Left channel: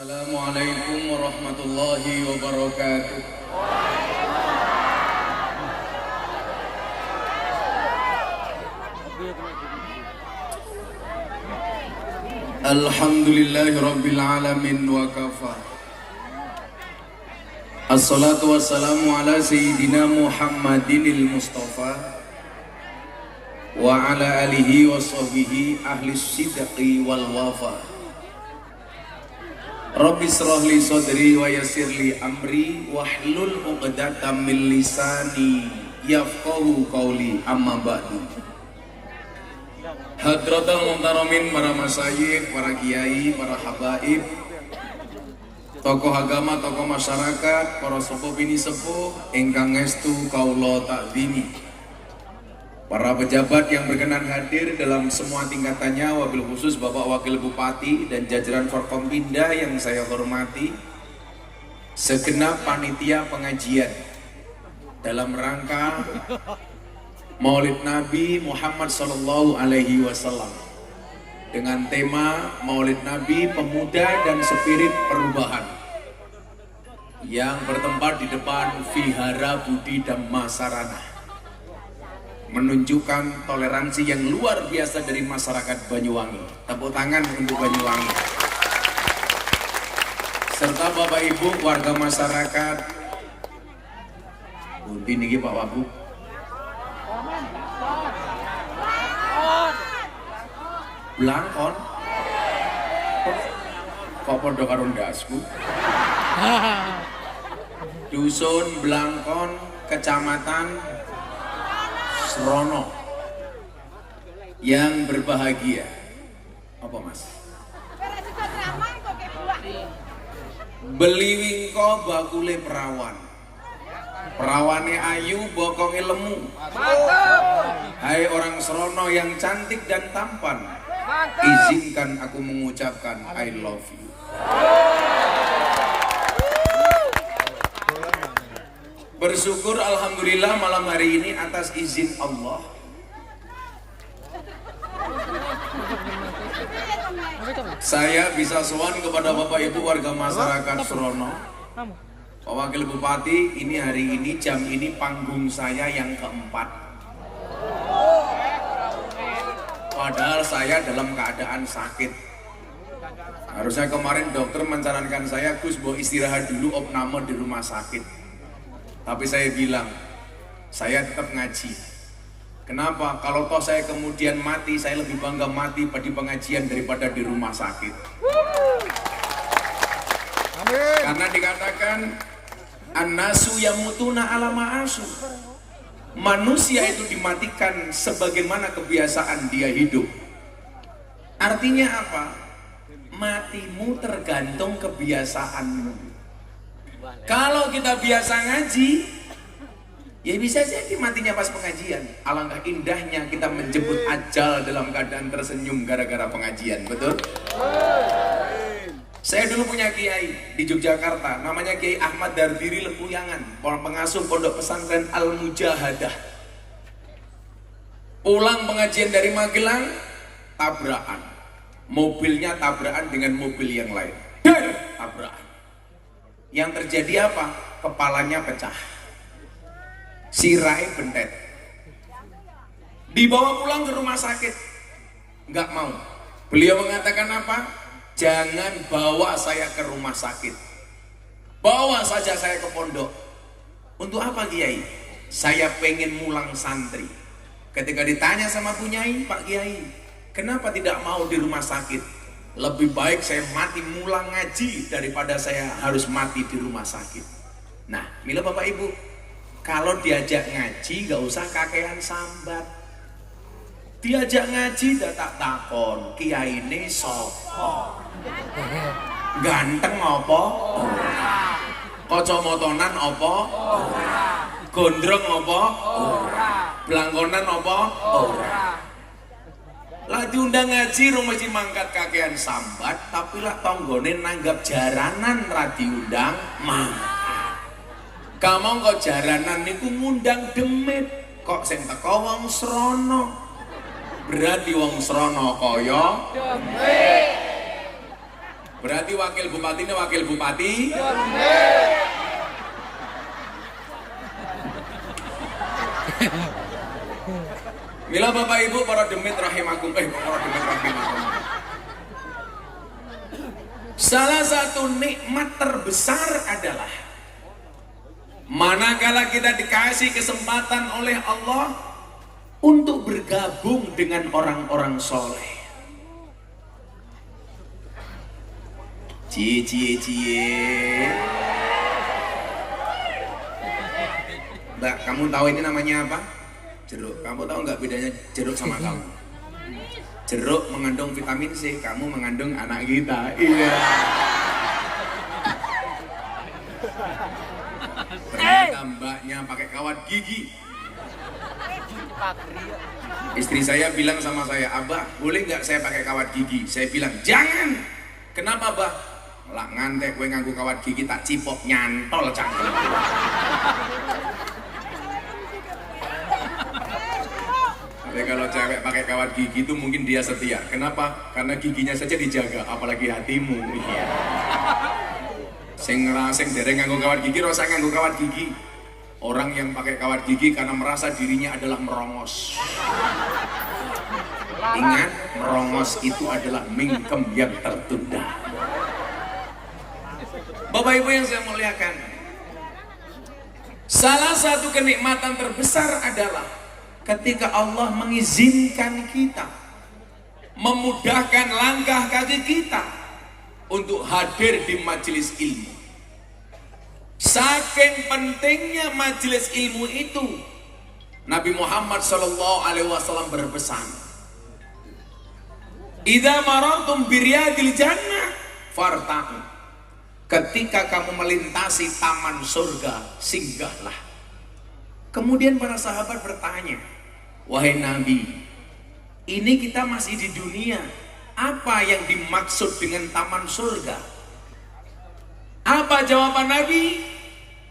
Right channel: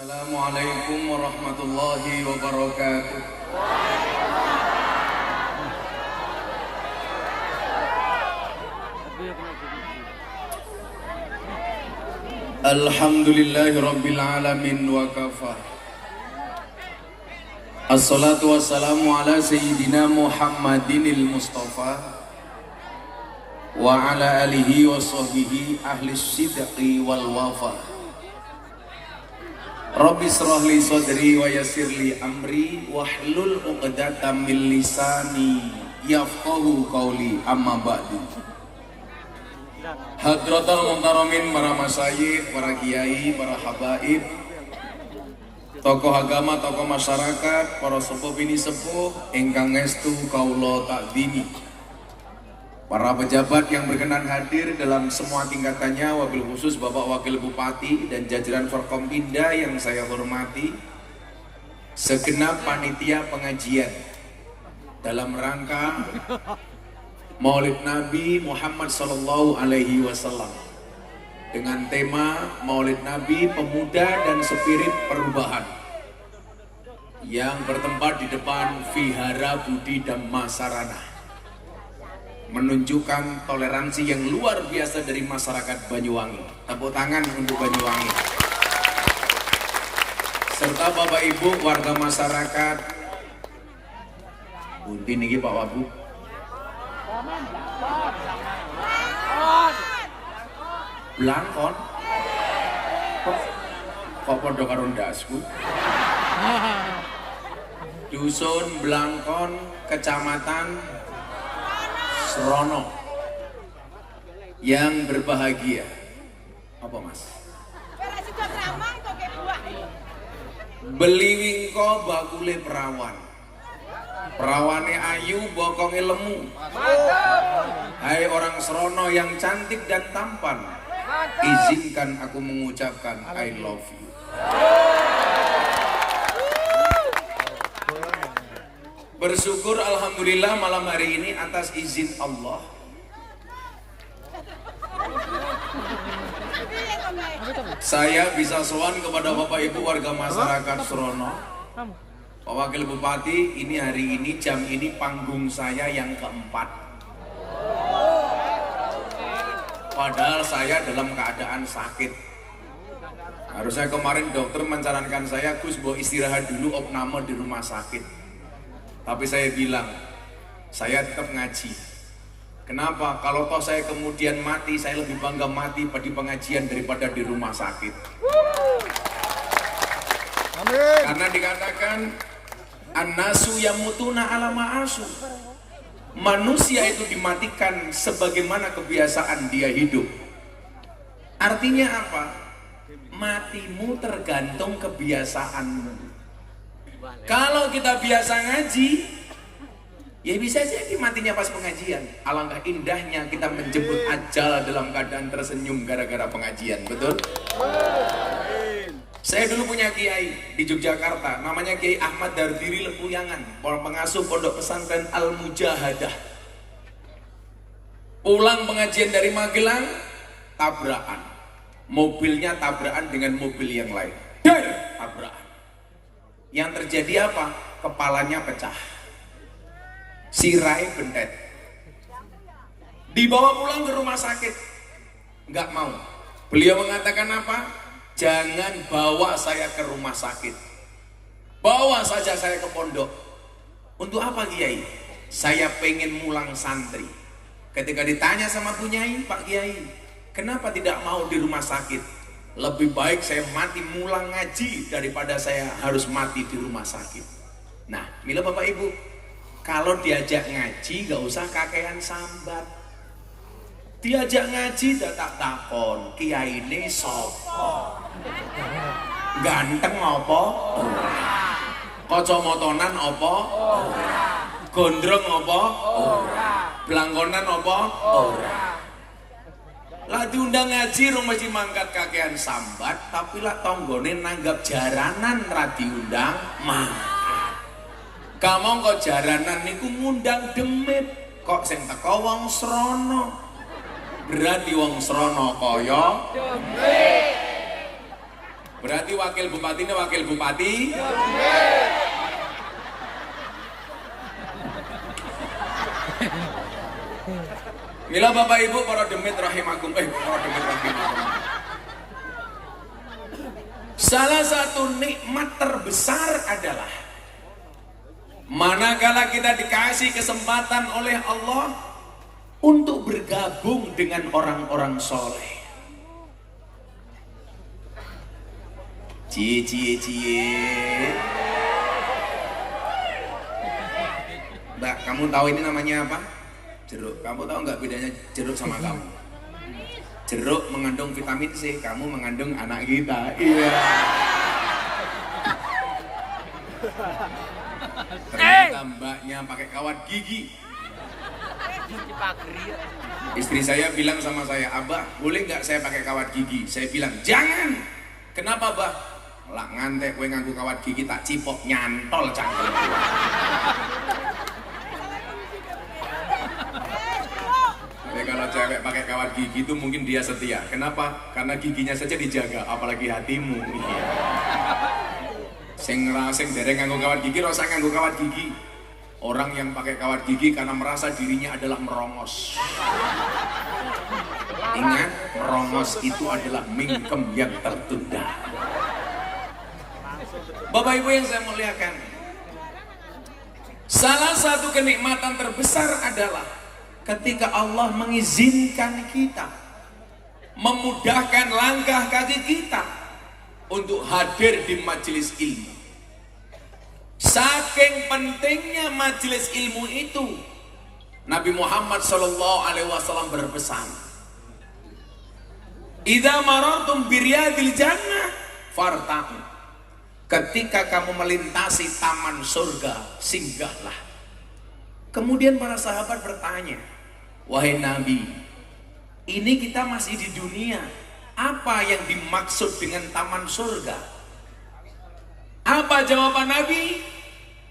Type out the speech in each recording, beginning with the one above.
Assalamualaikum warahmatullahi wabarakatuh. Alhamdulillahi rabbil alamin wa kafa. Assalatu wassalamu ala sayyidina Muhammadinil Mustafa wa ala alihi wa sahbihi ahli sidqi wal wafa. Rabbi shrah li sadri wa yassir li amri wahlul 'uqdatam min lisani yafqahu qawli, amma ba'du. Hadratul muhtaramin, para masyayikh, para kiai, para habaib, tokoh agama, tokoh masyarakat, para sepuh bini sepuh ingkang estu kaula takdimi, para pejabat yang berkenan hadir dalam semua tingkatannya, wabil khusus Bapak Wakil Bupati dan jajaran Forkompinda yang saya hormati, segenap panitia pengajian dalam rangka Maulid Nabi Muhammad Sallallahu Alaihi Wasallam dengan tema Maulid Nabi Pemuda dan Spirit Perubahan yang bertempat di depan Vihara Budi Dhamma Sarana, menunjukkan toleransi yang luar biasa dari masyarakat Banyuwangi. Tepuk tangan untuk Banyuwangi. Serta Bapak Ibu warga masyarakat. Budi niki Pak Wabu. Blangkon. Kok podo karo ndasku? Dusun Blangkon, Kecamatan Srono yang berbahagia. Apa Mas? Beli wingko bakule perawan, perawane ayu bokonge lemu. Hai orang Srono yang cantik dan tampan, izinkan aku mengucapkan I love you. Bersyukur alhamdulillah malam hari ini atas izin Allah saya bisa sowan kepada Bapak Ibu warga masyarakat Srono, Pak Wakil Bupati. Ini hari ini jam ini panggung saya yang keempat, padahal saya dalam keadaan sakit. Harusnya kemarin dokter menyarankan saya, Gus, mau istirahat dulu, opname di rumah sakit. Tapi saya bilang, saya tetap ngaji. Kenapa? Kalau toh saya kemudian mati, saya lebih bangga mati di pengajian daripada di rumah sakit. Amin. Karena dikatakan an-nasu yamutuna ala ma'asu. Manusia itu dimatikan sebagaimana kebiasaan dia hidup. Artinya apa? Matimu tergantung kebiasaanmu. Kalau kita biasa ngaji, ya bisa jadi matinya pas pengajian. Alangkah indahnya kita menjemput ajal dalam keadaan tersenyum gara-gara pengajian, betul? Saya dulu punya kiai di Yogyakarta, namanya Kiai Ahmad Dardiri Lempuyangan, orang pengasuh pondok pesantren Al-Mujahadah. Pulang pengajian dari Magelang, tabrakan. Mobilnya tabrakan dengan mobil yang lain. Tabrakan. Yang terjadi apa? Kepalanya pecah, sirai bentet, dibawa pulang ke rumah sakit. Nggak mau. Beliau mengatakan apa? Jangan bawa saya ke rumah sakit, bawa saja saya ke pondok. Untuk apa Kiai? Saya pengen mulang santri. Ketika ditanya sama Bu Nyai, Pak Kiai, kenapa tidak mau di rumah sakit? Lebih baik saya mati mulang ngaji daripada saya harus mati di rumah sakit. Nah, mila Bapak Ibu, kalau diajak ngaji gak usah kakean sambat. Diajak ngaji tak takon, kiai ini sapa? Ganteng apa? Kacamotonan apa? Gondrong apa? Blangkonan apa? Lah diundang ngaji rumah si mangkat kakean sambat, tapi lah tonggone nanggap jaranan ra diundang mangkat. Kamu kok jaranan niku ngundang demit, kok sing teko wong Srono. Berarti wong Srono kaya demit. Berarti wakil bupatinya wakil bupati. Mila Bapak Ibu para demit rahimakumullah, para demit rahimakumullah. Salah satu nikmat terbesar adalah manakala kita dikasih kesempatan oleh Allah untuk bergabung dengan orang-orang soleh. Cie. Mbak, kamu tahu ini namanya apa? Jeruk. Kamu tahu nggak bedanya jeruk sama kamu? Jeruk mengandung vitamin C, kamu mengandung anak kita. Iya. Ternyata mbaknya pakai kawat gigi. Istri saya bilang sama saya, Abah, boleh nggak saya pakai kawat gigi? Saya bilang, jangan. Kenapa, Bah? Lah ngantek gue nganggu kawat gigi tak cipok nyantol cangkel. Tapi kalau cewek pakai kawat gigi itu mungkin dia setia. Kenapa? Karena giginya saja dijaga, apalagi hatimu. Iya. Sing dereng nganggo kawat gigi, rasa nganggo kawat gigi. Orang yang pakai kawat gigi karena merasa dirinya adalah merongos. Ingat, merongos itu adalah mingkem yang tertunda. Bapak Ibu yang saya muliakan, salah satu kenikmatan terbesar adalah ketika Allah mengizinkan kita, memudahkan langkah kaki kita untuk hadir di majelis ilmu. Saking pentingnya majelis ilmu itu, Nabi Muhammad SAW berpesan, "Idza marartum biryadil jannah fartaqu." Ketika kamu melintasi taman surga, singgahlah. Kemudian para sahabat bertanya, wahai Nabi, ini kita masih di dunia, apa yang dimaksud dengan taman surga? Apa jawaban Nabi?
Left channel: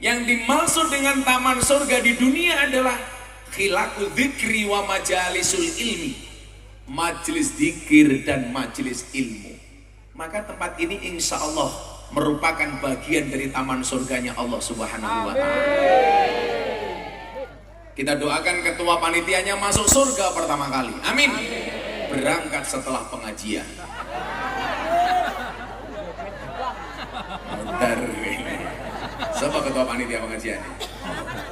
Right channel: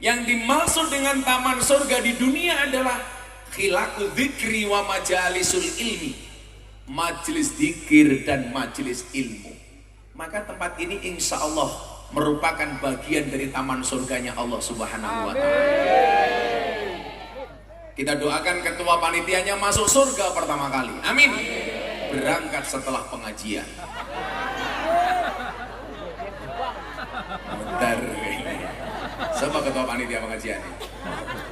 Yang dimaksud dengan taman surga di dunia adalah khilaqu dzikri wa majalisul ilmi, majelis dzikir dan majelis ilmu. Maka tempat ini insya Allah merupakan bagian dari taman surganya Allah Subhanahu wa Ta'ala. Kita doakan ketua panitianya masuk surga pertama kali. Amin. Berangkat setelah pengajian. Bentar. Siapa ketua panitia pengajian?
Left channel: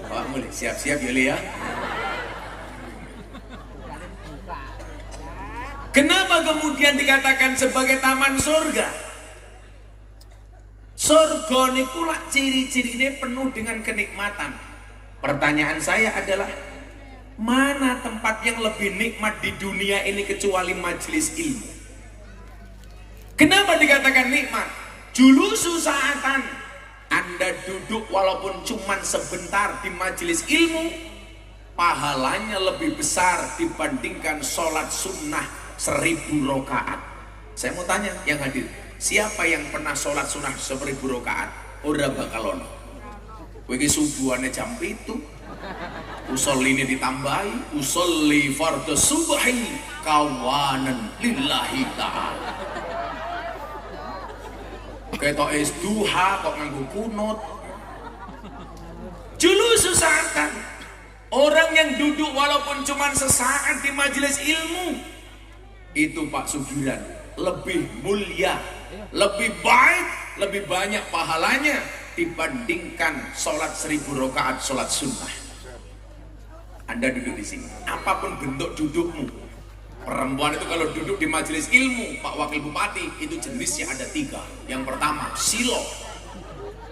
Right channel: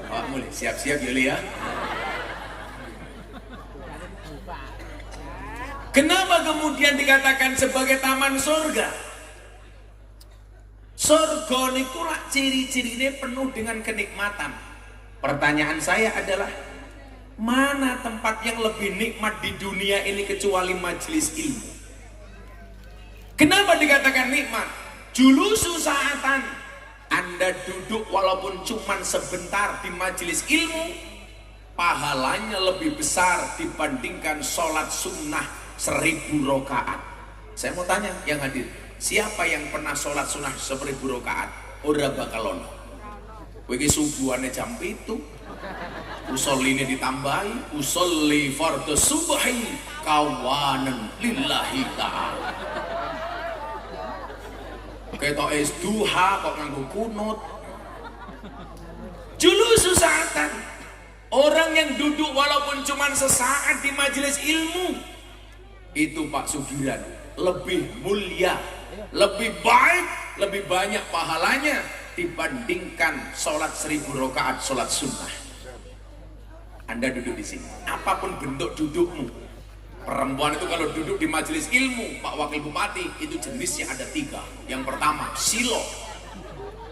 Pak, boleh siap-siap ya. Kenapa kemudian dikatakan sebagai taman surga? Surga niku lak ciri-cirine penuh dengan kenikmatan. Pertanyaan saya adalah, mana tempat yang lebih nikmat di dunia ini kecuali majelis ilmu? Kenapa dikatakan nikmat? Julusu sa'atan. Anda duduk walaupun cuma sebentar di majelis ilmu, pahalanya lebih besar dibandingkan sholat sunnah 1000 rakaat. Saya mau tanya yang hadir, siapa yang pernah sholat sunnah 1000 rakaat? Ora bakal ono. Kowe iki subuhane jam 7, usoline ditambahi, usolli fardhu subhi kawanan lillahi ta'ala. Ketok es duha kok nganggo kunut. Julusu sa'atan. Orang yang duduk walaupun cuma sesaat di majelis ilmu, itu Pak Sugiran lebih mulia, lebih baik, lebih banyak pahalanya dibandingkan sholat 1000 rakaat sholat sunnah. Anda duduk di sini, apapun bentuk dudukmu. Perempuan itu kalau duduk di majelis ilmu, Pak Wakil Bupati, itu jenisnya ada 3. Yang pertama, silo.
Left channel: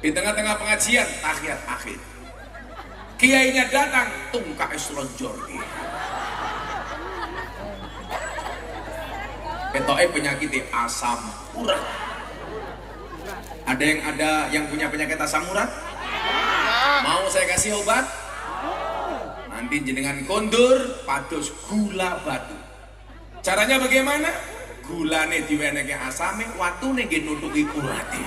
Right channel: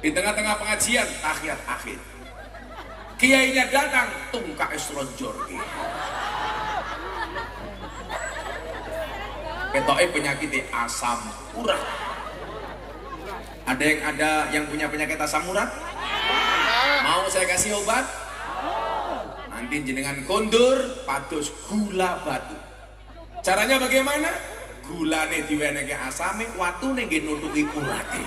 Di tengah-tengah pengajian, tahiyat akhir. Kiainya datang, tungka esronjor. Ketoknya penyakitnya asam urat. Ada yang punya penyakit asam urat? Mau saya kasih obat? Nanti jenengan kondur pados gula batu. Caranya bagaimana? Gulane diwenehke asame, watune nggih nutuki urate.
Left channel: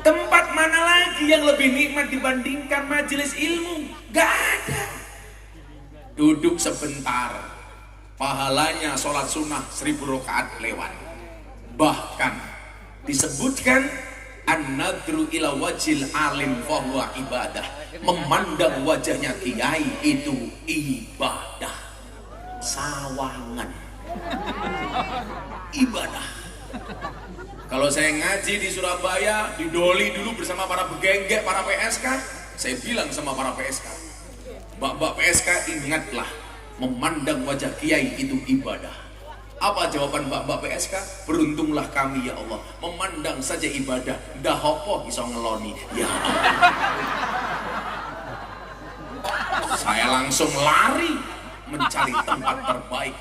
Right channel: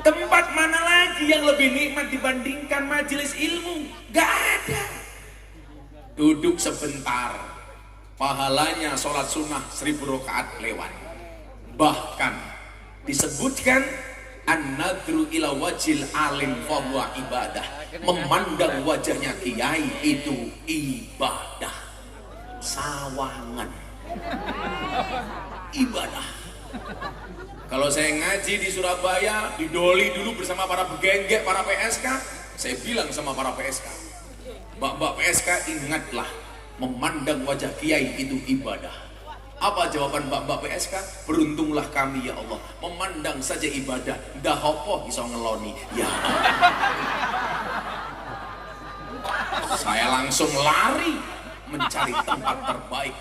Tempat mana lagi yang lebih nikmat dibandingkan majelis ilmu? Gak ada. Duduk sebentar, pahalanya sholat sunnah 1000 rakaat lewat. Bahkan disebutkan an-nadru ila wajil alim fahuwa ibadah. Memandang wajahnya kiai itu ibadah. Sawangan ibadah. Kalau saya ngaji di Surabaya, di Doli dulu bersama para begenggek, para PSK, saya bilang sama para PSK, mbak-mbak PSK, ingatlah, memandang wajah kiai itu ibadah. Apa jawaban mbak-mbak PSK? Beruntunglah kami ya Allah, memandang saja ibadah, dah hokoh bisa ngeloni. Ya saya langsung lari mencari tempat terbaik,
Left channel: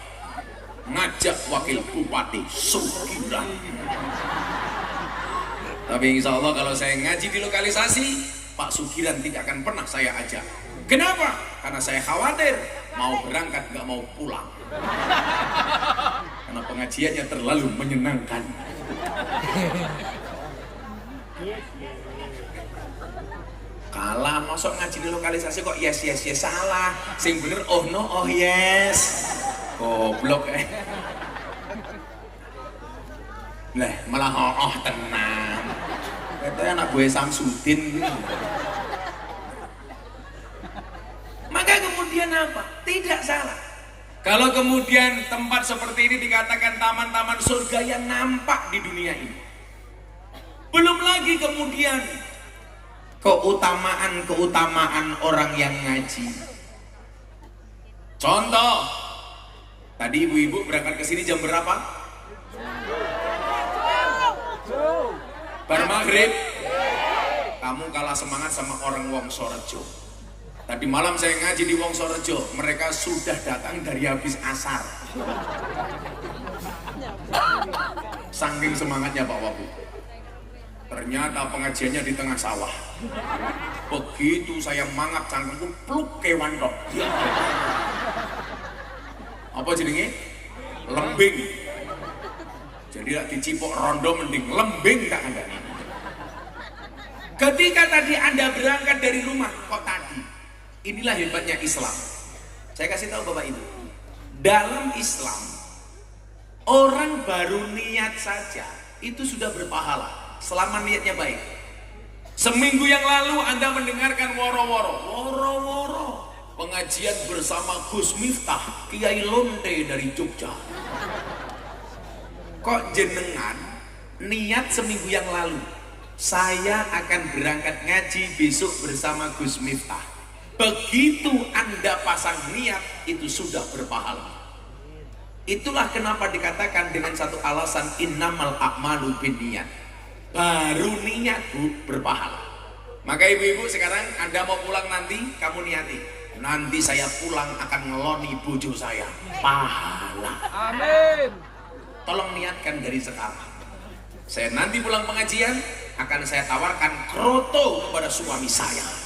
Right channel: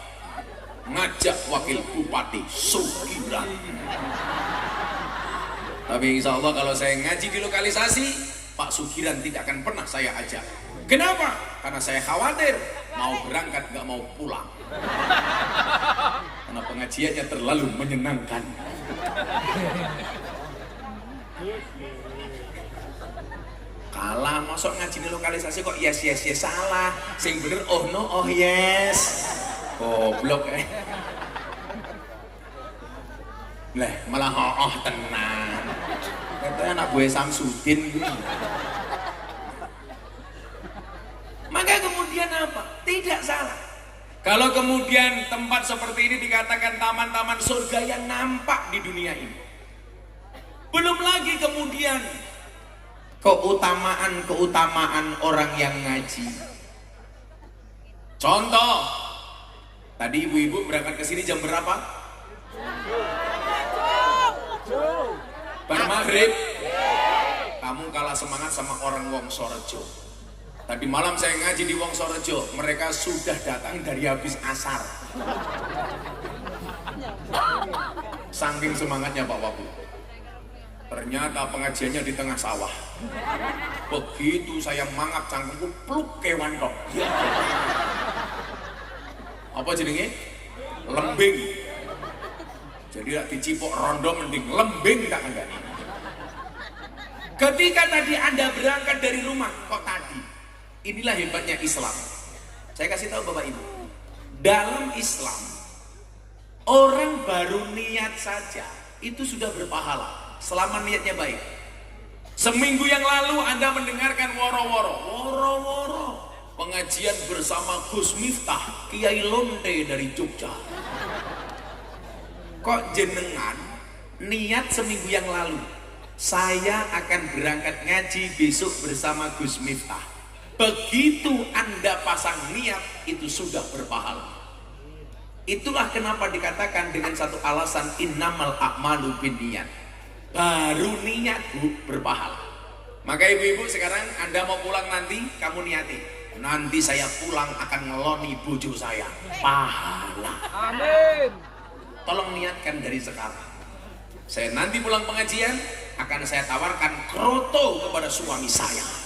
ngajak wakil bupati Sugiran. Tapi insya Allah kalau saya ngaji di lokalisasi, Pak Sugiran tidak akan pernah saya ajak. Kenapa? Karena saya khawatir mau berangkat nggak mau pulang. Karena pengajiannya terlalu menyenangkan. Kalah, masuk ngaji di lokalisasi kok yes salah. Sing bener oh no oh yes. Goblok Lah malah oh tenang. Katanya anak gue Samsudin ini. Maka kemudian apa? Tidak salah. Kalau kemudian tempat seperti ini dikatakan taman-taman surga yang nampak di dunia ini. Belum lagi kemudian keutamaan orang yang ngaji. Contoh, tadi ibu-ibu berangkat ke sini jam berapa? Bar maghrib. Kamu kalah semangat sama orang Wongsorejo. Tadi malam saya ngaji di Wongsorejo, mereka sudah datang dari habis asar. Saking semangatnya Pak Wabu. Ternyata pengajiannya di tengah sawah. Begitu saya mangap cangkemku pluk kewan kok. Apa jadinya? Lembing. Jadi lah dicipok rondo mending lembing tak ada. Ketika tadi Anda berangkat dari rumah, kok tadi? Inilah hebatnya Islam. Saya kasih tahu Bapak Ibu. Dalam Islam, orang baru niat saja itu sudah berpahala selama niatnya baik. Seminggu yang lalu Anda mendengarkan woro-woro pengajian bersama Gus Miftah, Kiai Lonte dari Jogja. Kok jenengan niat seminggu yang lalu, saya akan berangkat ngaji besok bersama Gus Miftah. Begitu Anda pasang niat, itu sudah berpahala. Itulah kenapa dikatakan dengan satu alasan innamal a'malu binniyat. Baru niat Bu berpahala. Maka ibu-ibu sekarang Anda mau pulang nanti, kamu niati, nanti saya pulang akan ngeloni bojo saya. Pahala. Amin. Tolong niatkan dari sekarang. Saya nanti pulang pengajian akan saya tawarkan kroto kepada suami saya.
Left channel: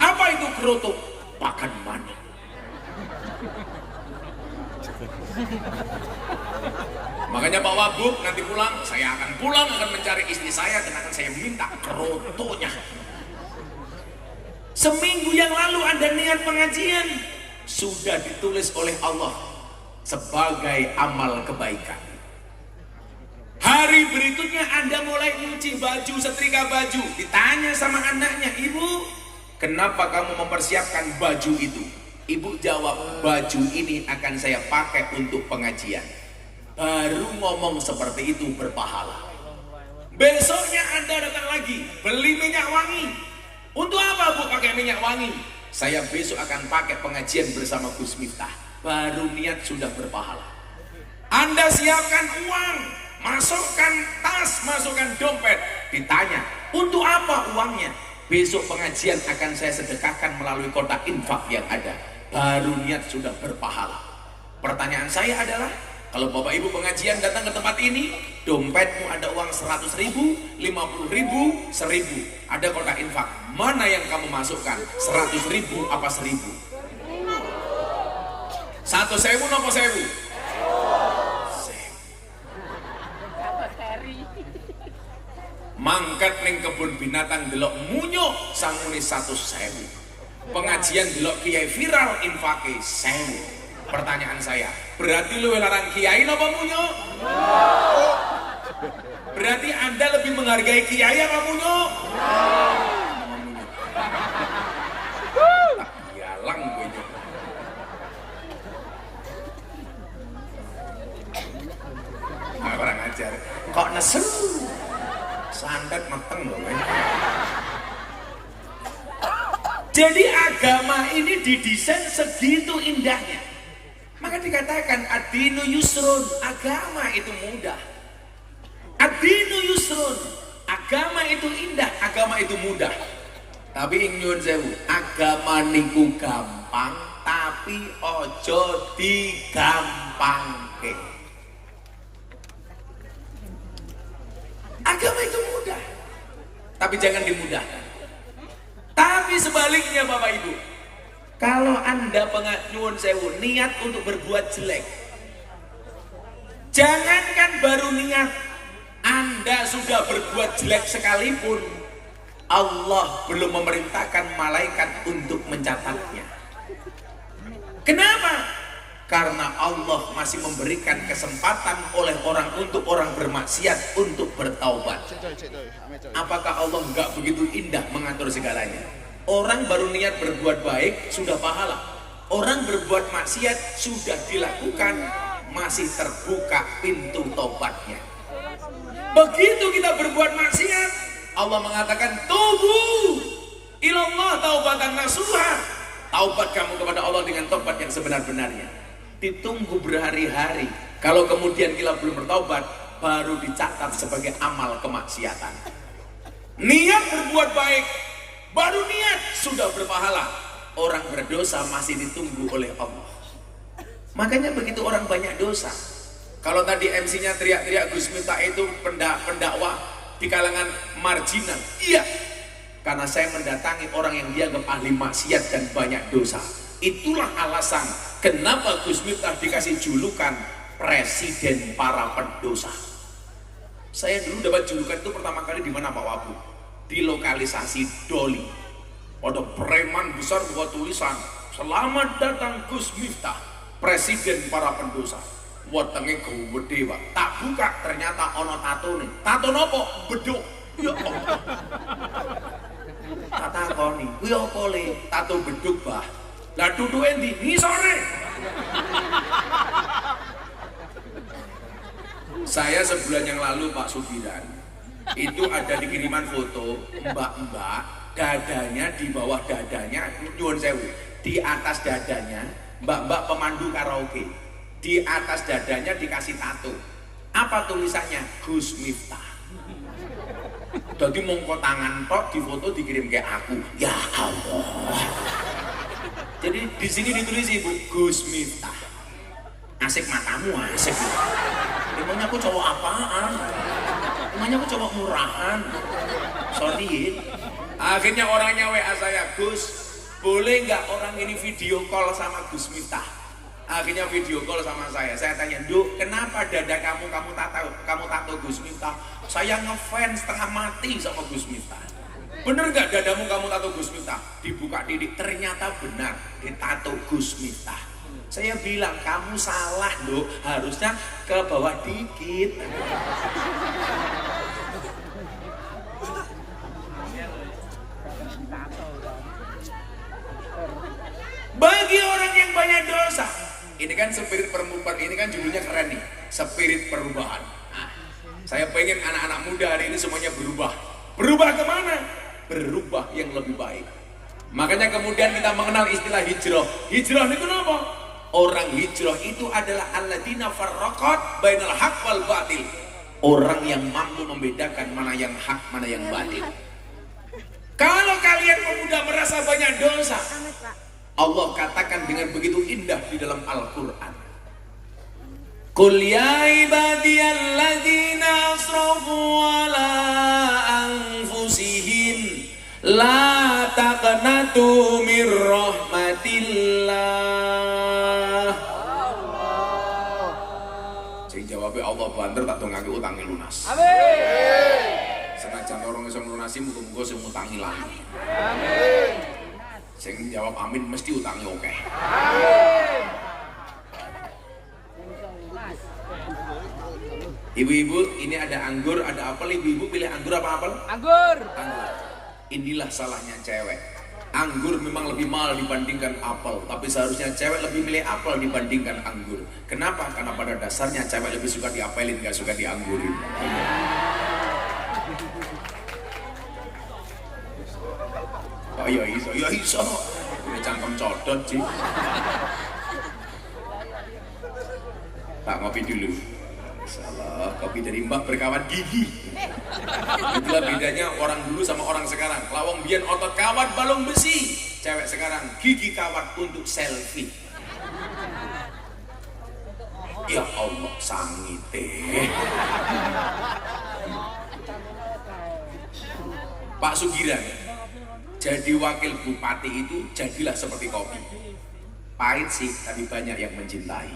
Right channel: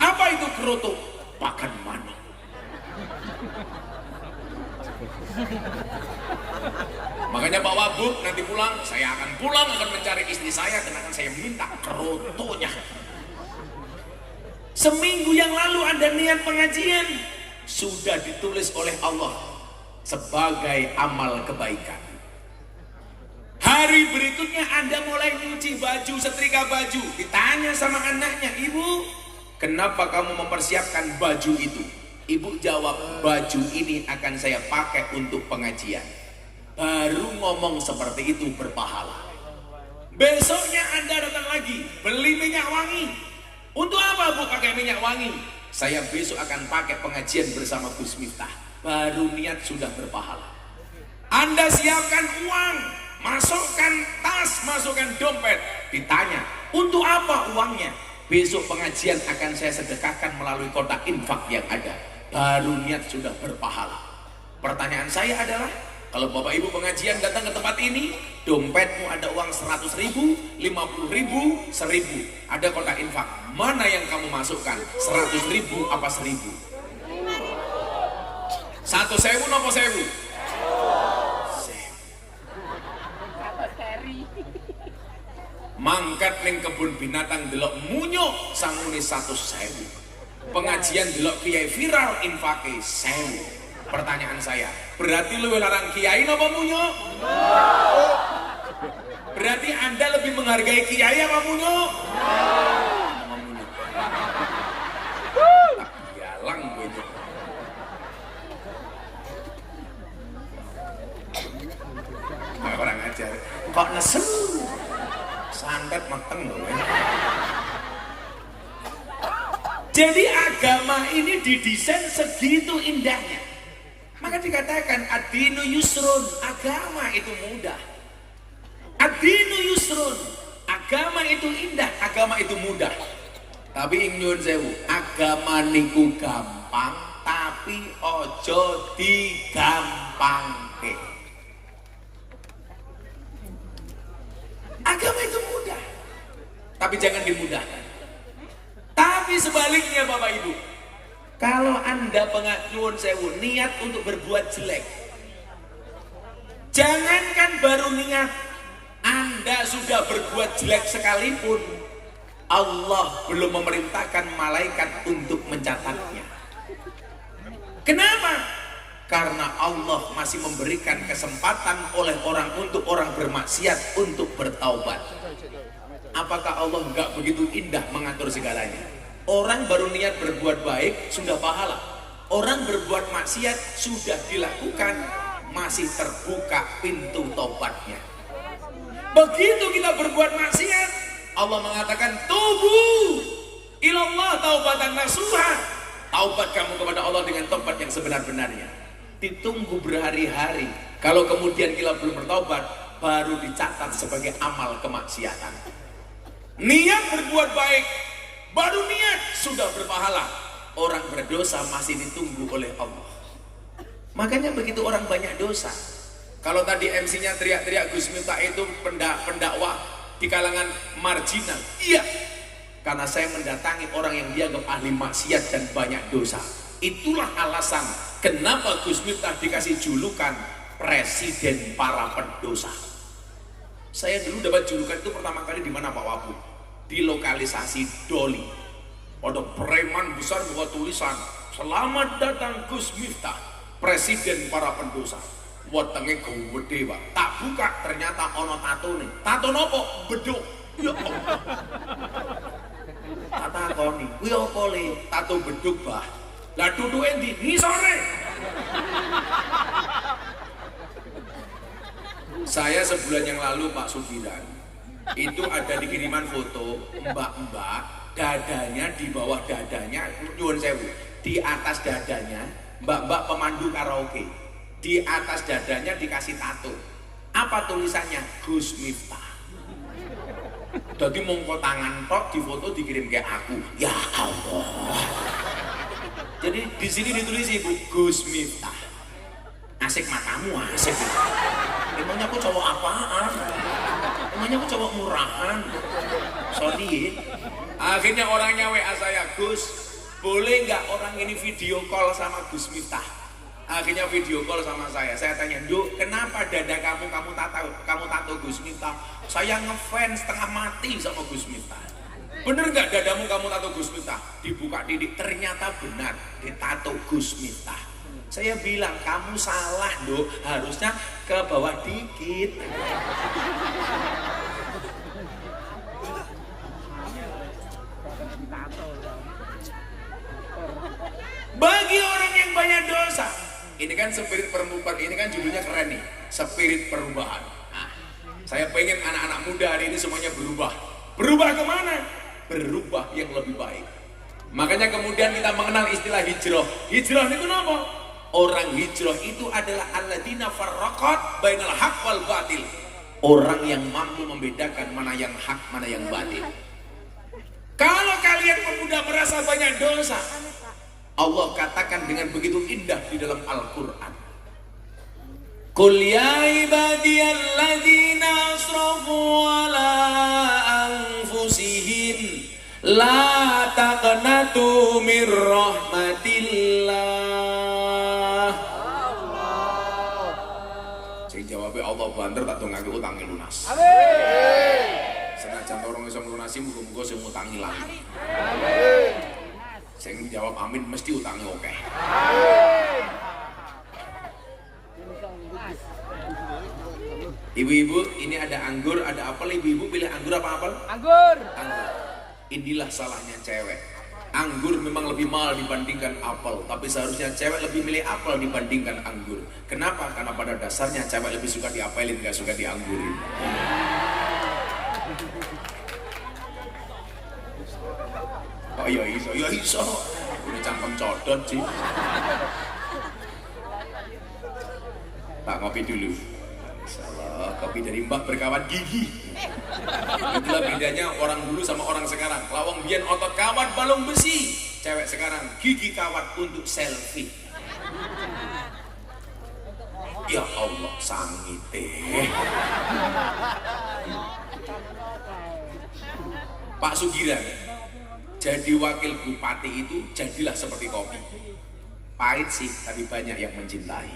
Apa itu kroto? Pakan mana? Makanya Pak Wabub nanti pulang, saya akan pulang akan mencari istri saya dan akan saya minta krotonya. Seminggu yang lalu Anda niat pengajian, sudah ditulis oleh Allah sebagai amal kebaikan. Hari berikutnya Anda mulai cuci baju, setrika baju, ditanya sama anaknya, ibu, kenapa kamu mempersiapkan baju itu? Ibu jawab, baju ini akan saya pakai untuk pengajian. Baru ngomong seperti itu berpahala. Besoknya Anda datang lagi, beli minyak wangi. Untuk apa Bu pakai minyak wangi? Saya besok akan pakai pengajian bersama Gus Miftah. Baru niat sudah berpahala. Anda siapkan uang, masukkan tas, masukkan dompet. Ditanya, untuk apa uangnya? Besok pengajian akan saya sedekahkan melalui kotak infak yang ada. Baru niat sudah berpahala. Pertanyaan saya adalah, kalau Bapak Ibu pengajian datang ke tempat ini, dompetmu ada uang 100.000, 50.000, 1.000. Ada kotak infak. Mana yang kamu masukkan? 100.000 apa 1.000? 1.000 apa 1.000? Mangkat ning kebun binatang delok munyo sangune 100.000. Pengajian delok kiai viral infake 1.000. Pertanyaan saya, berarti lu larang kiai apa munyo? Berarti Anda lebih menghargai kiai apa munyo? Galang gue itu. Nah, orang ajar. Kok nesen? Santet mateng loh. Jadi agama ini didesain segitu indahnya. Maka dikatakan ad-dinu yusrun, agama itu mudah. Ad-dinu yusrun, agama itu indah, agama itu mudah. Tapi nyuwun sewu, agama niku gampang, tapi ojo digampangke. Agama itu mudah, tapi jangan dimudahkan. Tapi sebaliknya Bapak Ibu, kalau Anda nyuwun sewu niat untuk berbuat jelek, jangankan baru niat, Anda sudah berbuat jelek sekalipun, Allah belum memerintahkan malaikat untuk mencatatnya. Kenapa? Karena Allah masih memberikan kesempatan oleh orang untuk orang bermaksiat untuk bertaubat. Apakah Allah enggak begitu indah mengatur segalanya? Orang baru niat berbuat baik sudah pahala. Orang berbuat maksiat sudah dilakukan, masih terbuka pintu taubatnya. Begitu kita berbuat maksiat, Allah mengatakan tubu ilallah taubatan nasuha. Taubat kamu kepada Allah dengan taubat yang sebenar-benarnya. Ditunggu berhari-hari. Kalau kemudian kita belum bertaubat, baru dicatat sebagai amal kemaksiatan. Niat berbuat baik, baru niat sudah berpahala. Orang berdosa masih ditunggu oleh Allah. Makanya begitu orang banyak dosa. Kalau tadi MC-nya teriak-teriak Gus Miftah itu pendakwah di kalangan marginal. Iya, karena saya mendatangi orang yang dianggap ahli maksiat dan banyak dosa. Itulah alasan kenapa Gus Miftah dikasih julukan Presiden para pendosa. Saya dulu dapat julukan itu pertama kali di mana Pak Wabu? Di lokalisasi Doli. Ada preman besar buat tulisan, "Selamat datang Gus Miftah, Presiden para pendosa." Wetenge gede, Pak. Tak buka ternyata ono tato nih. Tato nopo? Beduk. Ya Allah. Kata koni, kuwi opo le? Tato beduk, Pak. Lah duduke ndi? Ngisore. Saya sebulan yang lalu Pak Sugiran itu ada di kiriman foto mbak-mbak dadanya di bawah dadanya, nyuwun sewu, di atas dadanya mbak-mbak pemandu karaoke, di atas dadanya dikasih tato. Apa tulisannya? Gus Miftah. Jadi mongko tangan tok di foto dikirim ke aku. Ya Allah. Jadi di sini ditulis Ibu Gus Miftah. Asik matamu, asik. Emangnya aku cowok apaan? Emangnya aku cowok murahan? Sorry. Akhirnya orangnya WA saya, Gus, boleh nggak orang ini video call sama Gus Miftah? Akhirnya video call sama saya. Saya tanya, Duk, kenapa dada kamu tato Gus Miftah? Saya ngefans setengah mati sama Gus Miftah. Bener nggak dadamu kamu tato Gus Miftah? Dibuka didik, ternyata benar, ditato Gus Miftah. Saya bilang, kamu salah Duk, harusnya ke bawah dikit. Bagi orang yang banyak dosa, ini kan spirit perubahan, ini kan judulnya keren nih, spirit perubahan. Nah, saya pengen anak-anak muda hari ini semuanya berubah. Berubah kemana? Berubah yang lebih baik. Makanya kemudian kita mengenal istilah hijrah. Hijrah itu apa? Orang hijrah itu adalah alladzina farraqat bainal haq wal batil. Orang yang mampu membedakan mana yang hak, mana yang batil. Kalau kalian pemuda merasa banyak dosa, Allah katakan dengan begitu indah di dalam Al-Quran. Qul ya ibadiyalladzina asrafu ala anfusihim la taqnatu min rahmatillah. Sing jawabnya Allah banter tak tong nganggo utangi lunas. Amin. Senajan orang iso nglunasi muga-muga sing utangi lali. Amin. Sing jawab amin mesti utangi oke. Amin. Ibu-ibu, ini ada anggur, ada apel. Ibu-ibu pilih anggur apa apel? Anggur. Anggur. Inilah salahnya cewek. Anggur memang lebih mahal dibandingkan apel, tapi seharusnya cewek lebih milih apel dibandingkan anggur. Kenapa? Karena pada dasarnya cewek lebih suka diapelin, gak suka dianggurin. Oh iya iso, iya iso. Ini cangkem codot sih. Tak ngopi dulu. Salah, kopi dari Mbak berkawan gigi. Itulah bedanya orang dulu sama orang sekarang. Lawang biyen otot kawat balung besi. Cewek sekarang gigi kawat untuk selfie. Ya Allah, sangite. Pak Sugiran, jadi wakil bupati itu jadilah seperti kopi. Pahit sih, tapi banyak yang mencintai.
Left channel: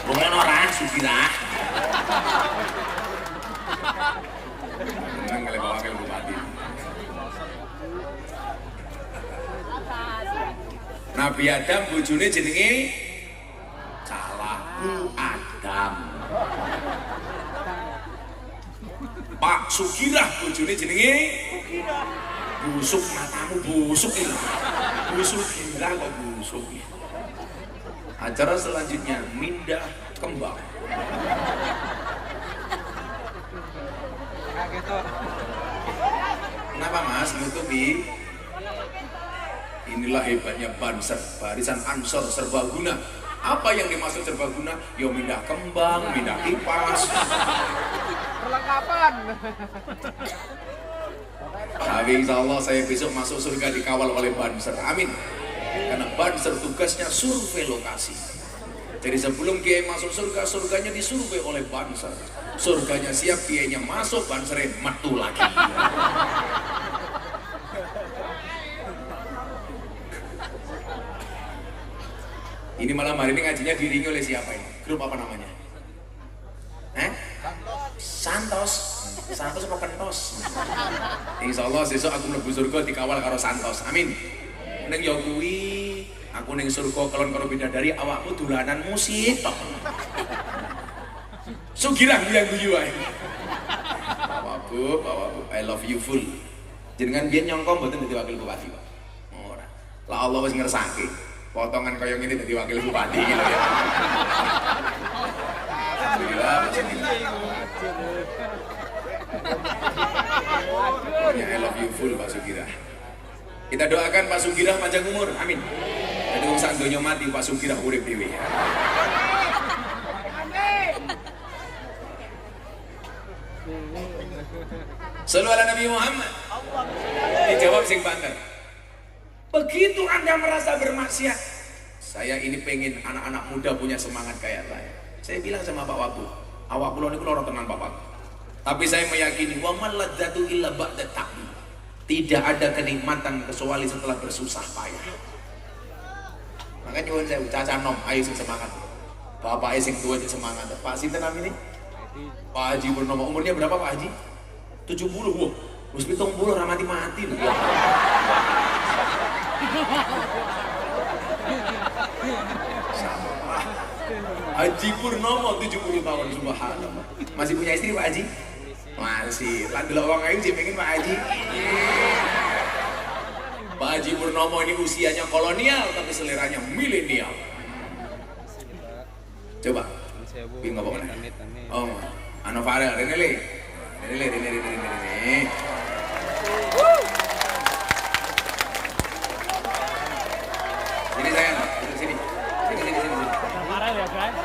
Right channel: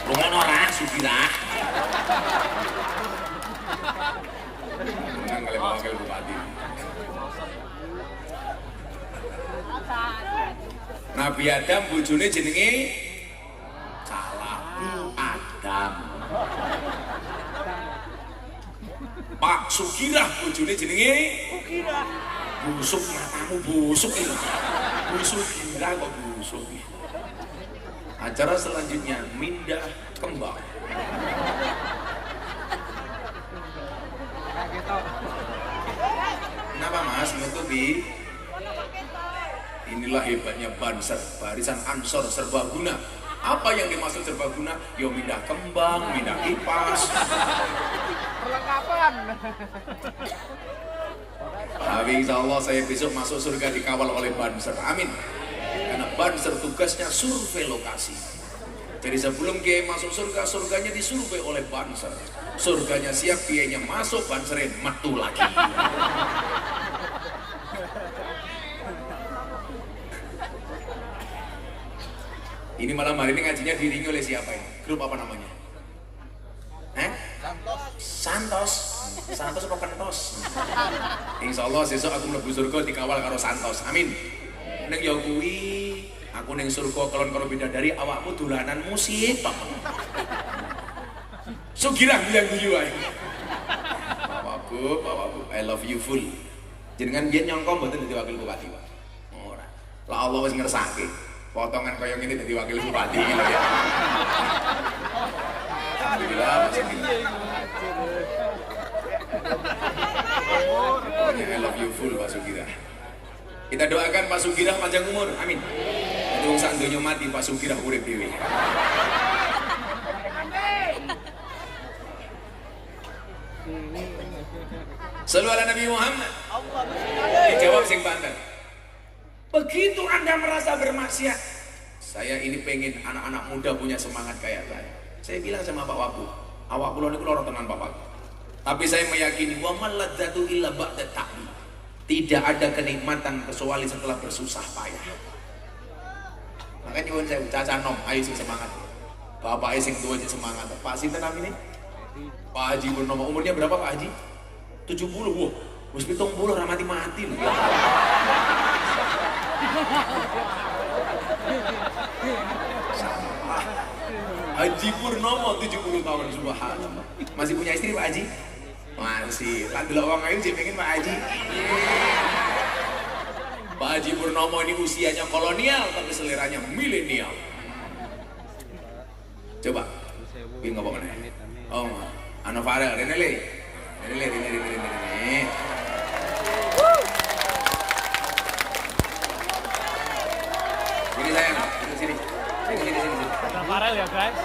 Bukan orang Sugiran. Jangan kalian wakil bupati. Nabi Adam bojone jenenge salah Adam. Pak Sugirah bojone jenenge busuk, matamu busuk itu. Busuk Indra kok busuk. Acara selanjutnya Mindah Kembang. Kenapa Mas nutupi? Inilah hebatnya Banser, barisan Ansor serbaguna. Apa yang dimaksud serbaguna? Yo mindah kembang, mindah kipas. Perlengkapan. Tapi insya Allah saya besok masuk surga dikawal oleh Banser. Amin. Karena Banser tugasnya survei lokasi. Jadi sebelum Kiai masuk surga, surganya disurvei oleh Banser. Surganya siap, Kiainya masuk, Bansernya metu lagi. Ini malam hari ini ngajinya diiringi oleh siapa ini? Grup apa namanya? Santos. Santos apa Pentos? Insya Allah besok aku mlebu surga dikawal karo Santos. Amin. Neng yo kuwi aku neng surga kelon karo bidadari awakmu dolanan musik tok. Sugilang yang guyu ae. Bapak Bu, I love you full. Jenengan biyen nyangka mboten dadi wakil bupati, Pak. Ora. Lah Allah wis ngersake. Potongan kaya ngene dadi wakil bupati iki lho ya. I love you full Pak Sugira. Kita doakan Pak Sugira panjang umur, amin. Jadi urusan donya mati Pak Sugira urip dhewe. Sallu ala Nabi Muhammad. Dijawab sing banter. Begitu Anda merasa bermaksiat, saya ini pengen anak-anak muda punya semangat kayak saya. Saya bilang sama Pak Wabu, awak kula niku lara tenan Bapak. Tapi saya meyakini wa maladzatu illa ba'da ta'bi. Tidak ada kenikmatan kecuali setelah bersusah payah. Makanya nyuwun saya Caca Nom, ayo sing semangat. Bapak sing tua sing semangat. Pak sinten namine? Pak Haji Purnomo. Umurnya berapa Pak Haji? 70. Wah, wis 70 ora mati-mati lho. Haji Purnomo 70 tahun, subhanallah. Masih punya istri Pak Haji? Masih. Lah delok wong ayu sing pengen Pak Haji. Pak Haji Purnomo ini usianya kolonial tapi seleranya milenial. Coba. Pin ngomong mana? Oh, Ano Farel, Renele. Jadi sayang, duduk sini. Sini. Farel ya guys.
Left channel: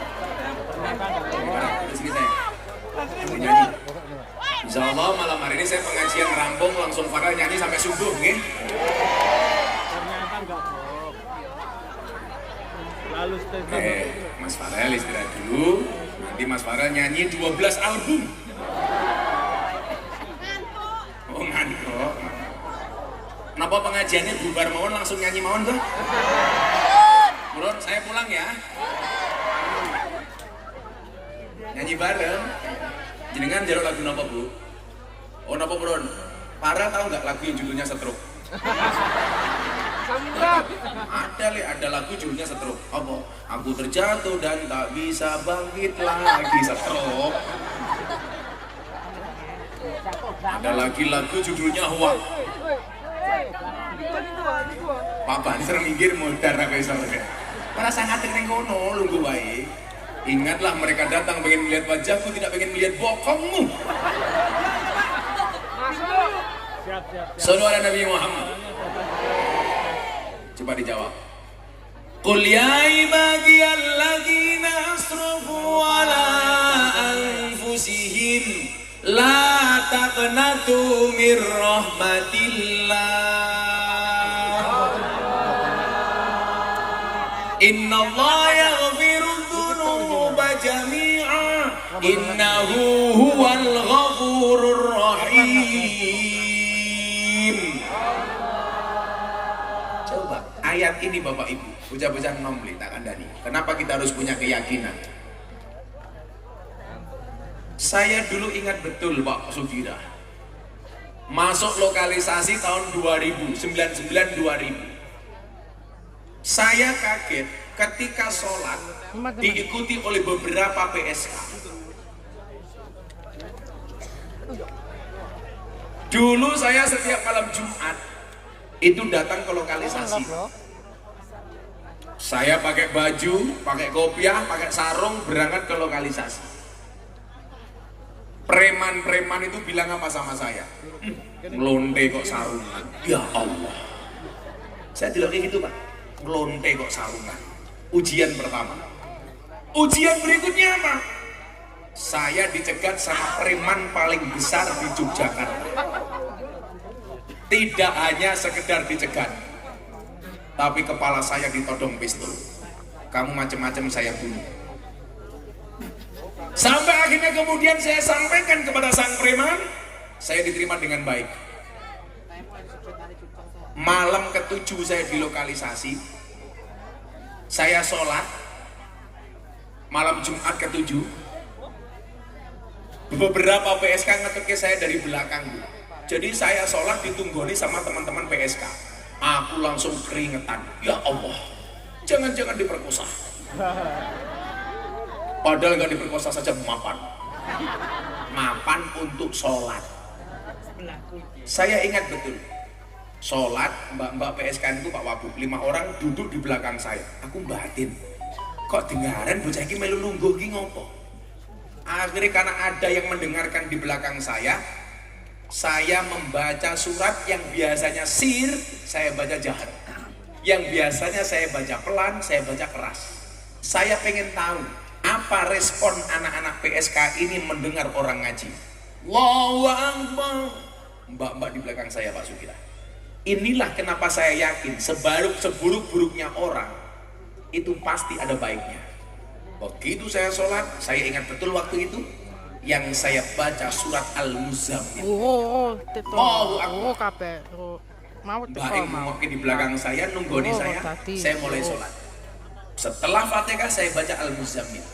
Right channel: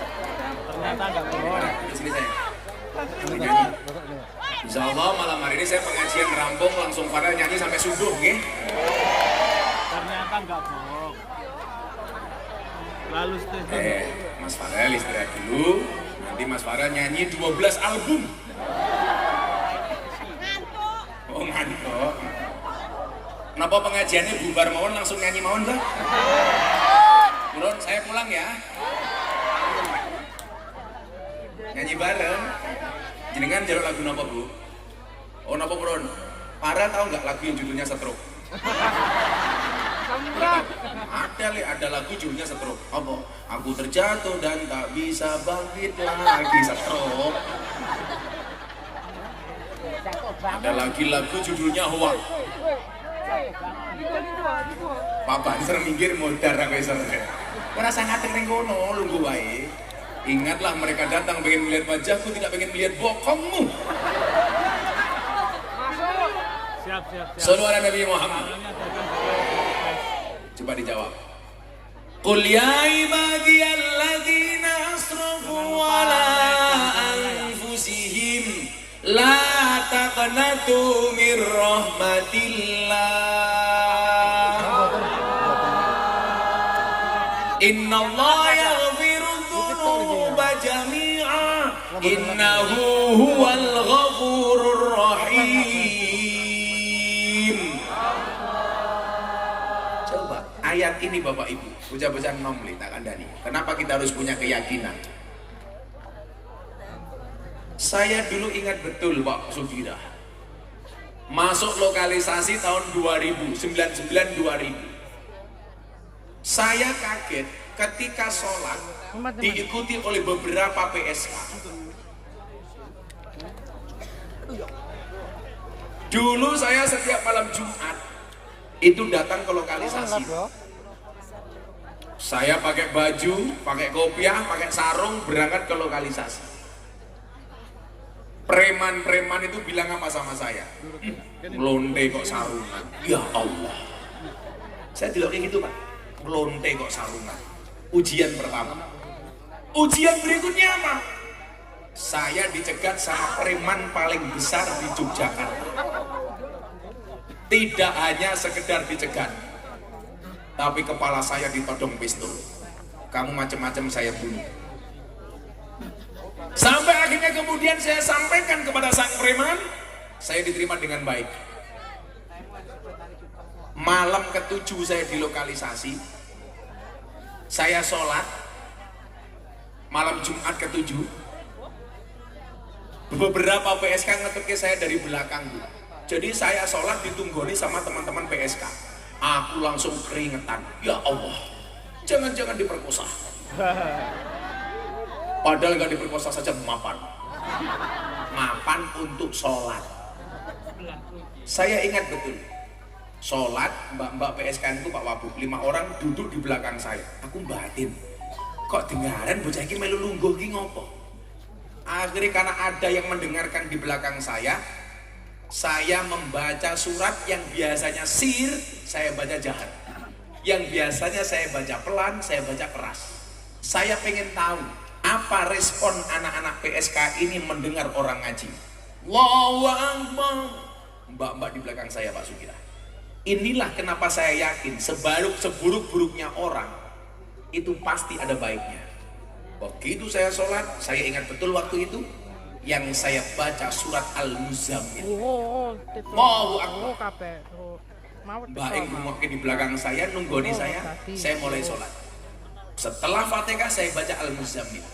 Sini sayang. Insya Allah malam hari ini saya pengajian rampung langsung Farel nyanyi sampai subuh, nggih. Ternyata enggak bohong. Lalu Mas Farel istirahat dulu. Nanti Mas Farel nyanyi 12 album. Oh ngantuk. Kenapa pengajiannya bubar mawon langsung nyanyi mawon tuh? Buron, saya pulang ya. Nyanyi bareng. Jenengan jalur lagu napa Bu? Oh napa Buron? Farel tahu nggak lagu yang judulnya Stroke? Ada lagu judulnya Stroke. Apa? Aku terjatuh dan tak bisa bangkit lagi. Stroke. Ada lagi lagu judulnya Hoak. Papa disuruh minggir modar apa iso. Ora sangat ning kono lungguh wae. Ingatlah mereka datang pengen melihat wajahku, tidak pengen melihat bokongmu. Siap. Sallu ala Nabi Muhammad. Coba dijawab. Qul ya ibadiyalladzina asrafu ala anfusihim la taqnatu mir rahmatillah. Innallaha yaghfirudz dzunuba jami'a innahu huwal ghafurur rahim. Coba ayat ini Bapak Ibu, bocah-bocah nomli tak kandani. Kenapa kita harus punya keyakinan? Saya dulu ingat betul Pak Sugira. Masuk lokalisasi tahun 2000. Saya kaget ketika sholat diikuti oleh beberapa PSK. Dulu saya setiap malam Jumat itu datang ke lokalisasi. Saya pakai baju, pakai kopiah, pakai sarung, berangkat ke lokalisasi. Preman-preman itu bilang apa sama saya? Melonte kok sarungan. Ya Allah. Saya tidak kayak gitu Pak. Melonte kok sarungan. Ujian pertama. Ujian berikutnya apa? Saya dicegat sama preman paling besar di Yogyakarta. Tidak hanya sekedar dicegat, tapi kepala saya ditodong pistol. Kamu macam-macam saya bunuh. Sampai akhirnya kemudian saya sampaikan kepada sang preman, saya diterima dengan baik. Malam ke-7 saya di lokalisasi, saya sholat, malam Jumat ke-7, beberapa PSK ngeteki saya dari belakang. Jadi saya sholat ditunggoni sama teman-teman PSK. Aku langsung keringetan. Ya Allah, jangan-jangan diperkosa. Padahal nggak diperkosa saja mapan. Mapan untuk sholat. Saya ingat betul. Sholat, mbak-mbak PSK itu Pak Wabuk, 5 orang duduk di belakang saya. Aku batin. Kok dengaran bocah ini melu lungguh ki ngopo? Akhirnya karena ada yang mendengarkan di belakang saya membaca surat yang biasanya sir, saya baca jahat. Yang biasanya saya baca pelan, saya baca keras. Saya pengen tahu apa respon anak-anak PSK ini mendengar orang ngaji. Allahu Akbar. Mbak-mbak di belakang saya Pak Sugira. Inilah kenapa saya yakin seburuk-buruknya orang itu pasti ada baiknya. Begitu saya sholat, saya ingat betul waktu itu yang saya baca surat Al-Muzammil. Allahu Akbar. Mbak Ibu mungkin di belakang saya nunggoni saya mulai sholat. Setelah Fatihah saya baca Al-Muzammil.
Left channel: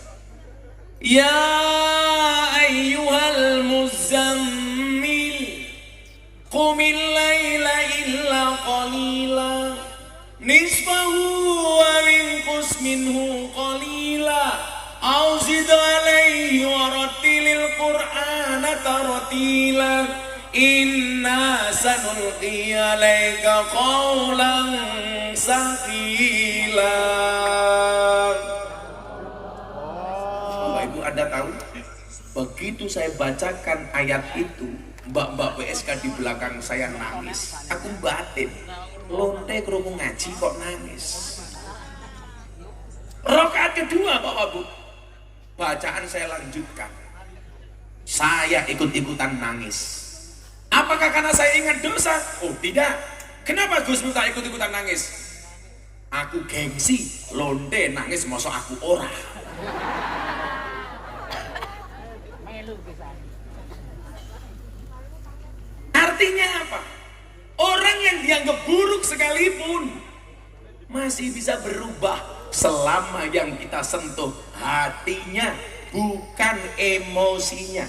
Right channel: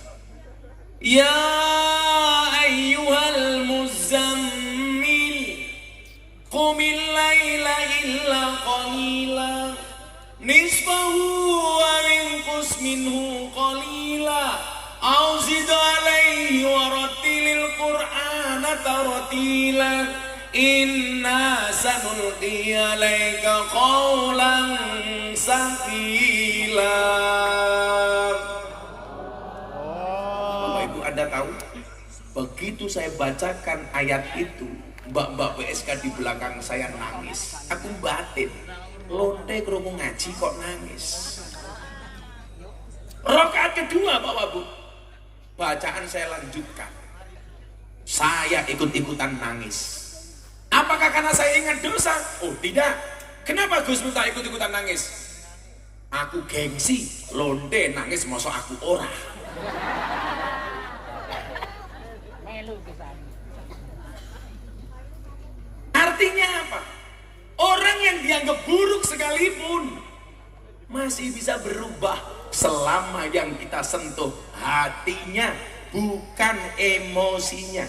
Ya ayyuhal muzammil qumil laila illa qalila nisfahu wa minqus minhu qalila aw zid alayhi wa rattilil qur'ana tartila inna sanulqi alayka qawlan saqila. Bapak Ibu Anda tahu, begitu saya bacakan ayat itu, mbak-mbak PSK di belakang saya nangis. Aku batin, lonte kerungu ngaji kok nangis. Rakaat kedua Pak Wabu, bacaan saya lanjutkan. Saya ikut-ikutan nangis. Apakah karena saya ingat dosa? Oh tidak. Kenapa Gus minta ikut-ikutan nangis? Aku gengsi, lonte nangis mosok aku ora. Artinya apa? Orang yang dianggap buruk sekalipun masih bisa berubah selama yang kita sentuh hatinya, bukan emosinya.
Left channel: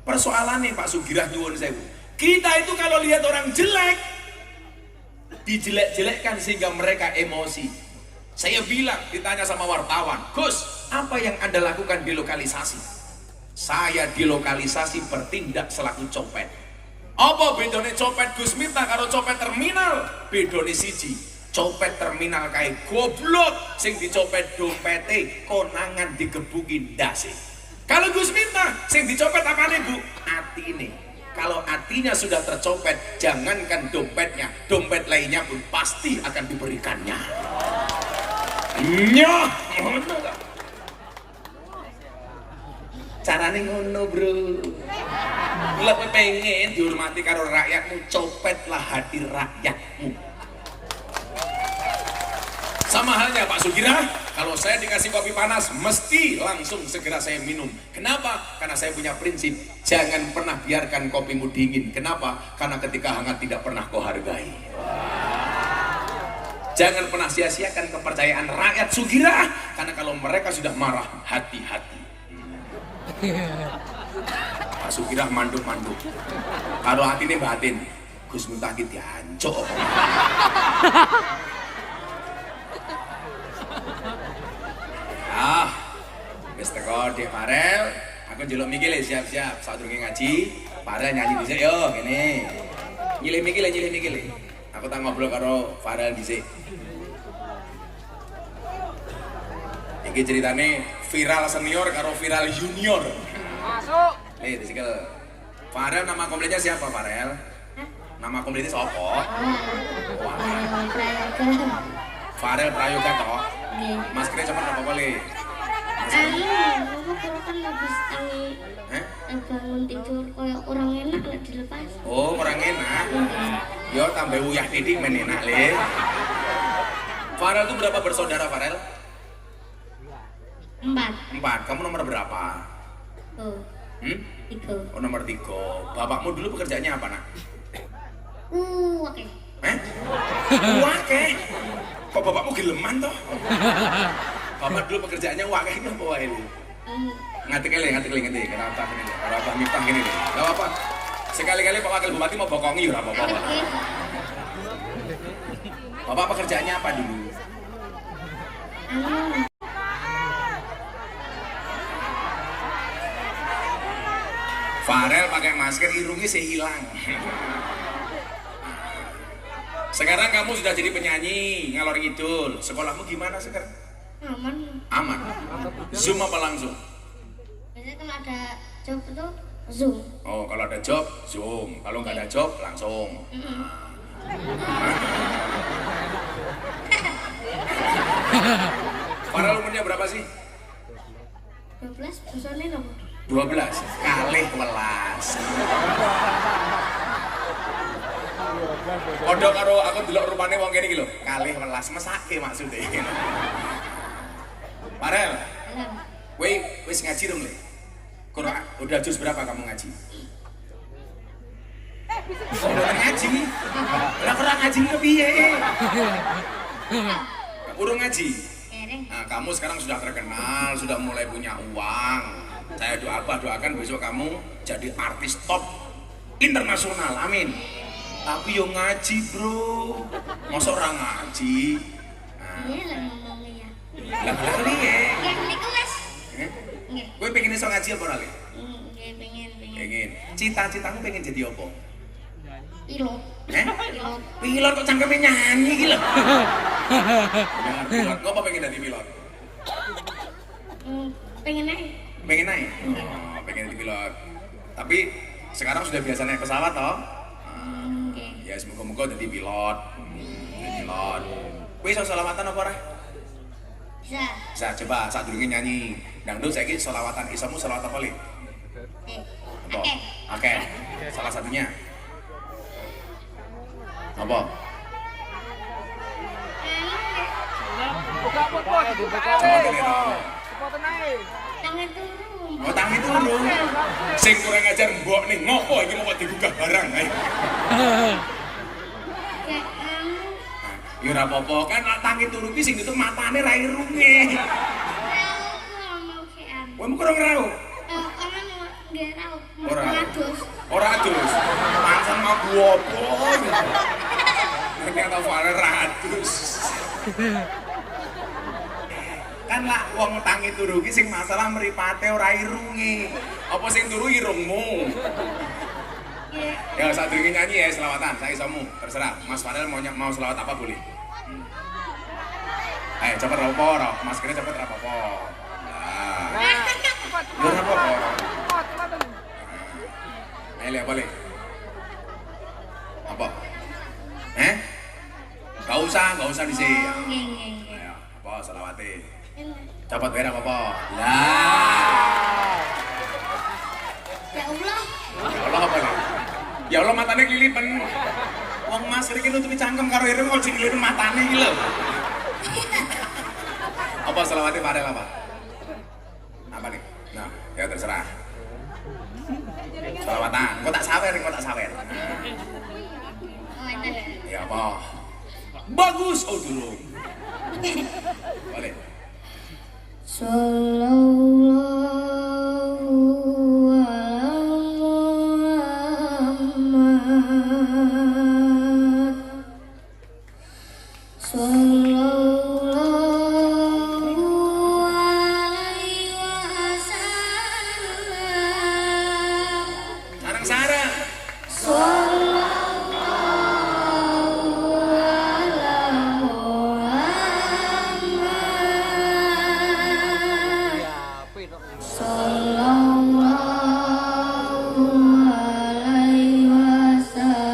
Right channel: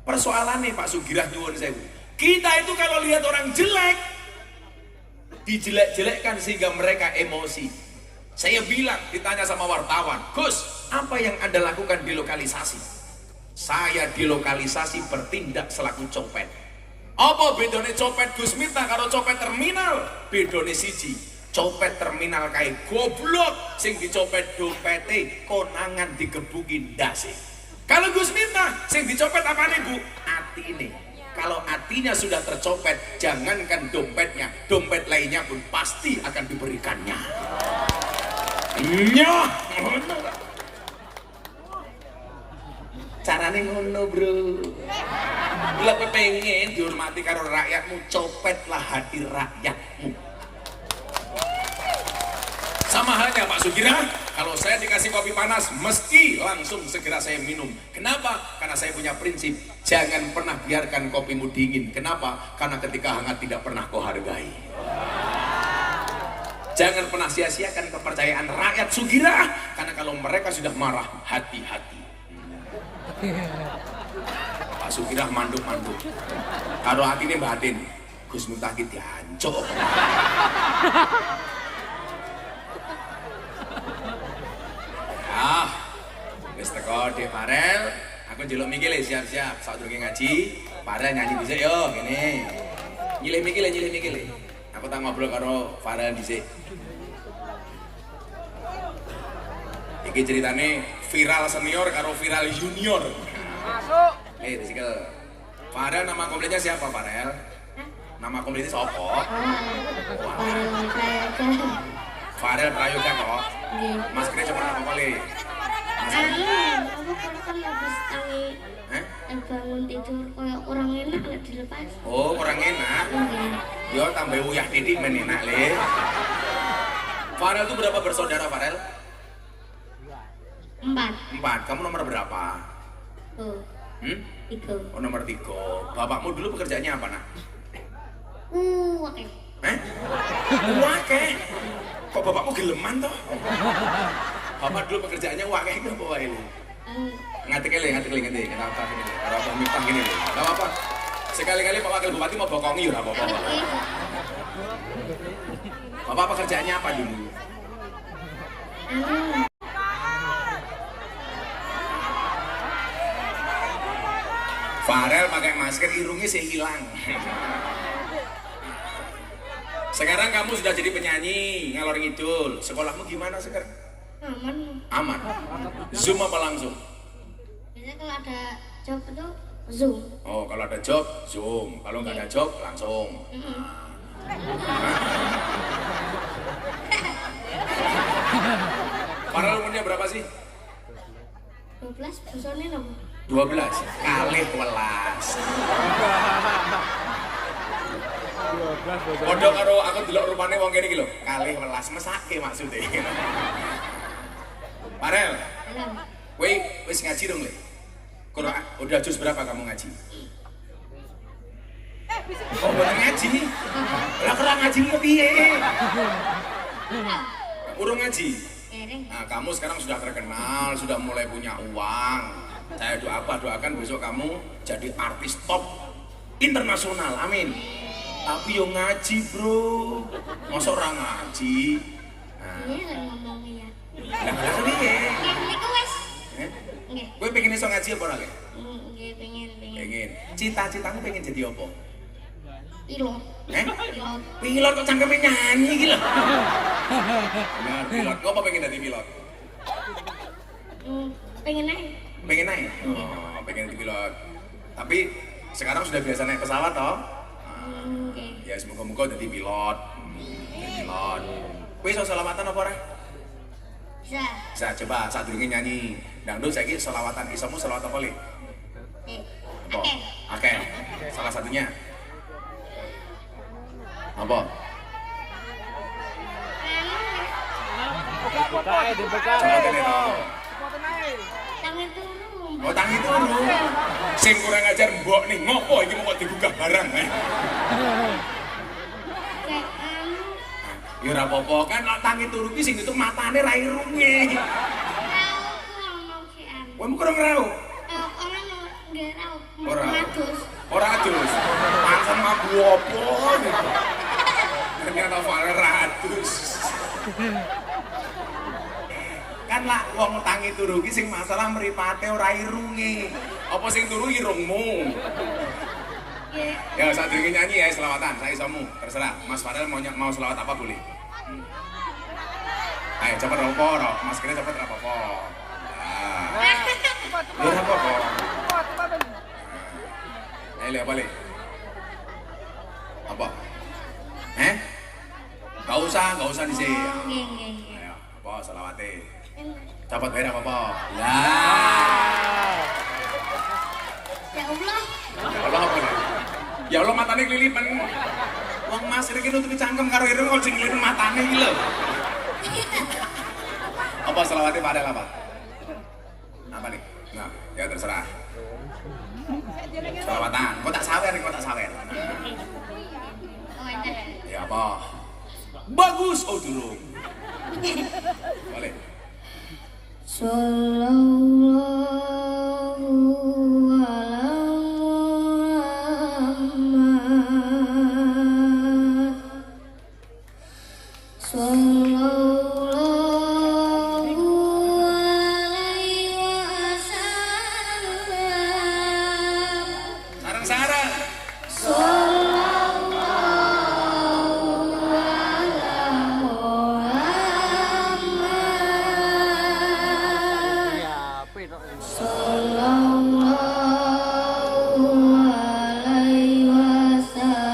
Persoalannya Pak Sugirah nyuwun sewu, kita itu kalau lihat orang jelek dijelek-jelekkan sehingga mereka emosi. Saya bilang, ditanya sama wartawan, Gus, apa yang Anda lakukan di lokalisasi? Saya di lokalisasi bertindak selaku copet. Apa bedone copet Gus Miftah karo copet terminal? Bedone siji, copet terminal kae goblok, sing dicopet dompete konangan digebukin ndase. Kalau Gus Miftah sing dicopet apane Bu? Atine. Kalau hatinya sudah tercopet, jangankan dompetnya, dompet lainnya pun pasti akan diberikannya. Nyoh, ngono. Carane ngono, Bro. Lah kowe pengen dihormati karo rakyatmu, copetlah hati rakyatmu. Sama halnya Pak Sugira, kalau saya dikasih kopi panas, mesti langsung segera saya minum. Kenapa? Karena saya punya prinsip, jangan pernah biarkan kopimu dingin. Kenapa? Karena ketika hangat tidak pernah kau hargai. Jangan pernah sia-siakan kepercayaan rakyat Sugira, karena kalau mereka sudah marah, hati-hati. Pak Sugira manduk-manduk. Kalau hatinya batin, Gus Miftah ki diancuk. Wis teko Dek Farel, aku njeluk mikil siap-siap sadurunge ngaji. Farel nyanyi dhisik yo kene. Nyilih mikil. Aku tak ngobrol karo Farel dhisik. Iki ceritane viral senior karo viral junior. Masuk. Disikel. Farel nama kompletnya siapa Farel? Nama kompletnya siapa? Farel Prayoga toh. Mas kira cuma apa kali? Aku kalau kan habis bangun tidur kayak orang enak lah dilepas. Oh, orang enak. Yo tambah uyah didik men enak le. Farel itu berapa bersaudara Farel? 4. Kamu nomor berapa? Oh. 3. Oh, nomor 3. Bapakmu dulu pekerjaannya apa, Nak? Oke. Wake. Kok bapakmu geleman toh? Bapak dulu pekerjaannya wake itu apa wae ini? Ngatik-kali. Kenapa Miftah gini? Enggak apa-apa. Sekali-kali Pak Wakil Bupati mau bokongi ya apa-apa. Bapak pekerjaannya apa dulu? Farel pakai masker, irungnya sih hilang. Sekarang kamu sudah jadi penyanyi ngalor ngidul. Sekolahmu gimana sekarang? Aman. Zoom apa langsung? Biasanya kalau ada job itu Zoom. Oh, kalau ada job Zoom. Kalau nggak ada job langsung. Farel umurnya berapa sih? 12. Besoknya apa? 12 kali 12. Odo karo aku delok rupane wong kene iki lho, kali 11 mesake maksude. Farel, kowe wis ngaji dong le? Udah juz berapa kamu ngaji? Oh, udah ngaji? Lah kurang ngaji ke piye? Urung ngaji? Nah, kamu sekarang sudah terkenal, sudah mulai punya uang. Saya doakan besok kamu jadi artis top internasional, amin. Tapi yo ngaji bro, masa orang ngaji? Iya lah ngomongnya. Lah piye? Niku wes. Kowe pengen iso ngaji apa ora le? Nggih pengen. Pengen. Cita-citamu pengen jadi apa? Pilot. Pilot. Pilot kok cangkeme nyanyi iki lho. Bener pilot. Kok apa pengen jadi pilot? Pengen naik. Pengen naik? Oh, pengen jadi pilot. Tapi sekarang sudah biasa naik pesawat toh? Ya semoga-moga jadi pilot. Pilot. Kowe iso selawatan apa ora? Bisa coba saat dulu nyanyi dangdut saiki selawatan isamu selawat apa le? Apa? Oke. Salah satunya. Apa? Buka pot. Coba tanya. Tangan turun. Oh tangi turu. Sing kurang ajar mbok nih ngopo iki mau digugah barang. Ya ora apa-apa kan tangi turu ki sing itu matane ra irunge. Kowe mung kurang rau. Orang nggak tahu. Ora. Adus. Ora adus. Pancen mabuk opo. Ternyata Farel ratus. Kan lah wong tangi turu ki sing masalah mripate ora irunge. Apa sing turu irungmu? Ya saat ini nyanyi ya selawatan, saya isamu, terserah. Mas Farel mau selawat apa boleh? Ayo cepet ropo, maskernya cepet rapopo. Nah, biar rapopo. Ayo lihat balik. Apa? Gak usah di sini. Ayo, apa selawatnya? Cepet biar apa? Ya Allah. Ya Allah apa ya? Ya Allah matanya kelilipan. Wong masker iki nutupi cangkem karo ireng kok kelilipan matanya iki lho. Apa selawatnya Farel apa? Apa nih? Nah, ya terserah. Selawatan. Kok tak sawer. Oh, enak. Ya apa? Bagus. Oh dulu. Boleh. Sallallahu ala Muhammad. Sallallahu alaihi wasallam. Sarang-sarang. Sallallahu ala Muhammad. Sallallahu alaihi wasallam.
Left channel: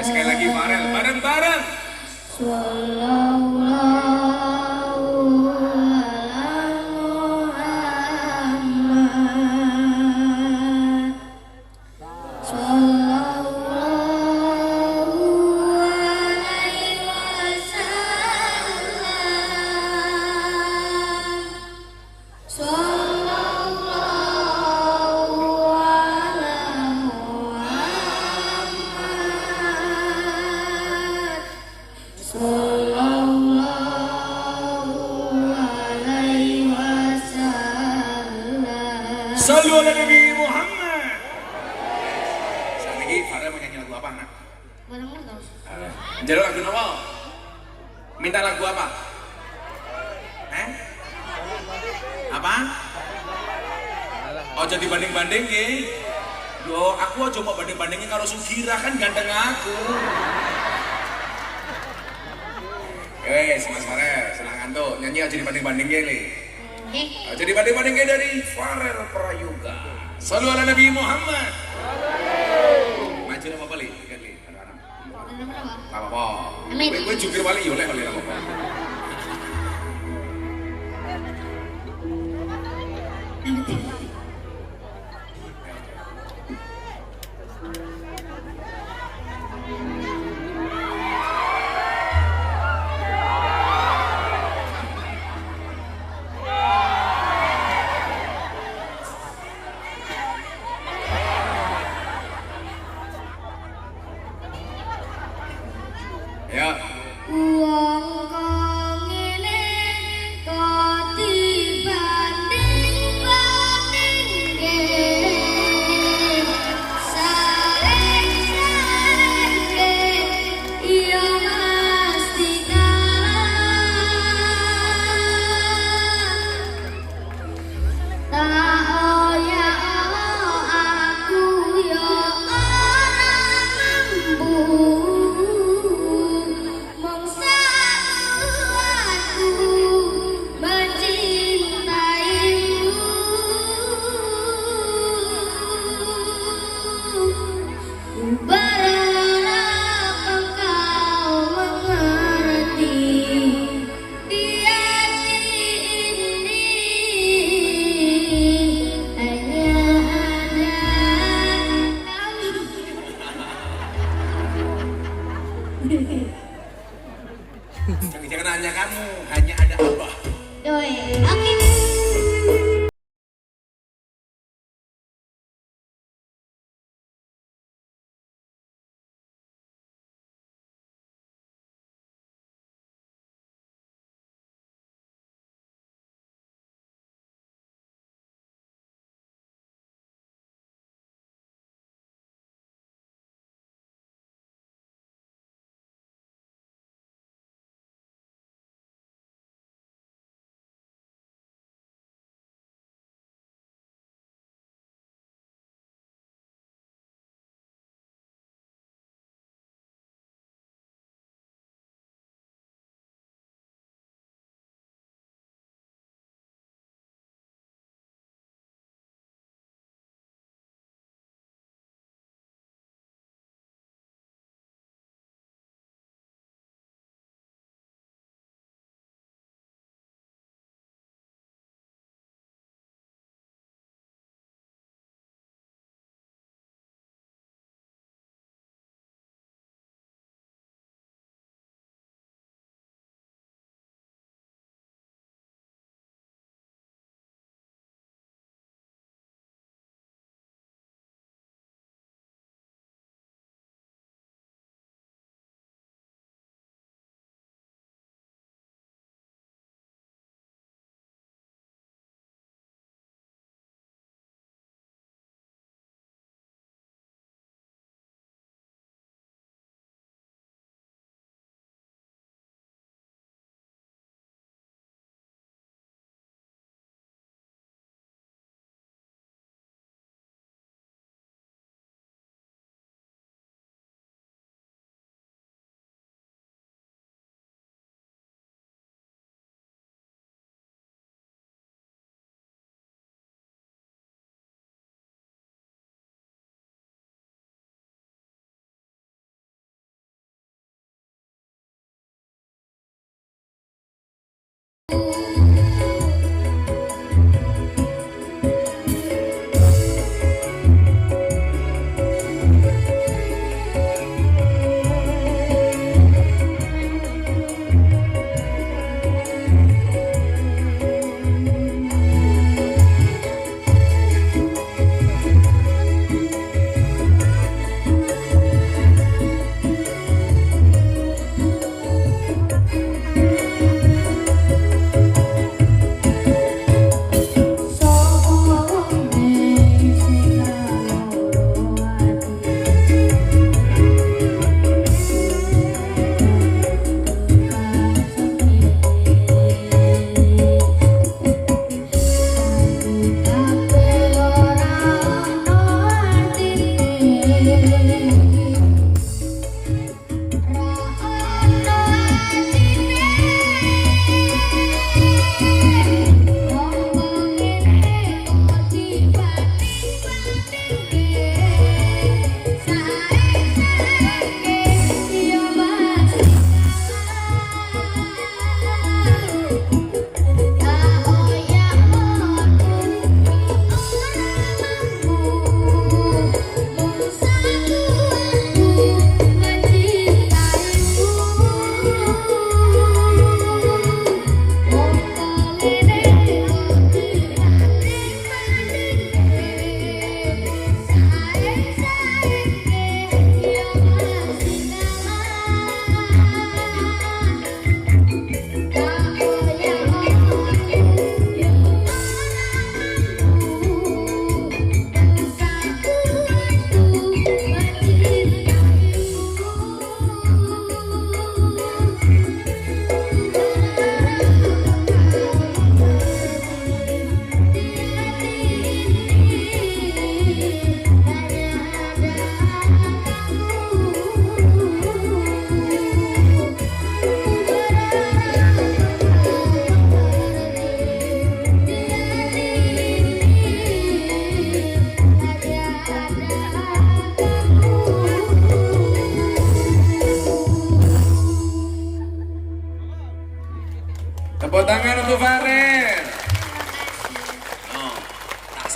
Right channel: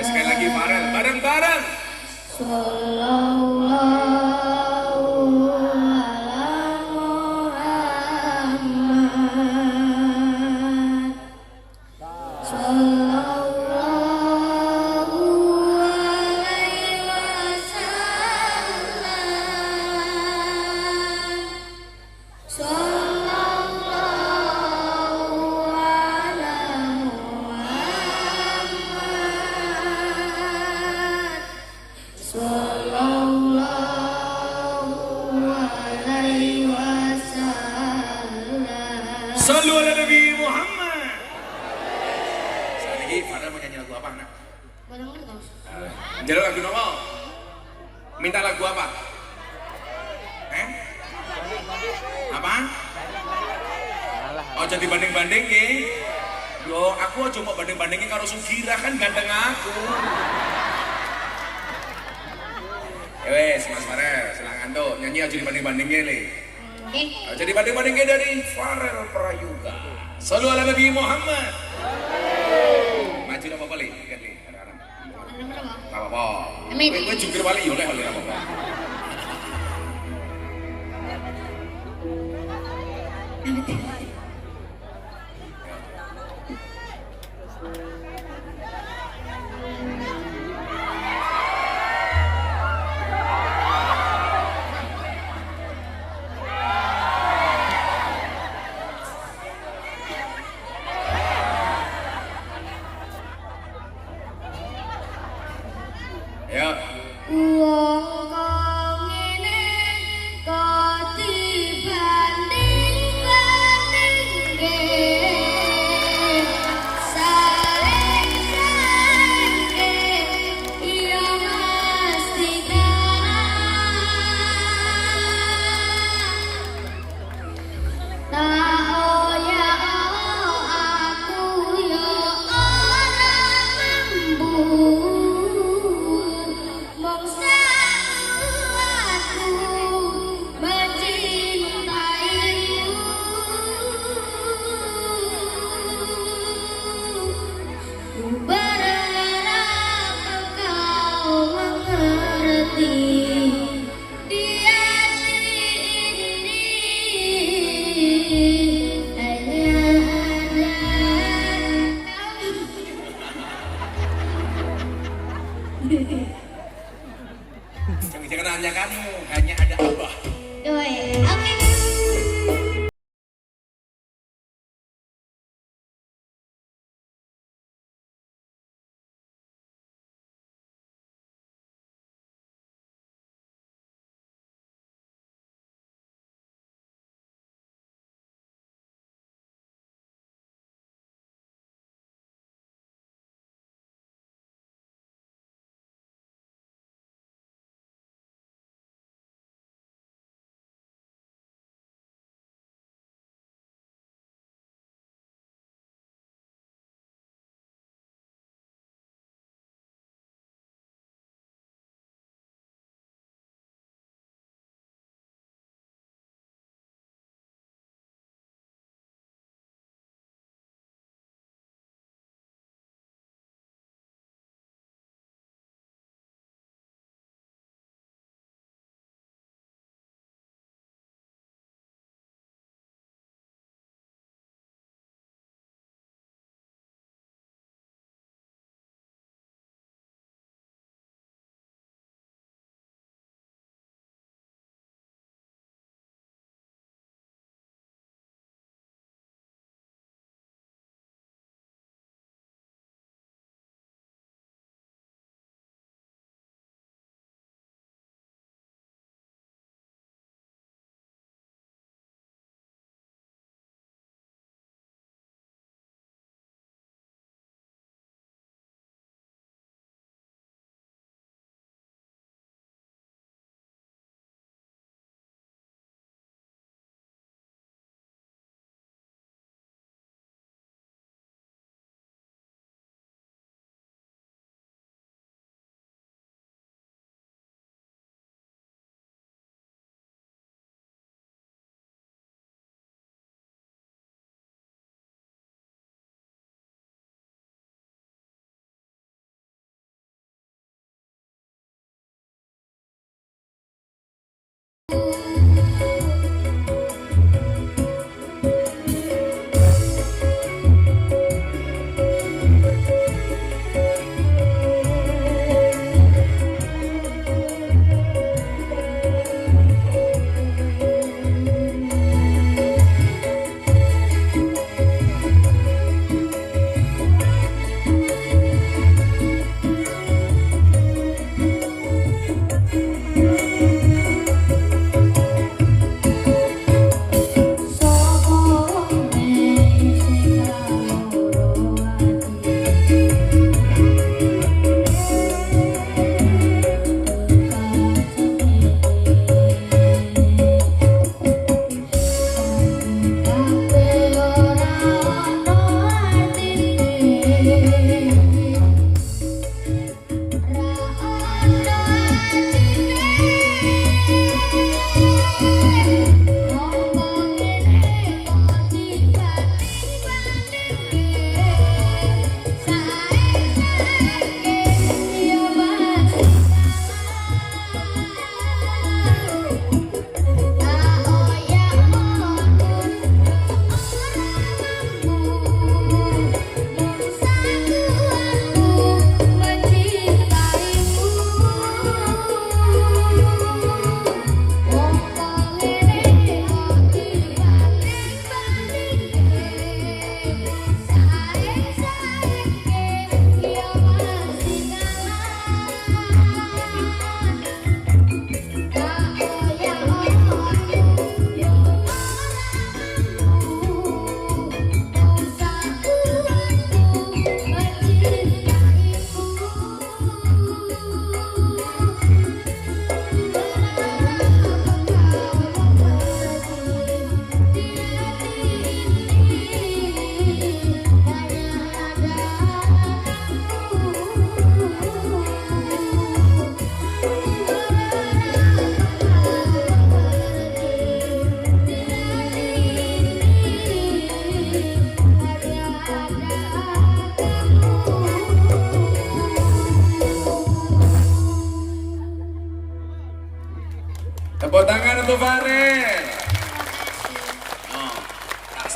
Sekali lagi Farel, bareng-bareng. Sallallahu ala Muhammad. Sallallahu alaihi wasallam. Sallallahu ala Muhammad. Sallallahu alaihi wasallam. Sallu ala Nabi Muhammad. Sekali lagi Farel mau nyanyi lagu apa nak? Boleh dong. Jadi lagu apa? Minta lagu apa? Apa? Oh jadi banding-banding ya? Yo aku aja mau banding-bandingin karo Sugira kan ganteng aku. Wes Mas Farel, silakan tuh nyanyi aja dibanding-bandingin nih. Aja dibanding-bandingin dari Farel Prayoga. Sallu ala Nabi Muhammad. Maju apa balik? Ikan nih, anak-anak. Apa-apa. Amin. Gue jukir balik, oleh apa-apa. Ya. Wong kang ngene kok dibanding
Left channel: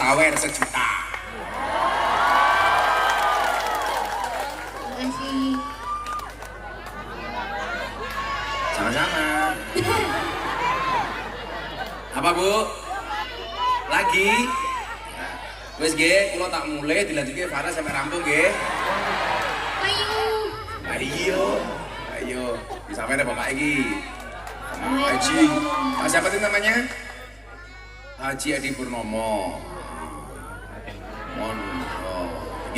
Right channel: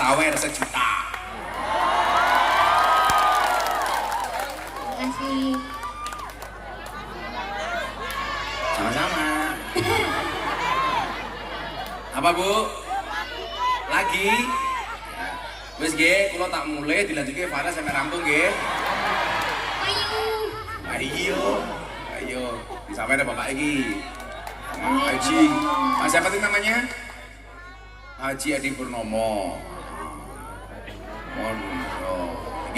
sawer sejuta. Makasih. Sama-sama. Apa Bu? Lagi? Wes nggih, kula tak mulai dilanjutke Farah sampai rampung nggih. Ayo. Ayo. Disampaikan ada Bapak iki. Haji. Siapa itu namanya? Haji Adi Purnomo. Mohon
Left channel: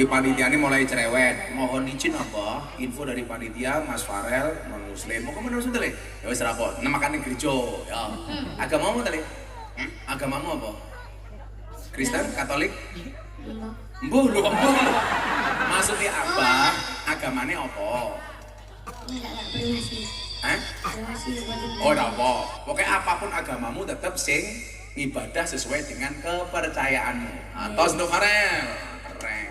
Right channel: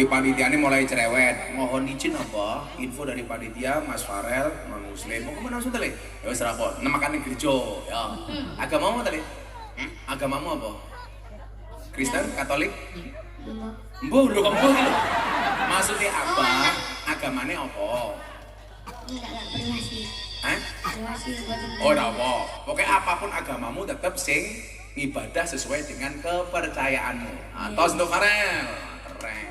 ini panitianya mulai cerewet. Mohon izin apa? Info dari panitia Mas Farel non Muslim. Mau kemana sudah le? Ya wis rapor. Namakan gereja. Ya. Agamamu tadi? Agamamu apa? Kristen, Katolik? Mbuh lho kok mbuh lho. Maksudnya apa? Agamanya apa? Enggak berhasil. Berhasil buat ibu. Oh, ora apa. Pokoknya apapun agamamu tetap sing ibadah sesuai dengan kepercayaanmu. Atos untuk Farel. Keren.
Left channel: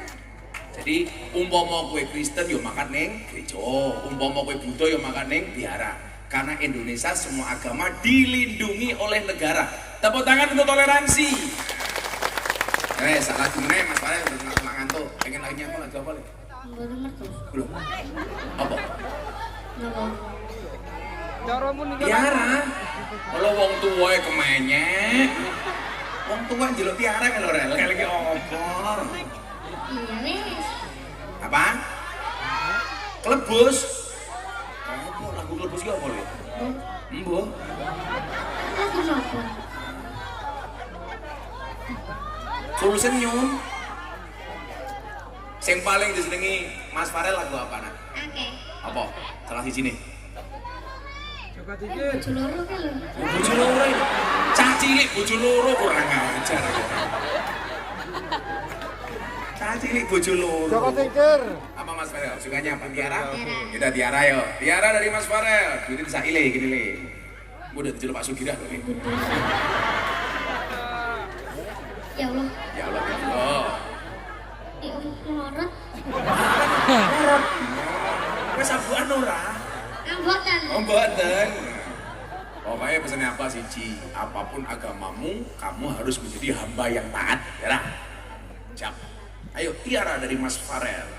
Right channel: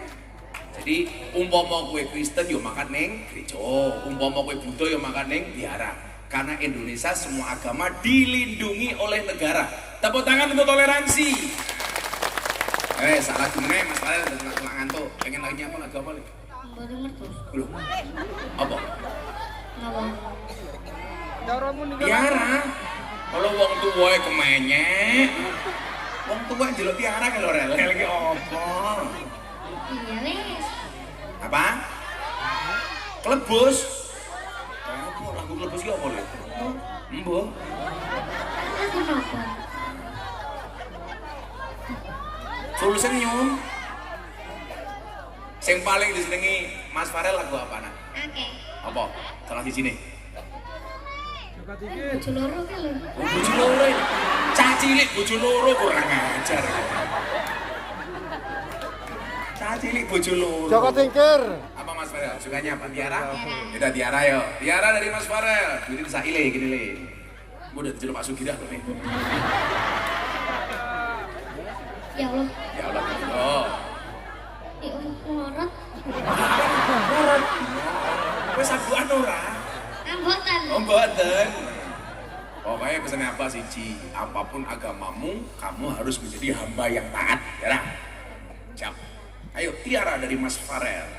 Jadi umpama kowe Kristen yo makan ning gereja, umpama kowe Buddha yo makan ning vihara. Karena Indonesia semua agama dilindungi oleh negara. Tepuk tangan untuk toleransi. Salah gimana Mas Farel udah ngantuk. Pengen lagi apa lagu apa? Enggak denger tuh. Belum. Apa? Enggak. Tiara. Kalau wong tua kemenyek. Wong tua njeluk tiara kan Rel. Lagi apa? Iya wes. Apa? Kelebus. Apa lagu kelebus ki apa lho? Embuh. Lagi apa? Suruh senyum. Sing paling disenengi Mas Farel lagu apa nak? Oke. Apa? Salah siji nih. Bojo loro kan lho. Bojo loro. Cah cilik bojo loro kurang ajar. Cah cilik bojo loro. Joko Tingkir. Apa Mas Farel? Sukanya apa? Tiara? Kita Tiara yo. Tiara dari Mas Farel. Duitnya bisa ile gini le. Gue udah dijeluk Pak Sugirah loh nih. Ya Allah. Ya Allah. Oh. Ya Allah, ngorot. Korot. Wes sabuan ora? Anggotan. Oh mboten. Pokoknya pesannya apa siji, apapun agamamu, kamu harus menjadi hamba yang taat, ya. Siap. Ayo Tiara dari Mas Farel.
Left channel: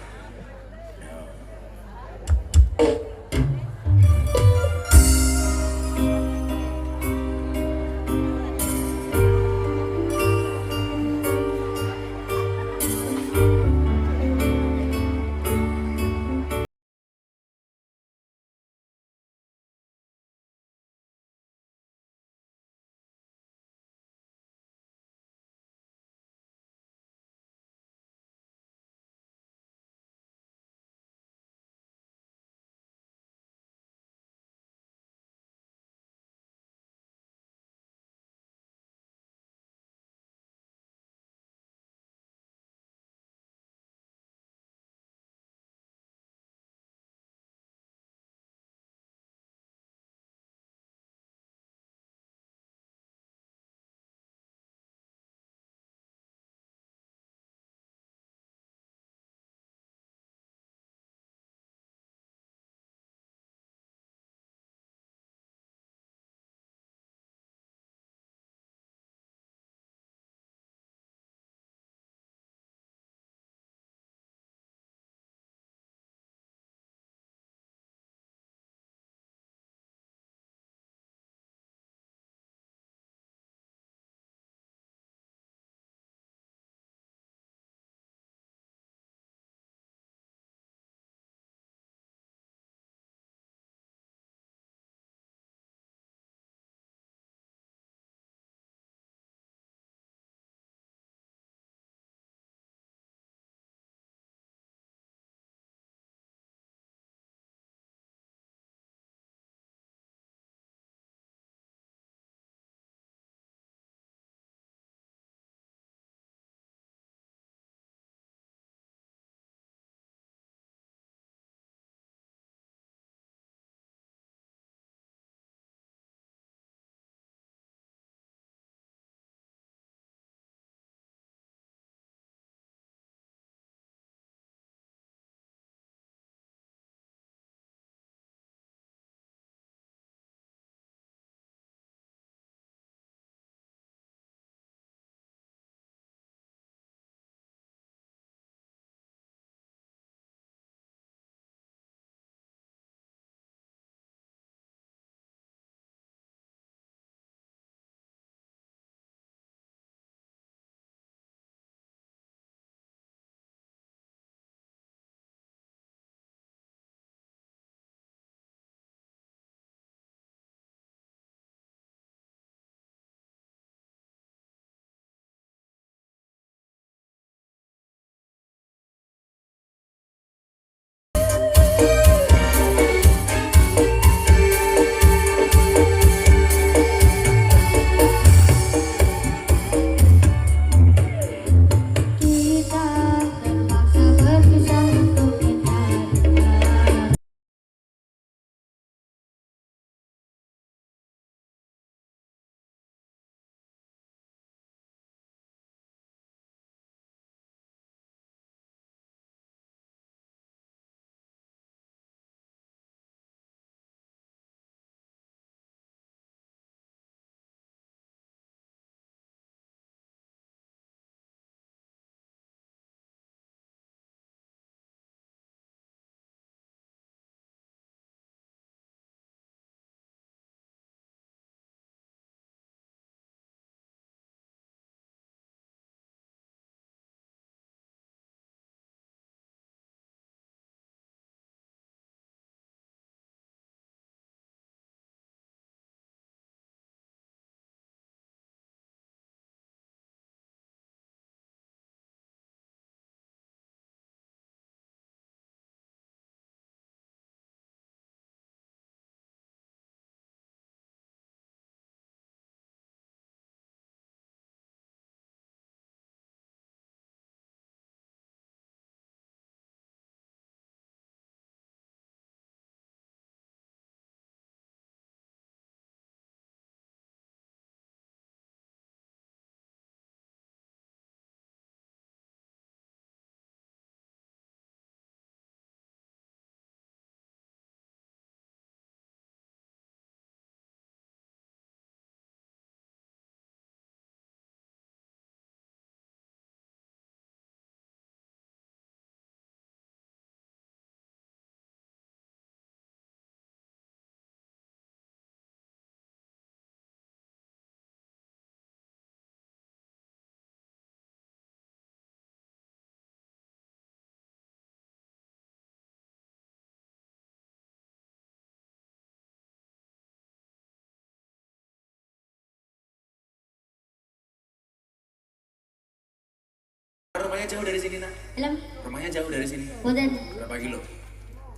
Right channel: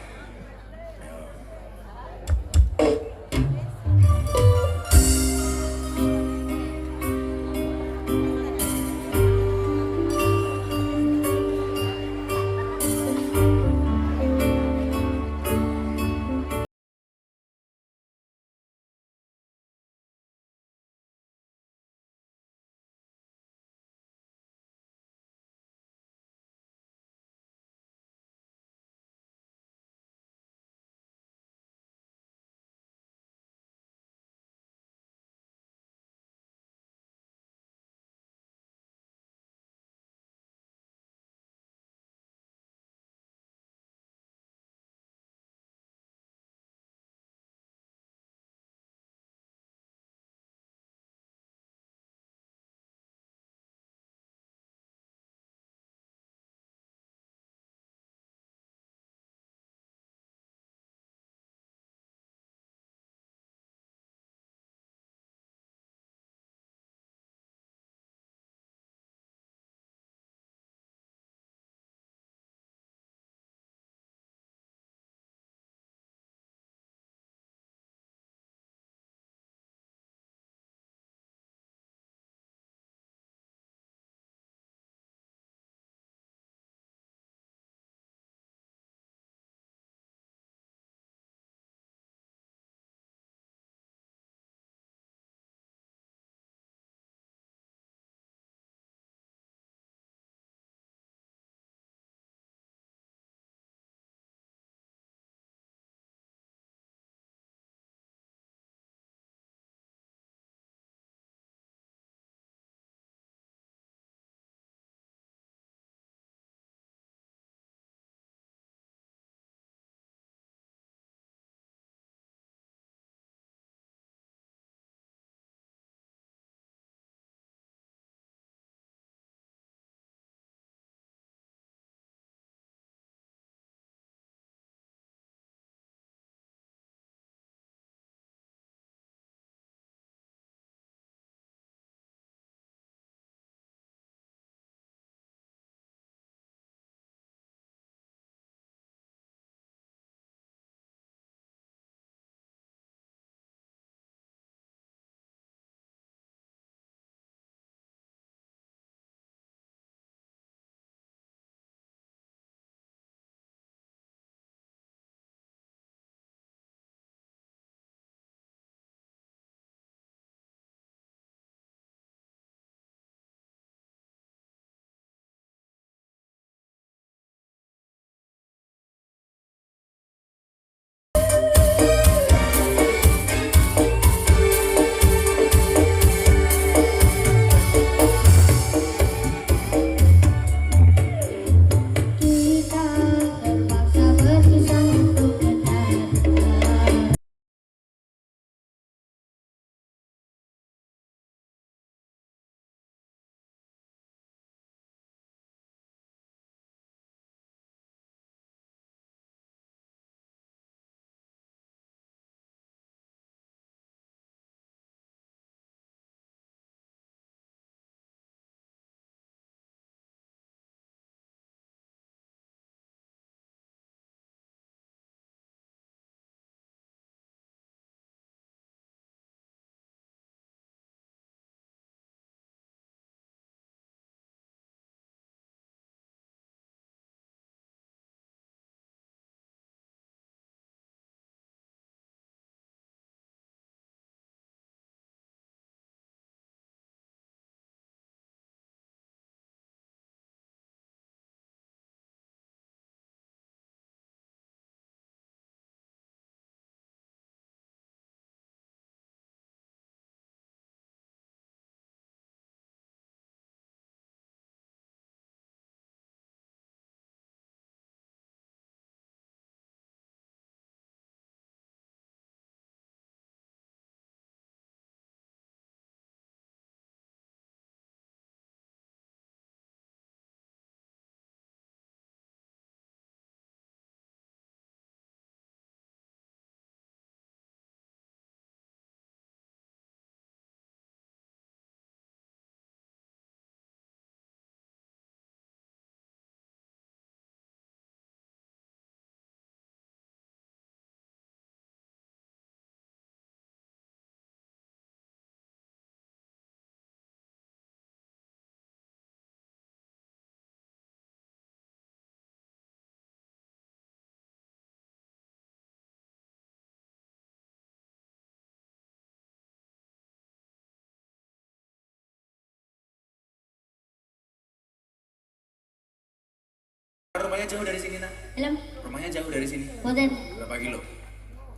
Rumahnya jauh dari sini, nak? Dalam Rumahnya jauh dari sini. boten. Berapa kilo?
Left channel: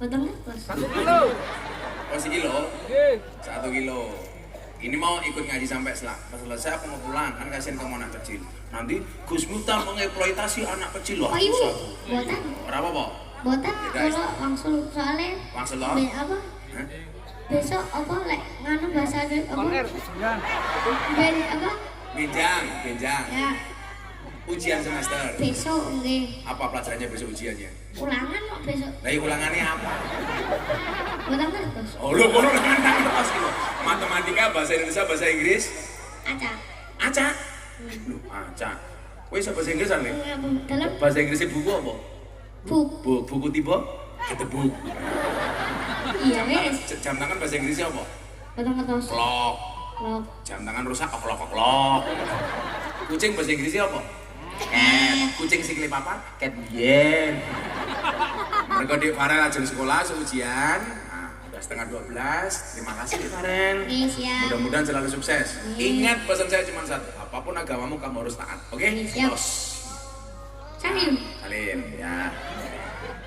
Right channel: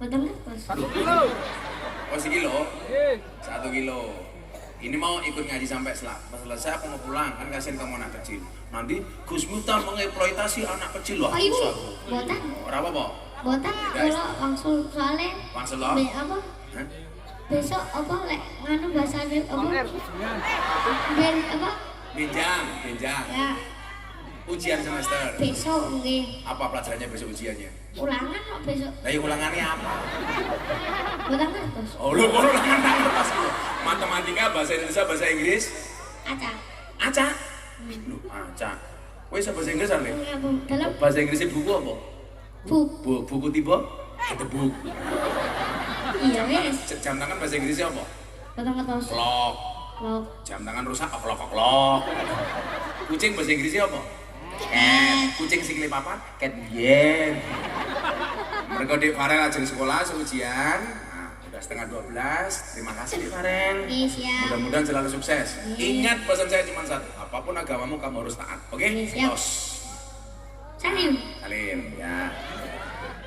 Boten kos. 1 kilo. Oh, sekilo? 1 kilo. Ini mau ikut ngaji sampai selesai, aku mau pulang, kan kasihan kamu anak kecil. Nanti Gus Miftah mengeksploitasi anak kecil. Wah, Oh ibu, susah. boten. Ora apa-apa? Boten kalau langsung soalnya Langsung lo? apa? Hah? Besok apa lek nganu bahasanya apa? Dari apa? Ginjang. Ya, Ujian semester. besok nggih. Apa pelajarannya besok ujiannya? Ulangan kok besok. Lah ya ulangannya apa? Boten kos. Oh, lu kono ulangan kertas gitu. Matematika, bahasa Indonesia, bahasa Inggris. Acak. Acak. Loh, acak. Kowe iso bahasa Inggris ane? Dalam Bahasa Inggrisnya buku apa? Buku tipe? Buku. iya wes. Jam tangan bahasa Inggrisnya apa? Boten kos. Clock. Loh. Jam tangan rusak, oklok. Kucing bahasa Inggrisnya apa? Cat. Kucing sikile papat, cat yen. Mereka di Farel ajar sekolah ujian. Nah, udah setengah 12. Terima kasih di Farel. Iya siap. Mudah-mudahan selalu sukses. Ingat pesan saya cuma satu. Apapun agamamu kamu harus taat. Oke? Siap. Tos. Salim. Salim ya.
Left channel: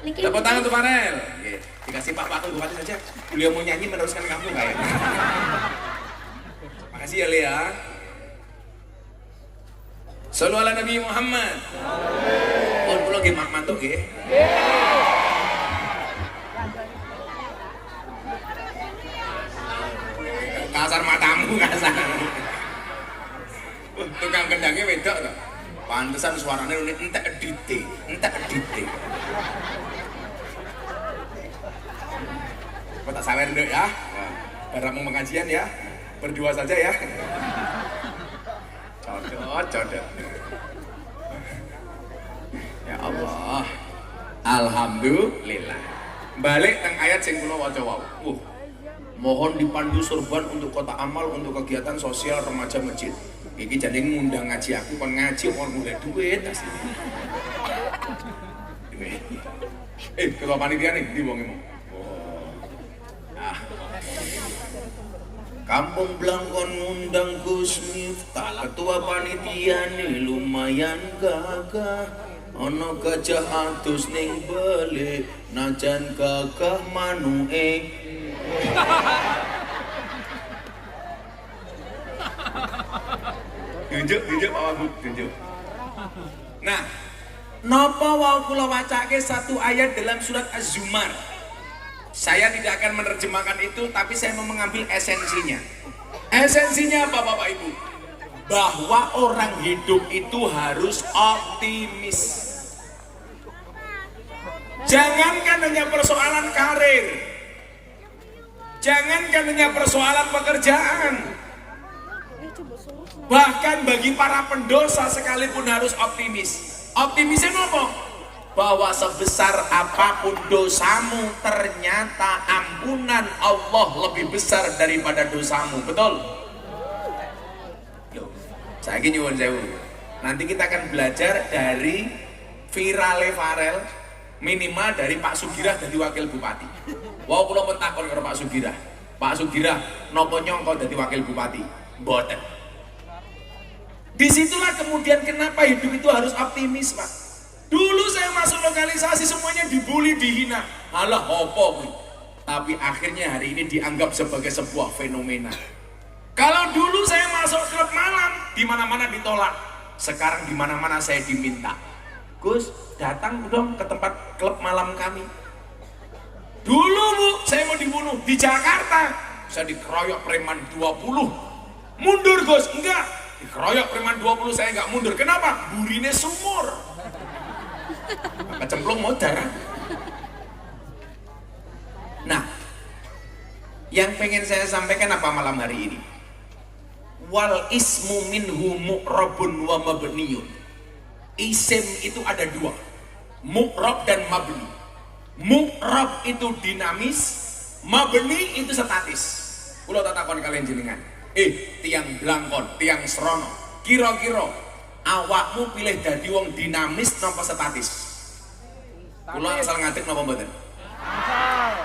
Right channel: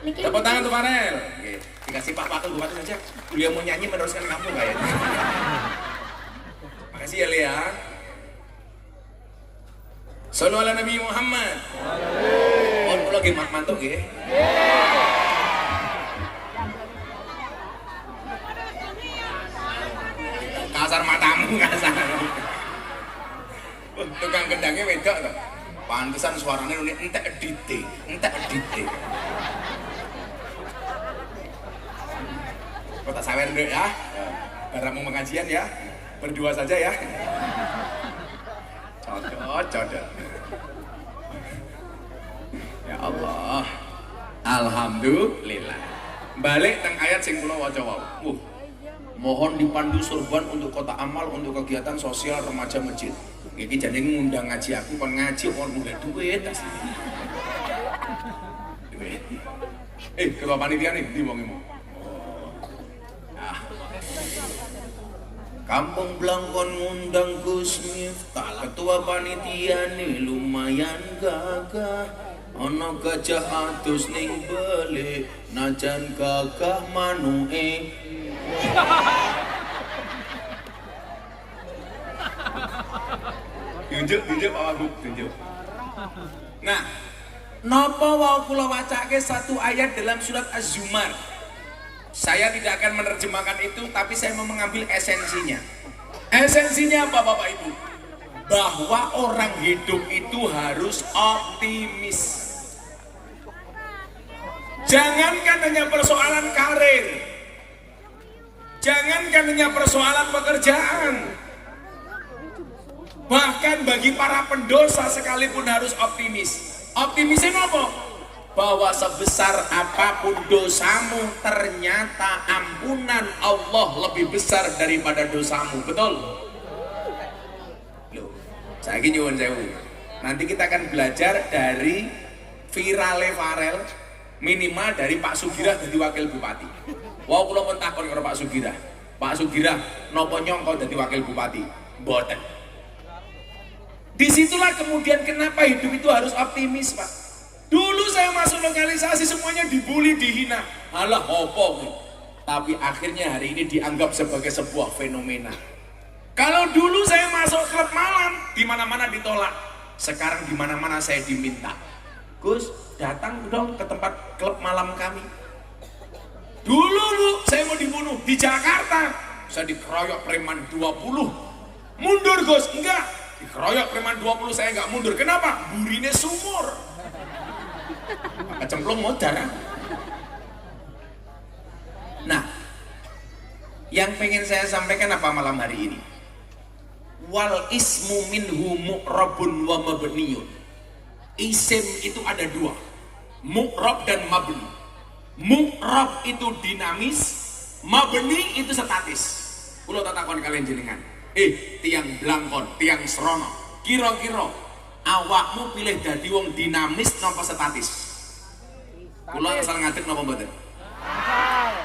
Lagi. Tepuk tangan untuk Farel. Oke. Dikasih Pak Wakil Bupati saja. Beliau mau nyanyi meneruskan kamu nggak ya? Makasih ya Lea. Sallu ala Nabi Muhammad. Oh, kula nggih mantuk nggih. Kasar matamu kasar. Tukang kendangnya wedok to. Pantesan suaranya entek edite. Kok tak sawer nduk ya. Barang mau pengajian ya. Berdua saja ya. Cocok. Ya Allah. Alhamdulillah. Balik teng ayat sing kula waca wau. Mohon dipandu sorban untuk kota amal untuk kegiatan sosial remaja masjid. Iki jane ngundang ngaji aku kon ngaji kon mulai duit asline. Ketua panitia nih di wong emong. Kampung Blangkon ngundang Gus Miftah, ketua panitia nih lumayan gagah. Ono gajah atus ning beli, najan gagah manue. Tunjuk Pak Wagub, tunjuk. Nah, napa wau kula wacake satu ayat dalam surat Az-Zumar. Saya tidak akan menerjemahkan itu, tapi saya mau mengambil esensinya. Esensinya apa Bapak Ibu? Bahwa orang hidup itu harus optimis. Jangankan hanya persoalan karir, jangankan hanya persoalan pekerjaan, bahkan bagi para pendosa sekalipun harus optimis. Optimisnya apa? Bahwa sebesar apapun dosamu, ternyata ampunan Allah lebih besar daripada dosamu. Betul? Loh, saya ingin nyuwun sewu. Nanti kita akan belajar dari virale Farel, minimal dari Pak Sugirah jadi wakil bupati. Wow, kula pun takon karo Pak Sugirah. Pak Sugirah, nopo nyongko jadi wakil bupati? Boten. Disitulah kemudian kenapa hidup itu harus optimis, Pak. Dulu saya masuk lokalisasi semuanya dibully, dihina. Alah opo. Tapi akhirnya hari ini dianggap sebagai sebuah fenomena. Kalau dulu saya masuk klub malam, di mana-mana ditolak. Sekarang di mana-mana saya diminta. Gus, datang dong ke tempat klub malam kami. Dulu Bu, saya mau dibunuh di Jakarta. Saya dikeroyok preman 20. Mundur Gus, enggak. Dikeroyok preman 20 saya enggak mundur. Kenapa? Burine sumur. Kecemplung mau darah. Nah, yang pengen saya sampaikan apa malam hari ini? Wal ismu minhu mu'rabun wa mabniyun. Isim itu ada dua, mu'rab dan mabni. Mu'rab itu dinamis, mabni itu statis. Kula tak takon kalian jenengan. Tiang Blangkon, tiang Srono, kira-kira awakmu pilih dadi wong dinamis napa statis? Kula asal ngadeg napa mboten?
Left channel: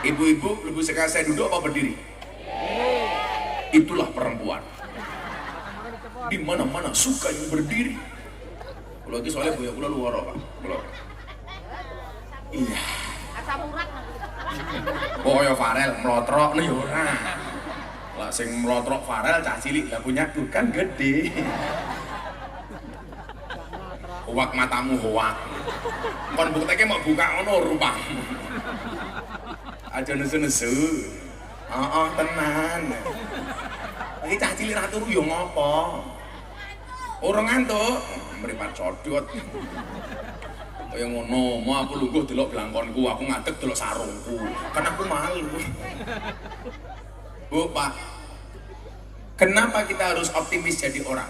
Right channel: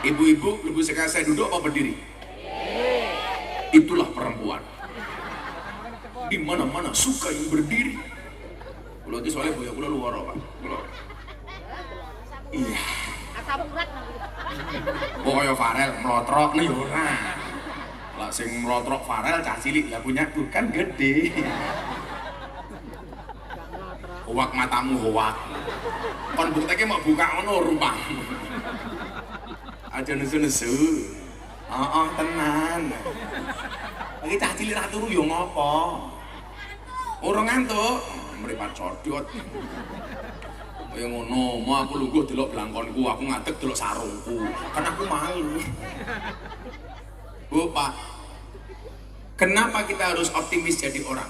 Ibu-ibu lebih suka saya duduk apa berdiri? Itulah perempuan. Di mana-mana suka yang berdiri. Kula iki soalnya boyo kula luwara, Pak. Kula. Iya. Oh ya Farel mlotrok nih ora. Lah sing mlotrok Farel cah cilik lah punyaku kan gede. Hoak matamu hoak. Kon bukteke mau buka ngono rupa. Aja nesu-nesu. Heeh, tenan. Iki cah cilik ra turu yo ngopo? Ora ngantuk, mripat codot. Kaya ngono, mau aku lungguh delok blangkonku, aku ngadeg delok sarungku. Kan aku malu. Bu, Pak. Kenapa kita harus optimis jadi orang?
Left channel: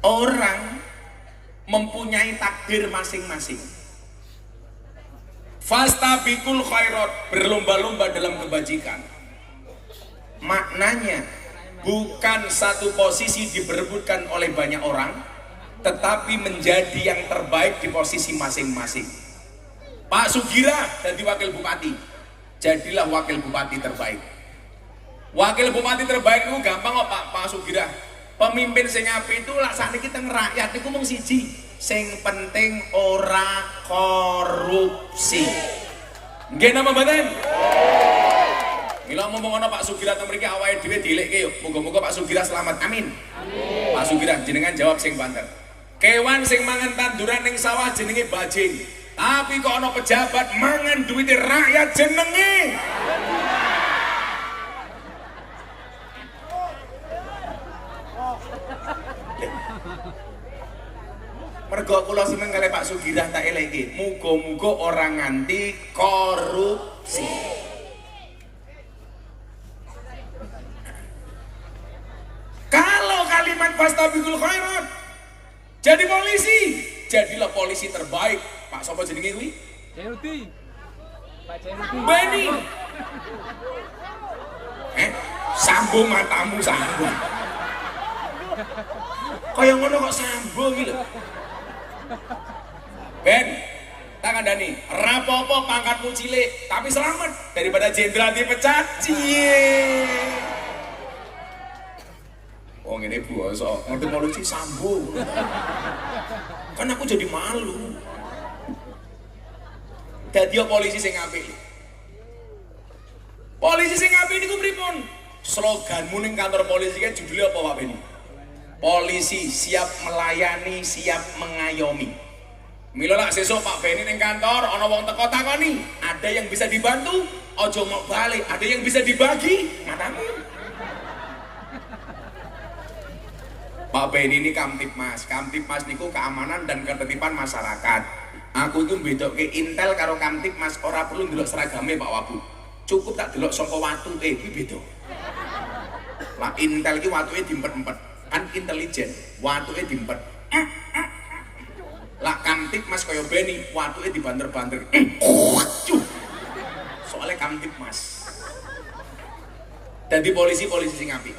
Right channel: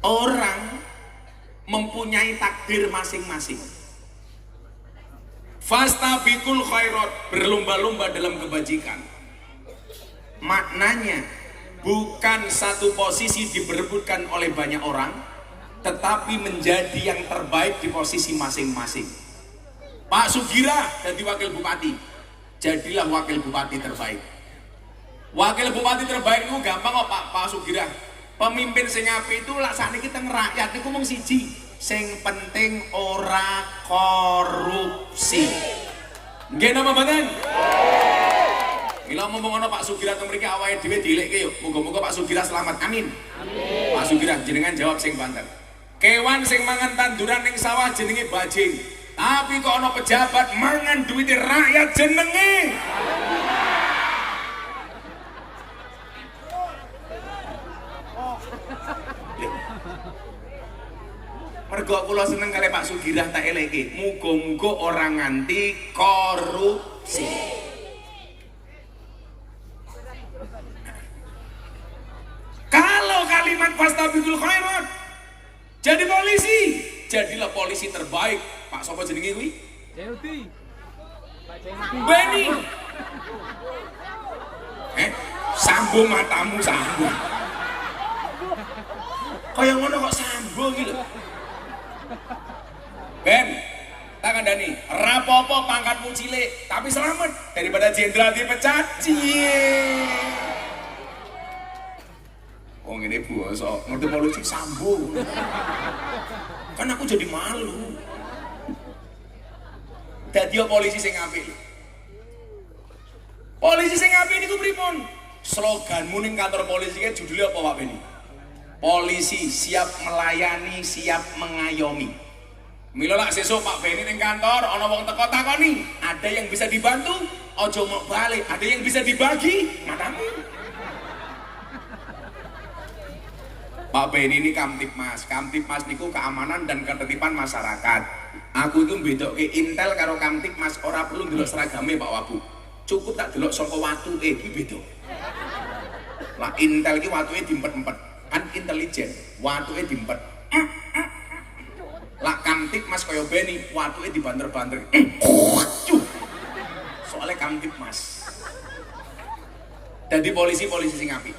Orang mempunyai takdir masing-masing. Fastabiqul khairat, berlomba-lomba dalam kebajikan. Maknanya bukan satu posisi diperebutkan oleh banyak orang, tetapi menjadi yang terbaik di posisi masing-masing. Pak Sugira jadi wakil bupati, jadilah wakil bupati terbaik. Wakil bupati terbaik itu gampang kok Pak Sugira. Pemimpin sing apik itu lak sakniki teng rakyat iku mung siji, sing penting ora korupsi. Nggih napa mboten? Mila ngomong ana Pak Sugira teng mriki awake dhewe dilekke yo. Muga-muga Pak Sugira selamat. Amin. Amin. Pak Sugira jenengan jawab sing banter. Kewan sing mangan tanduran ning sawah jenenge bajing. Tapi kok ana pejabat mangan duwite rakyat jenenge. Mergo kula seneng kali Pak Sugirah tak eleke. Muga-muga orang nganti korupsi. Kalau kalimat fastabiqul khairat jadi polisi, jadilah polisi terbaik. Pak sapa jenenge kuwi? Jeuti. Pak Jeuti. Beni. Sambung matamu sambung. Kaya ngono kok sambung iki lho. Ben, tak kandani, rapopo pangkatmu cilik, tapi selamat daripada jenderal dipecat. Cie. Oh ini bosok, ngerti mau lucu sambung. Kan aku jadi malu. Dadi polisi sing apik. Polisi sing apik niku pripun? Sloganmu ning kantor polisi kan judulnya apa Pak Beni? Polisi siap melayani, siap mengayomi. Mila lak sesuk Pak Beni ning kantor ana wong teko takoni, ada yang bisa dibantu? Ojo mau balik, ada yang bisa dibagi? Manamu? Pak Beni ini Kamtibmas. Kamtibmas niku keamanan dan ketertiban masyarakat. Aku itu bedokke Intel karo Kamtibmas ora perlu ndelok seragame Pak Wabu. Cukup tak delok saka watuke iki beda. Lah Intel iki watuke diempet-empet. Kan intelijen, watuke diempet. Lah Kamtibmas kaya Beni, watuke dibanter-banter. Soalnya Kamtibmas. Dadi polisi sing apik.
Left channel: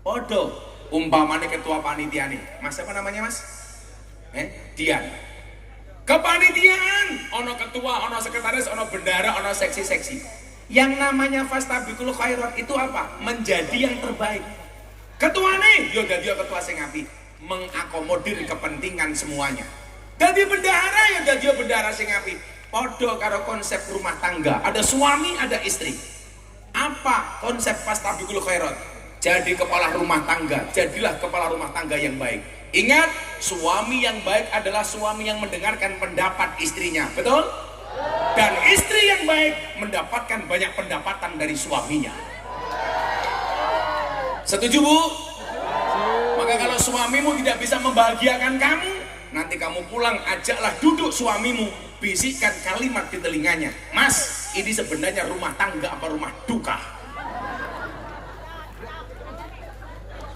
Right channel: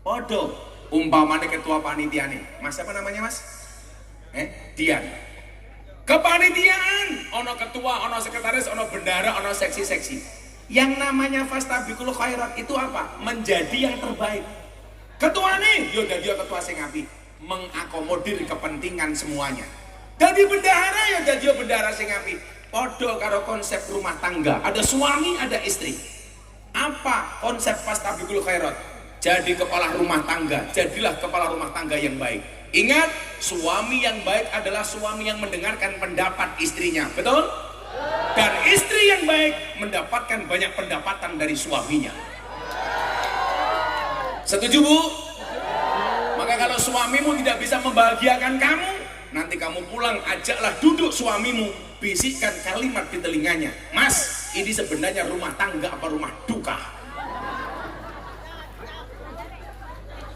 Padha umpamane ketua panitiane. Mas apa namanya, Mas? Dian. Kepanitiaan, ono ketua, ono sekretaris, ono bendara, ono seksi-seksi. Yang namanya fastabiqul khairat itu apa? Menjadi yang terbaik. Ketuane, yo dadi ketua sing apik, mengakomodir kepentingan semuanya. Dadi bendahara ya dadi bendahara sing apik. Padha karo konsep rumah tangga, ada suami, ada istri. Apa konsep fastabiqul khairat? Jadi kepala rumah tangga, jadilah kepala rumah tangga yang baik. Ingat, suami yang baik adalah suami yang mendengarkan pendapat istrinya, betul? Dan istri yang baik mendapatkan banyak pendapatan dari suaminya. Setuju Bu? Maka kalau suamimu tidak bisa membahagiakan kamu, nanti kamu pulang ajaklah duduk suamimu, bisikkan kalimat di telinganya. Mas, ini sebenarnya rumah tangga apa rumah duka?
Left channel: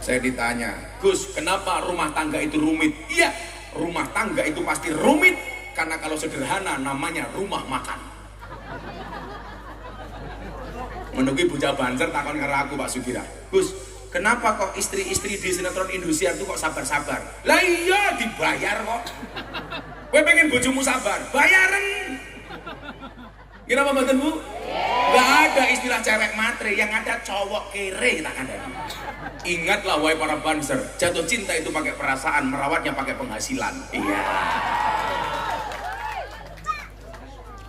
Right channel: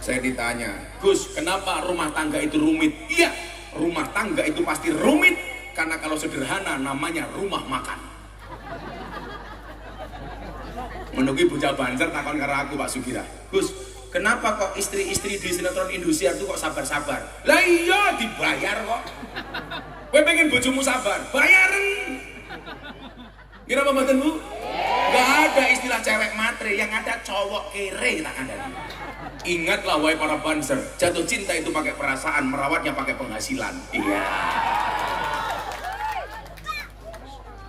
Saya ditanya, Gus, kenapa rumah tangga itu rumit? Iya, rumah tangga itu pasti rumit karena kalau sederhana namanya rumah makan. Menunggu bocah Banjar takon karo aku Pak Sugira. Gus, kenapa kok istri-istri di sinetron Indosiar itu kok sabar-sabar? Lah iya dibayar kok. Kowe pengen bojomu sabar, bayaran. Kenapa mboten Bu? Gak ada istilah cewek matre, yang ada cowok kere tak ada. Ingatlah wahai para banser, jatuh cinta itu pakai perasaan, merawatnya pakai penghasilan. Iya.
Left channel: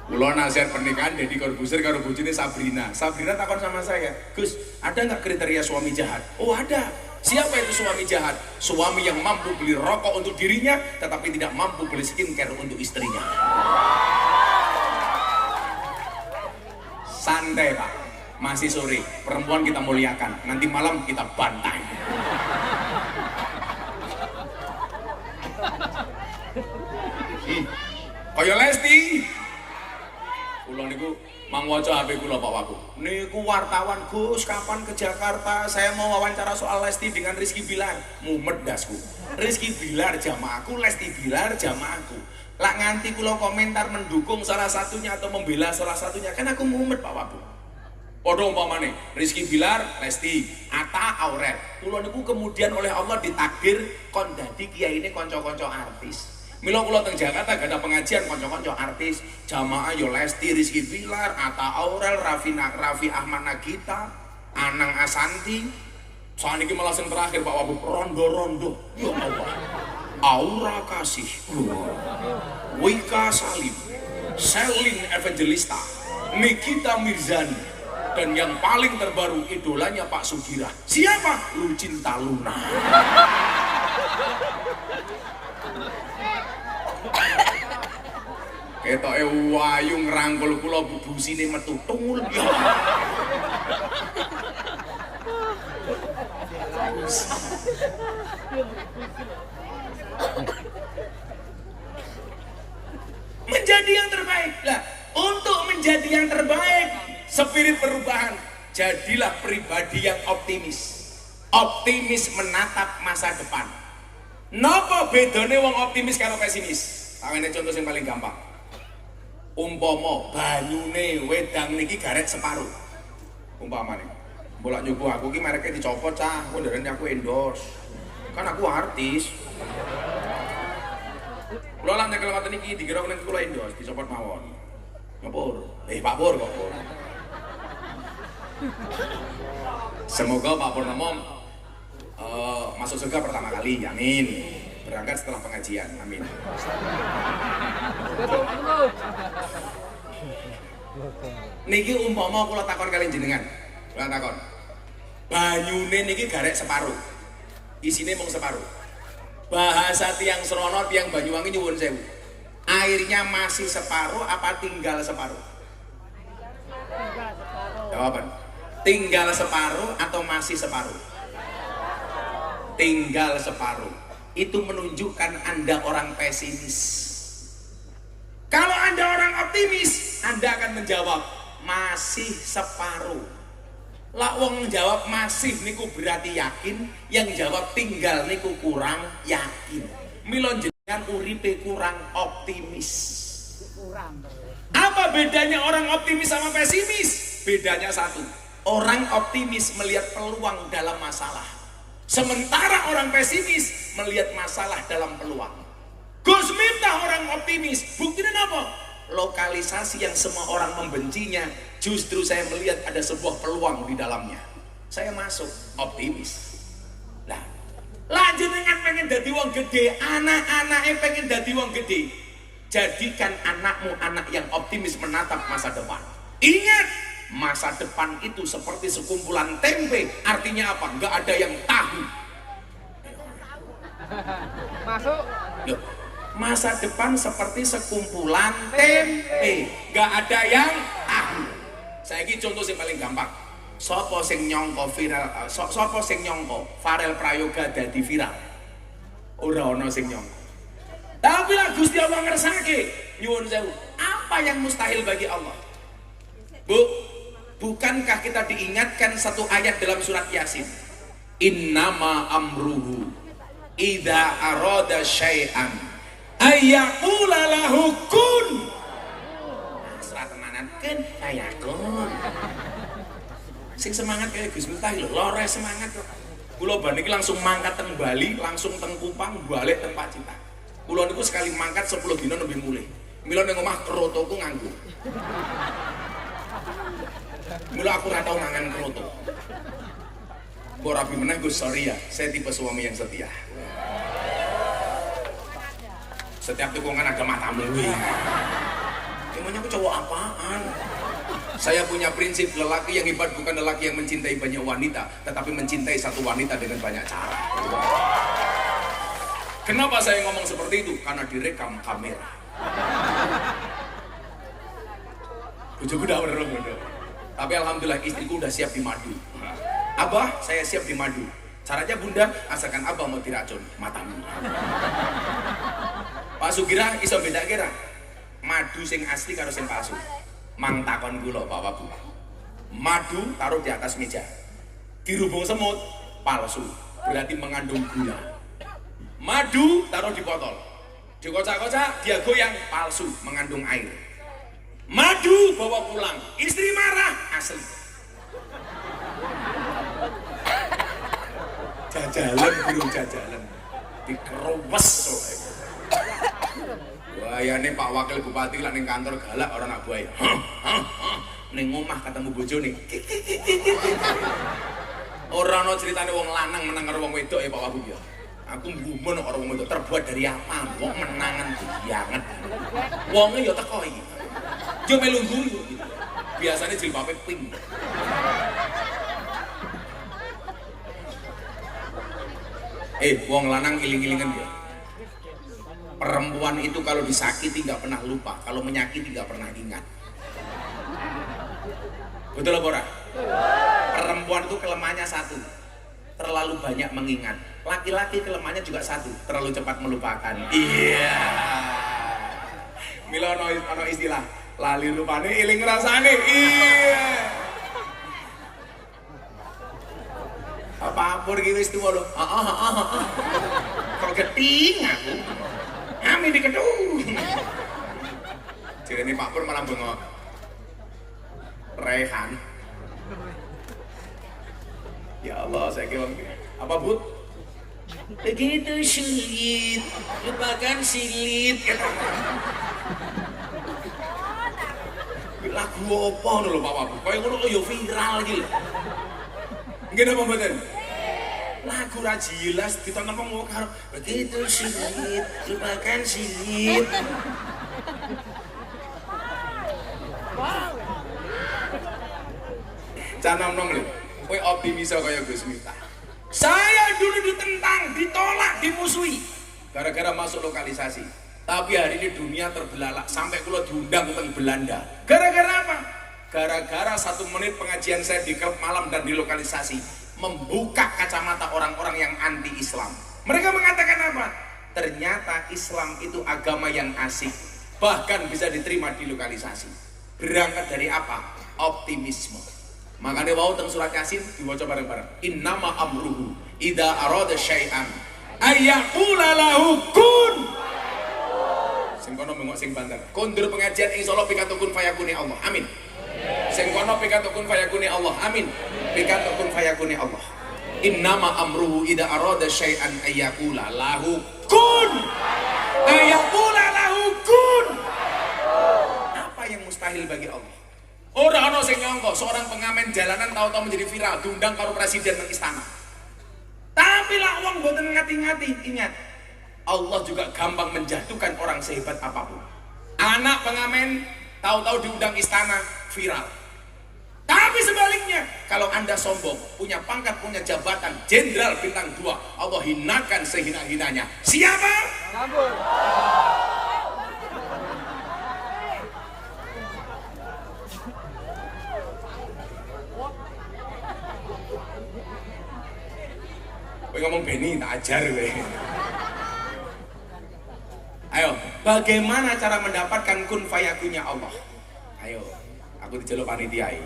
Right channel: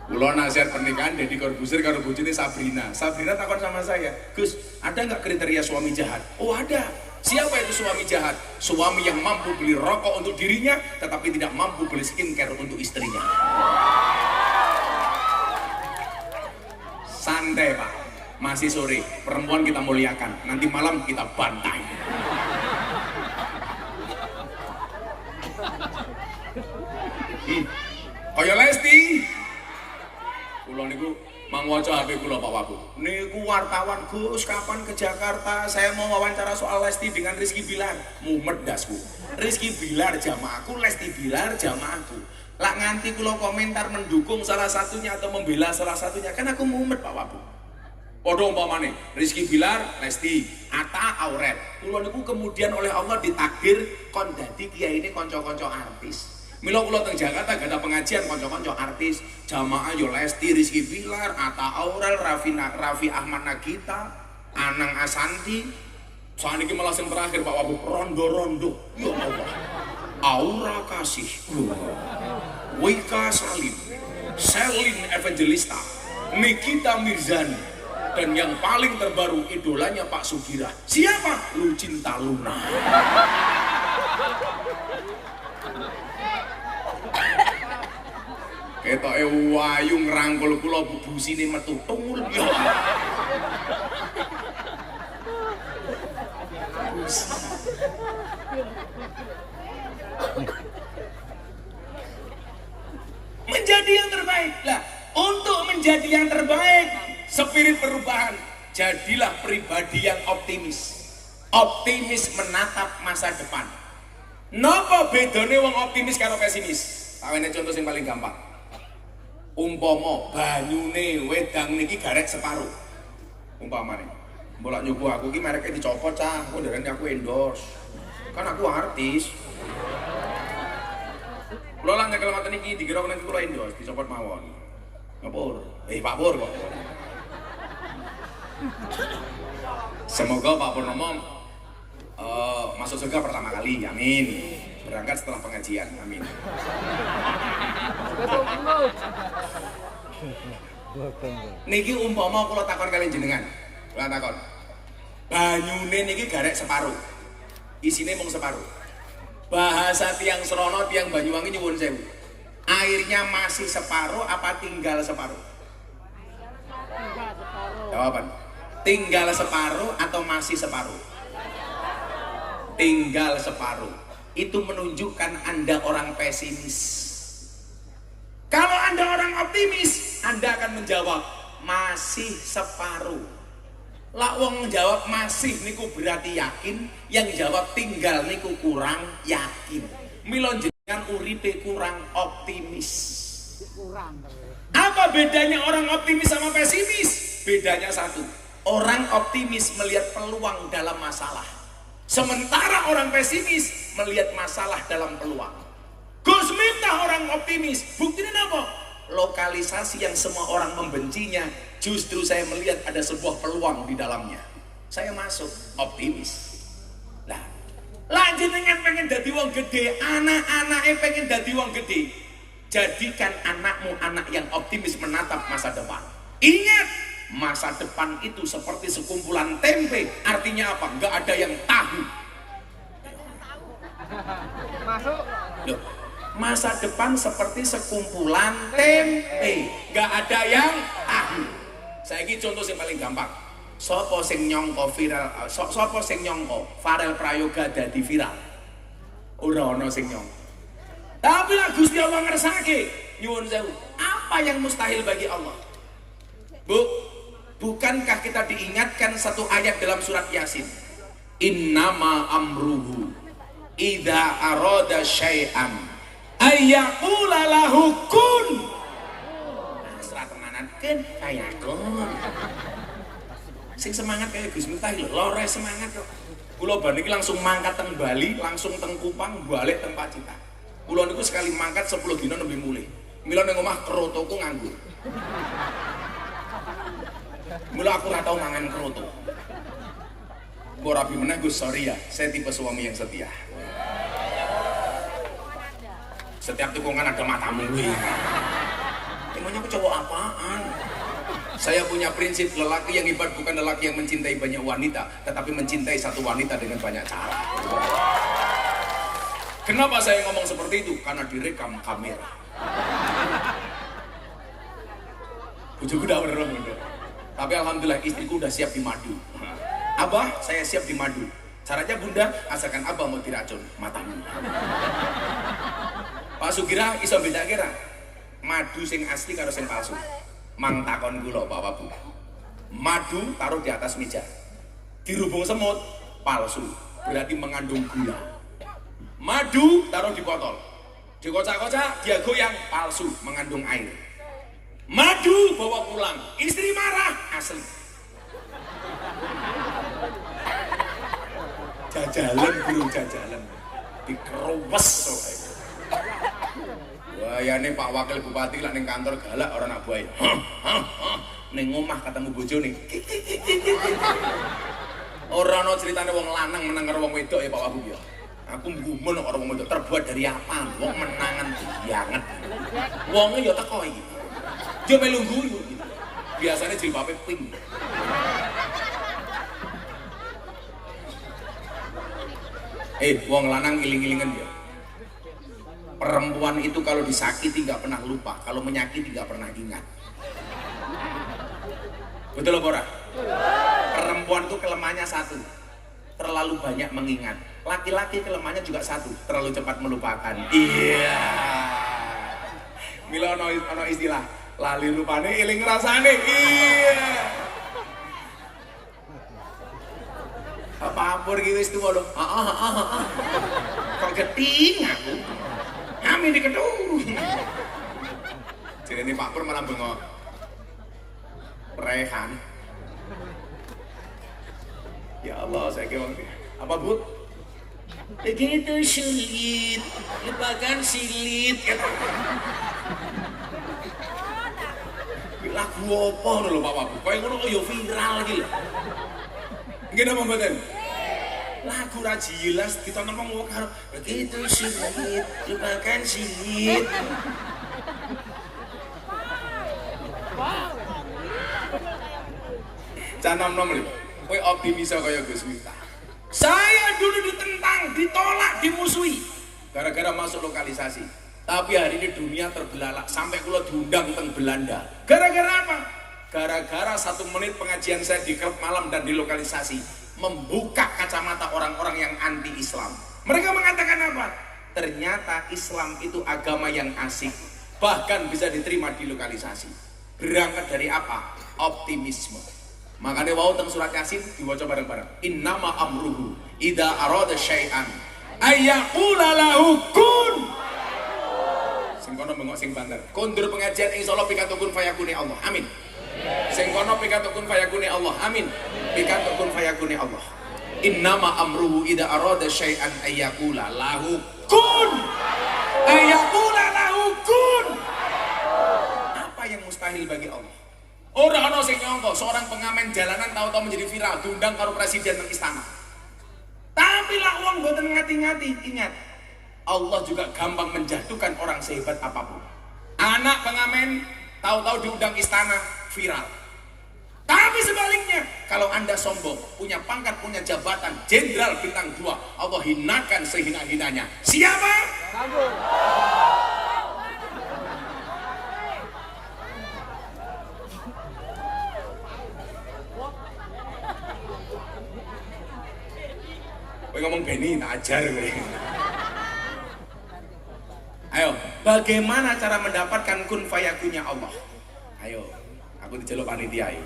Kulo nasihat pernikahan Deddy Corbuzier karo bojone Sabrina. Sabrina takon sama saya, "Gus, ada nggak kriteria suami jahat?" Oh ada. Siapa itu suami jahat? Suami yang mampu beli rokok untuk dirinya, tetapi tidak mampu beli skincare untuk istrinya. Santai Pak, masih sore, perempuan kita muliakan, nanti malam kita bantai. Kaya Lesti. Kulo niku mangwaca HP kula Pak Wabu. Niku wartawan, Gus, kapan ke Jakarta? Saya mau wawancara soal Lesti dengan Rizky Bilar. Mumet dasku. Rizky Bilar jamaahku, Lesti Bilar jamaahku. Lak nganti kula komentar mendukung salah satunya atau membela salah satunya, kan aku mumet Pak Wabu. Padha umpamane Rizky Bilar, Lesti, Atta, Aurel. Kula niku kemudian oleh Allah ditakdir kon dadi kiyaine kanca-kanca artis. Mila kula teng Jakarta gak ada pengajian kanca-kanca artis, jamaah yo Lesti, Rizky Bilar, Atta Aurel, Raffi Ahmad Nagita, Anang Asanti. Saniki malah sing terakhir Pak Wabu, rondo-rondo. Ya Allah. Aura Kasih, Wika Salim, Selin Evangelista, Nikita Mirzani, dan yang paling terbaru idolanya Pak Sugira. Siapa? Lucinta Luna. Ketoke wayu ngrangkul kula busine metu tul. Menjadi yang terbaik lah. Untuk menjadi yang terbaik, spirit perubahan, jadilah pribadi yang optimis. Optimis menatap masa depan. Napa bedane wong optimis karo pesimis? Awene contoh yang paling gampang. Umpama banyune wedang niki garet separuh. Umpamane, bolak nyoba aku ki mereknya dicopot cah, aku ndarani aku endorse. Kan aku artis. Kula lan nyekel ngoten iki dikira nek kula endorse dicopot mawon. Ngapur? Pak Pur kok. Semoga Pak Purnomo masuk surga pertama kali, amin. Berangkat setelah pengajian, amin. Niki umpama kula takon kalian jenengan, kula takon. Banyune niki garek separuh, isine mung separuh. Bahasa tiang Serono, tiang Banyuwangi nyuwun sewu. Airnya masih separuh apa tinggal separuh? Tinggal separuh. Jawaban. Tinggal separuh atau masih separuh? Tinggal separuh. Itu menunjukkan Anda orang pesimis. Kalau Anda orang optimis, Anda akan menjawab masih separuh. Lah wong jawab masih niku berarti yakin, yang jawab tinggal niku kurang yakin. Mila jenengan uripe kurang optimis. Kurang. Apa bedanya orang optimis sama pesimis? Bedanya satu. Orang optimis melihat peluang dalam masalah. Sementara orang pesimis melihat masalah dalam peluang. Gus Miftah orang optimis. Buktinya apa? Lokalisasi yang semua orang membencinya, justru saya melihat ada sebuah peluang di dalamnya. Saya masuk optimis. Nah, jenengan pengen dadi wong gede, anak-anaknya pengen dadi wong gede. Jadikan anakmu anak yang optimis menatap masa depan. Ingat, masa depan itu seperti sekumpulan tempe. Artinya apa? Nggak ada yang tahu. Masuk. Loh, masa depan seperti sekumpulan tempe. Nggak ada yang tahu. Saya ini contoh yang paling gampang. Sopo sing nyongko viral, sopo sing nyongko Farel Prayoga dadi viral. Ora ono sing nyongko. Tapi lah Gusti Allah ngersake, nyuwun sewu. Apa yang mustahil bagi Allah? Bu, bukankah kita diingatkan satu ayat dalam surat Yasin? Innama amruhu idza arada syai'an ayyaqula lahu kun. Serat tenanan kan kayakun. Sing semangat kayak Gus Miftah lho, lore semangat kok. Kula baniki langsung mangkat teng Bali, langsung teng Kupang, balik teng Pacitan. Kula niku sekali mangkat 10 dina nembe mulih. Mila ning omah krotoku nganggur. Mula aku ora tau mangan kroto. Mbok rapi meneh Gus, sorry ya, saya tipe suami yang setia. Setiap tikungan ada matamu. Emangnya aku cowok apaan? Saya punya prinsip, lelaki yang hebat bukan lelaki yang mencintai banyak wanita, tetapi mencintai satu wanita dengan banyak cara. Kenapa saya ngomong seperti itu? Karena direkam kamera. Bujuku udah bener. Tapi alhamdulillah istriku udah siap dimadu. Abah, saya siap dimadu. Caranya bunda, asalkan abah mau diracun matanya. Pak Sugira iso beda kira madu sing asli karo sing palsu. Mang takon kula Pak Bu. Madu taruh di atas meja. Dirubung semut, palsu. Berarti mengandung gula. Madu taruh di botol. Dikocak-kocak, dia goyang, palsu, mengandung air. Madu bawa pulang, istri marah, asli. Jajalan burung jajalan. Dikerowes so. Wah, ya nih Pak Wakil Bupati lah ning kantor galak orang nak buai. Ning omah ketemu bojone. Ora ono critane wong lanang menang karo wong wedok ya Pak Wagub ya. Aku gumun karo wong wedok terbuat dari apa? Wong menangan banget. Wonge ya teko iki. Yo melu guyu. Biasane jilbabe pink. Wong lanang iling-ilingan ya. Perempuan itu kalau disakiti nggak pernah lupa, kalau menyakiti nggak pernah ingat. Betul apa ora? Perempuan itu kelemahannya satu, terlalu banyak mengingat. Laki-laki kelemahannya juga satu, terlalu cepat melupakan. Iya. Mila ono istilah, lali lupane iling rasane. Iya. Apa pergi wis tuwa lho. Kok geting aku. Amin dikeduh. Jadi Pak Pur malah bengok. Rehan. Ya Allah, saya kira apa Bu? Begitu sulit, lupakan silit. Lagu apa lho Pak Wabu? Kayak ngono kok yo viral iki lho. Nggih napa mboten? Lagu ra jelas ditonton wong karo begitu sulit, lupakan silit. Wow. Canom-nom lho, kowe optimis kaya Gus Miftah. Saya dulu ditentang, ditolak, dimusuhi gara-gara masuk lokalisasi. Tapi hari ini dunia terbelalak sampai kula diundang ke Belanda. Gara-gara apa? Gara-gara 1 menit pengajian saya di klub malam dan di lokalisasi membuka kacamata orang-orang yang anti-Islam. Mereka mengatakan apa? Ternyata Islam itu agama yang asik, bahkan bisa diterima di lokalisasi. Berangkat dari apa? Optimisme. Makanya wau teng surat Yasin diwaca bareng-bareng. Innama amruhu idza arada syai'an ayyaqula lahu kun. Sing kono bengok sing banter. Kondur pengajian insyaallah pikantuk kun fayakuni Allah. Amin. Sing kono pikantuk kun fayakuni Allah. Amin. Pikantuk kun fayakuni Allah. Innama amruhu idza arada syai'an ayyaqula lahu kun. Ayyaqula lahu kun. Apa yang mustahil bagi Allah? Ora ana sing nyangka seorang pengamen jalanan tahu-tahu menjadi viral diundang karo presiden nang istana. Tapi lah wong mboten ngati-ngati, ingat. Allah juga gampang menjatuhkan orang sehebat apapun. Anak pengamen tahu-tahu diundang istana viral. Tapi sebaliknya, kalau Anda sombong, punya pangkat, punya jabatan jenderal bintang 2, Allah hinakan sehina-hinanya. Siapa? Sambut. Kowe ngomong Beni tak ajar kowe. Ayo, bagaimana cara mendapatkan kun fayakunnya Allah? Ayo, aku diceluk panitia ayo.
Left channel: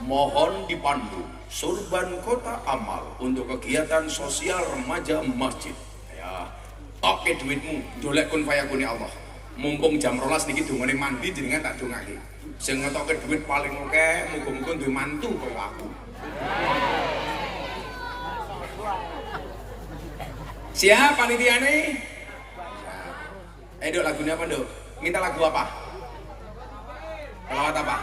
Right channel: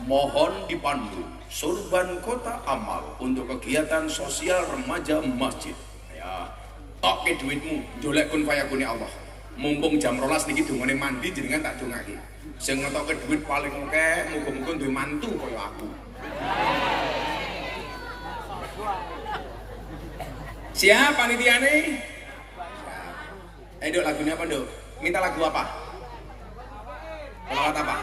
Mohon dipandu Surban Kota Amal untuk kegiatan sosial remaja masjid. Ya, tok ke duitmu, jolek kun fayakunnya Allah. Mumpung jam 12 niki dongane mandi jenengan tak dongake. Sing ngetokke duit paling akeh muga-muga duwe mantu kaya aku. Siap panitia nih? Dok, lagunya apa Dok? Minta lagu apa? Selawat apa?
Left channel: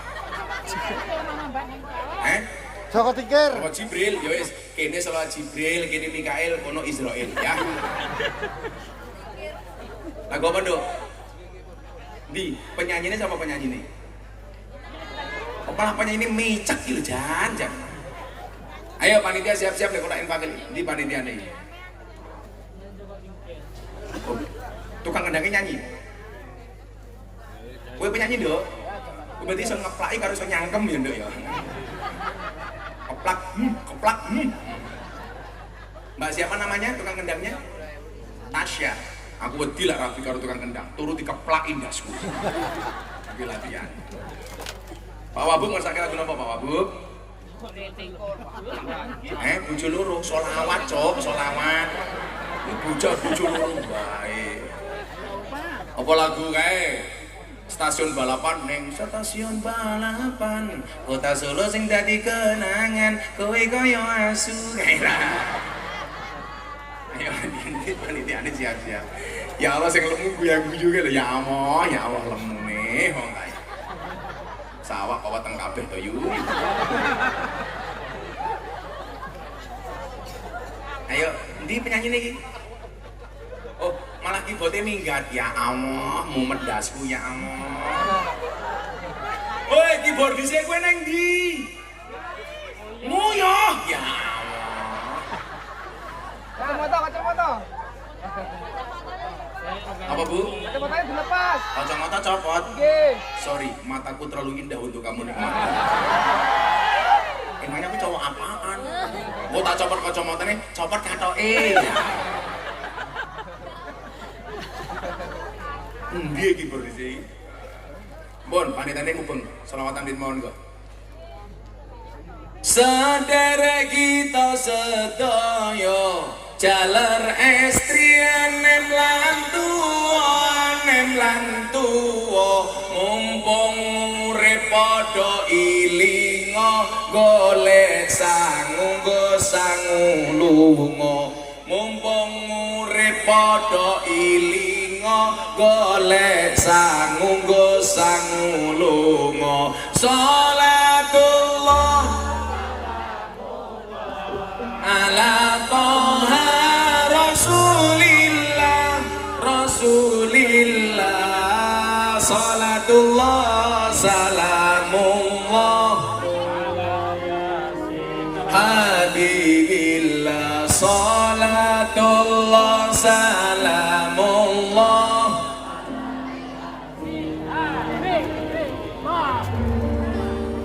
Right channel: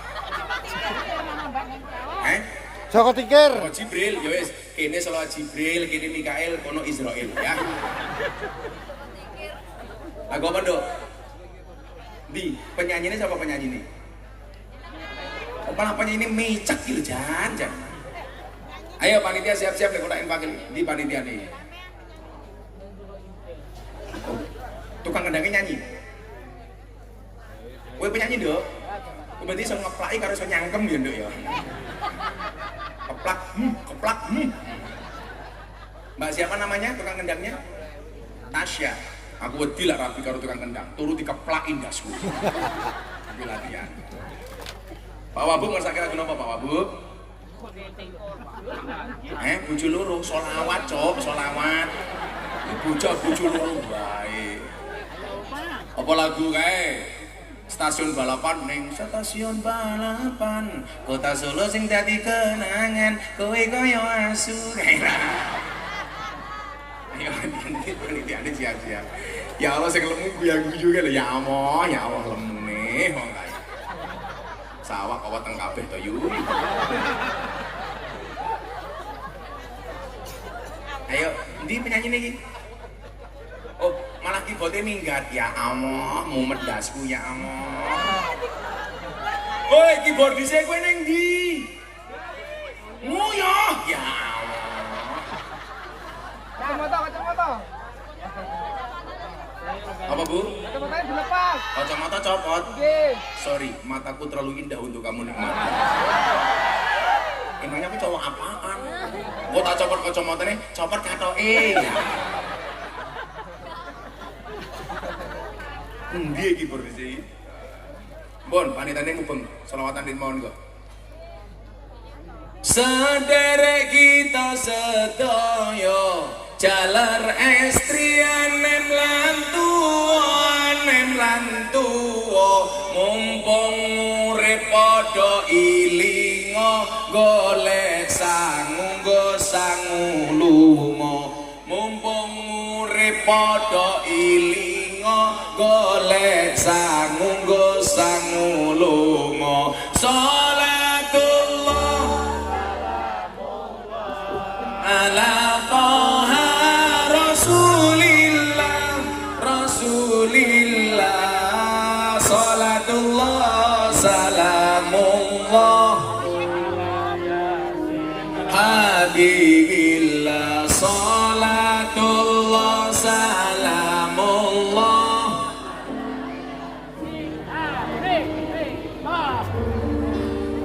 Joko Tingkir. Joko Jibril, ya wis. Kene salah Jibril, kene Mikael, kono Israel ya. Lagu apa, Dok? Di, penyanyinya siapa penyanyi ini? Oh, malah penyanyi ini micak gitu, jangan. Ayo panitia siap-siap nih kalau infak di panitia nih. Oh, tukang ngendangnya nyanyi. Kowe penyanyi, Dok? Kowe berarti iso ngeplaki karo iso nyangkem ya, Dok ya. Keplak. Mbak siapa namanya tukang kendangnya? Tasya. Aku wedi lah rapi karo tukang kendang. Turu dikeplakin dasku. Iki latihan. Pak Wabub masak lagu apa Pak Wabub? Bojo loro, solawat, Cok, solawat. Bojo loro bae. Apa lagu kae? Stasiun balapan neng stasiun balapan kota Solo sing dadi kenangan kowe koyo asu. Ayo panitia siap-siap. Ya Allah sing lemu guyu lho ya Allah lemune wong kae. Sawak apa teng kabeh to yu. Ayo, ndi penyanyi iki? Oh, malah keyboardnya minggat. Ya Allah, mumet dasku ya Allah. Woi, keyboard bisa gue nang di Nguyoh. Ya Allah. Kacamata. Apa Bu? Kacamatanya dilepas. Kacamata copot. Nggih. Sorry, mataku terlalu indah untuk kamu nikmati. Emangnya aku cowok apaan? Mau tak copot kacamata nih, copot katoke. Nggih iki berdisi. Bon, panitane ngubeng, selawatan mohon kok. Sederek kita sedaya jalar estrian nem lan tuwa mumpung urip padha ilinga golek sangu lunga mumpung urip padha ilinga golek sangu lunga salatullah ala toha rasulillah salatullah salamullah habibillah salatullah salamullah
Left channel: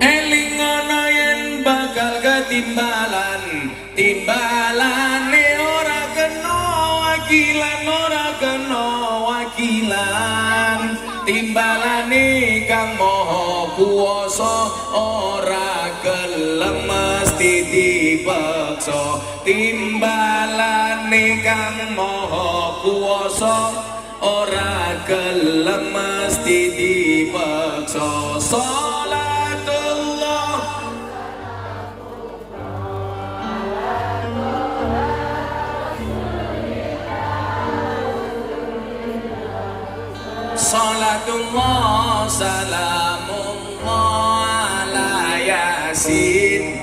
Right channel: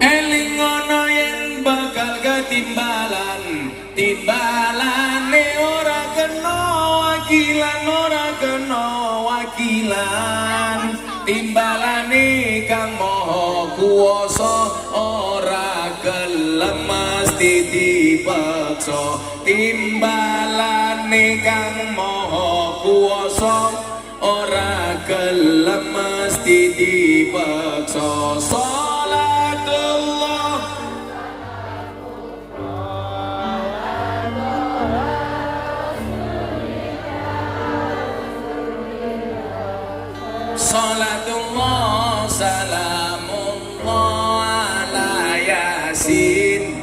elingono yen bakal timbalane ora kena wakilan timbalane kang maha kuwasa ora gelem mesti dipaksa timbalane kang maha kuwasa ora gelem mesti dipaksa Salatullah salamullah ala yasin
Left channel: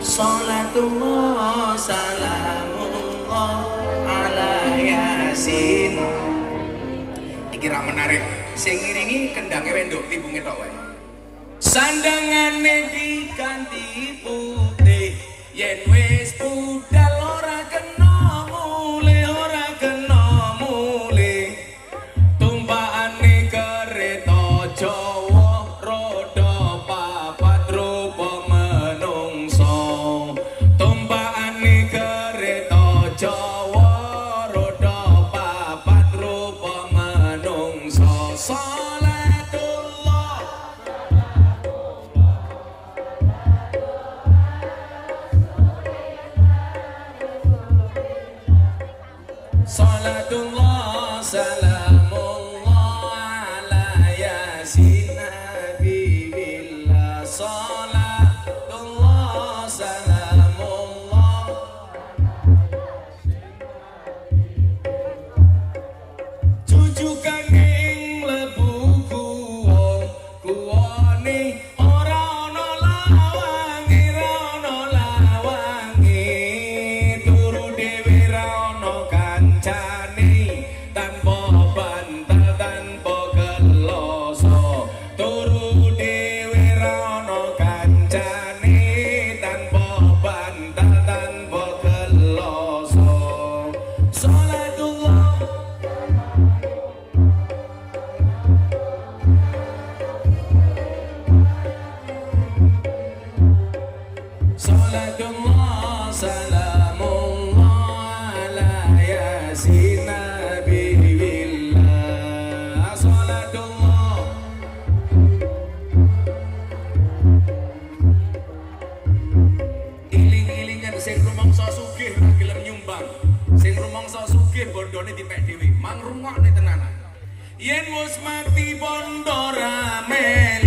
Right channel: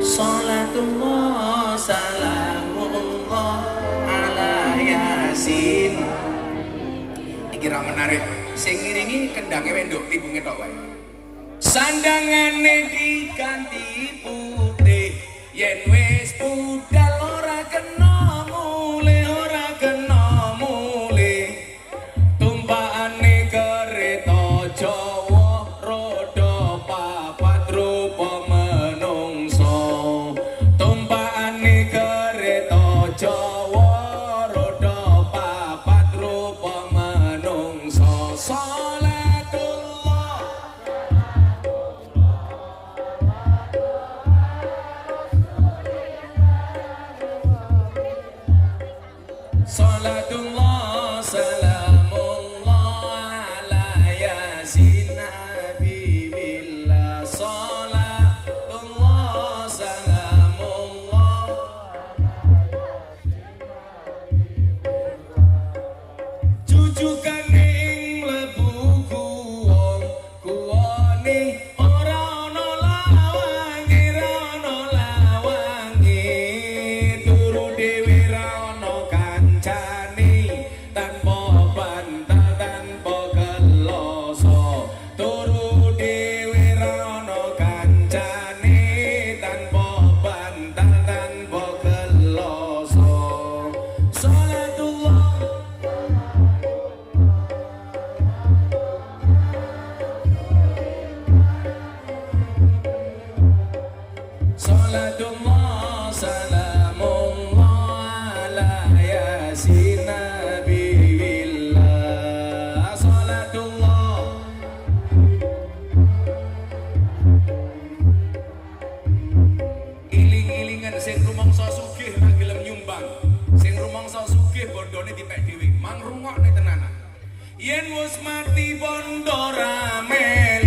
Salatullah salamullah ala yasin. Iki ra menarik. Sing ngiringi kendangnya wendok libunge tok wae. Sandangane diganti putih yen wis budal ora kena Salatullah salamullah ala yasin habibillah Salatullah salamullah Cucukan ing lebu kuwane Jombang. Sing rumangsa sugih bondone dipek dhewe. Mang rungokne tenanan. Yen wis mati bondo ramel.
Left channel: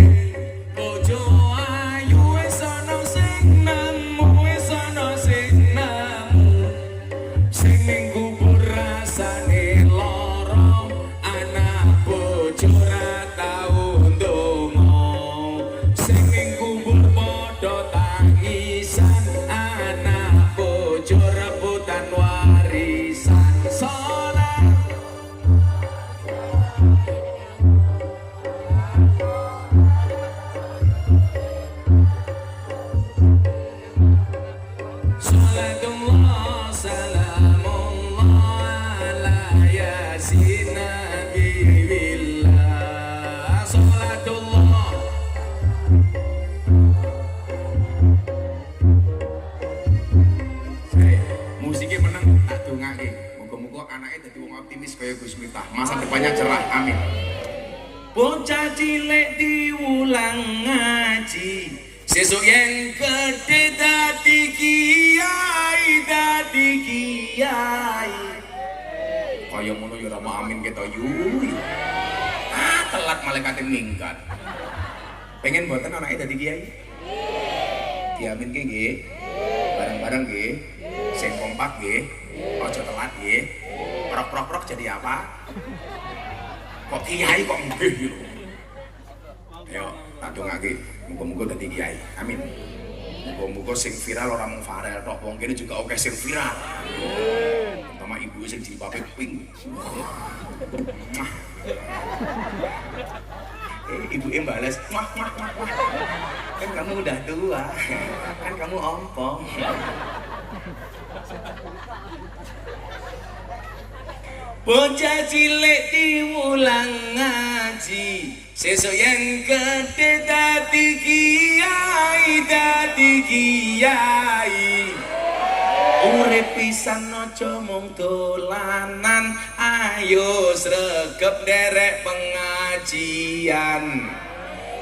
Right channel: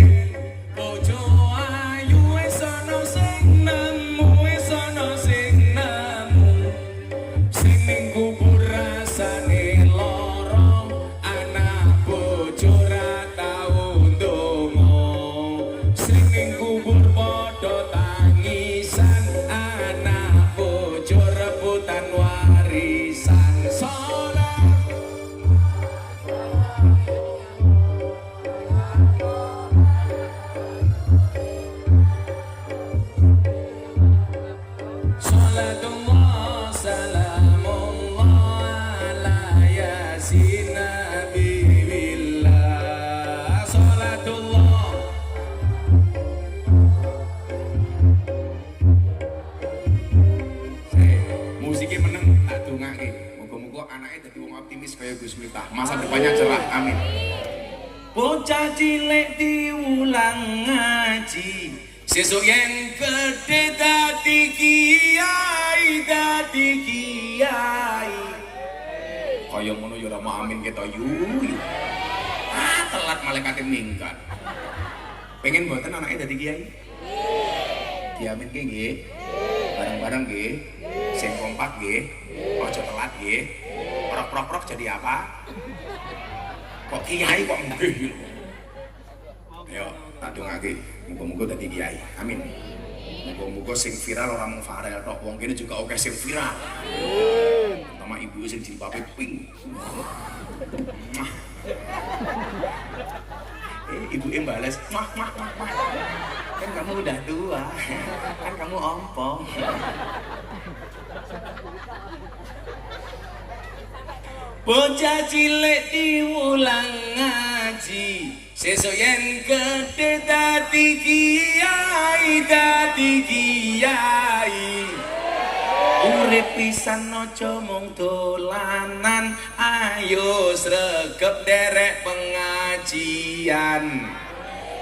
Bojo ayu wis ana sing nemu, wis ana sing nemu. Sing ning kubur rasane lara, anak bojo ra tau ndonga. Sing ning kubur padha tangisan, anak bojo rebutan warisan. Salat Salatullah salamullah ala yasin nabiillah. Salatullah. Musiknya meneng tak dongake. Muga-muga anake dadi wong optimis kaya Gus Miftah. Masa depannya cerah. Amin. Bocah cilik diulang ngaji, sesuk yang gede dadi kiai, dadi kiai. Kaya ngono ya ora mau amin kita yu. Telat malaikat minggat. Pengen mboten anake dadi kiai? Diaminke nggih. Bareng-bareng nggih. Sing kompak nggih. Aja telat nggih. Prok-prok jadi apa? Kok kiai kok nggih lho. Yo, tak dongake. Muga-muga dadi kiai. Amin. Muga-muga sing viral ora mung Farel tok, wong kene juga oke sing viral. Terutama ibu sing jilbabe pink. Mah. Ibu balas, mah. Kan kamu udah tua. Kan kamu ompong. Bocah cilik diulang ngaji, sesuk yang gede dadi kiai, dadi kiai. Urip pisan aja mung dolanan, ayo sregep nderek pengajian.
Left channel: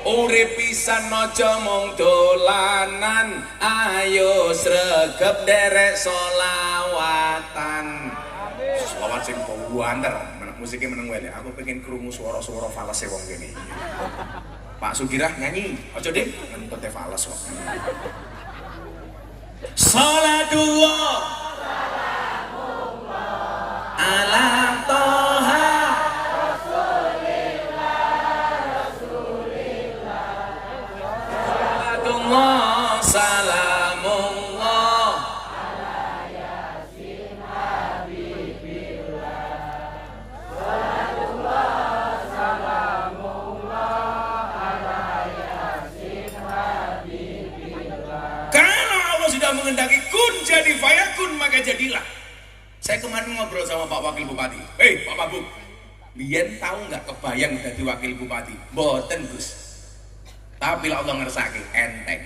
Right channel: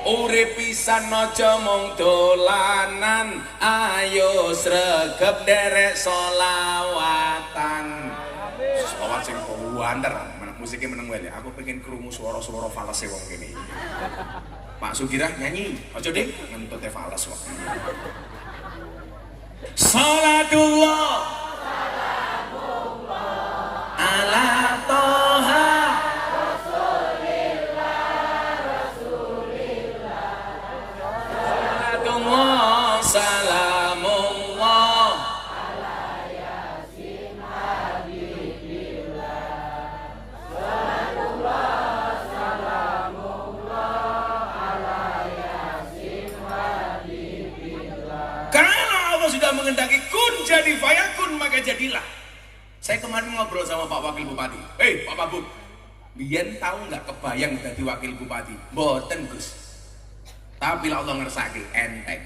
Urip pisan aja mung dolanan, ayo sregep nderek selawatan. Selawat sing kuwander, musiknya meneng wae. Aku pengen krungu suara-suara falese wong kene. Pak Sugirah nyanyi, aja Dik, ngentute fales kok. Salatullah ala toha Salatullah salamullah ala yasin habibillah. Salatullah salamullah ala yasin habibillah. Kalau Allah sudah mengendaki kun jadi fayakun, maka jadilah. Saya kemarin ngobrol sama Pak Wakil Bupati. Hei Pak Mabuk, biyen tahu nggak kebayang jadi Wakil Bupati? Mboten Gus. Tapi Allah ngersake enteng.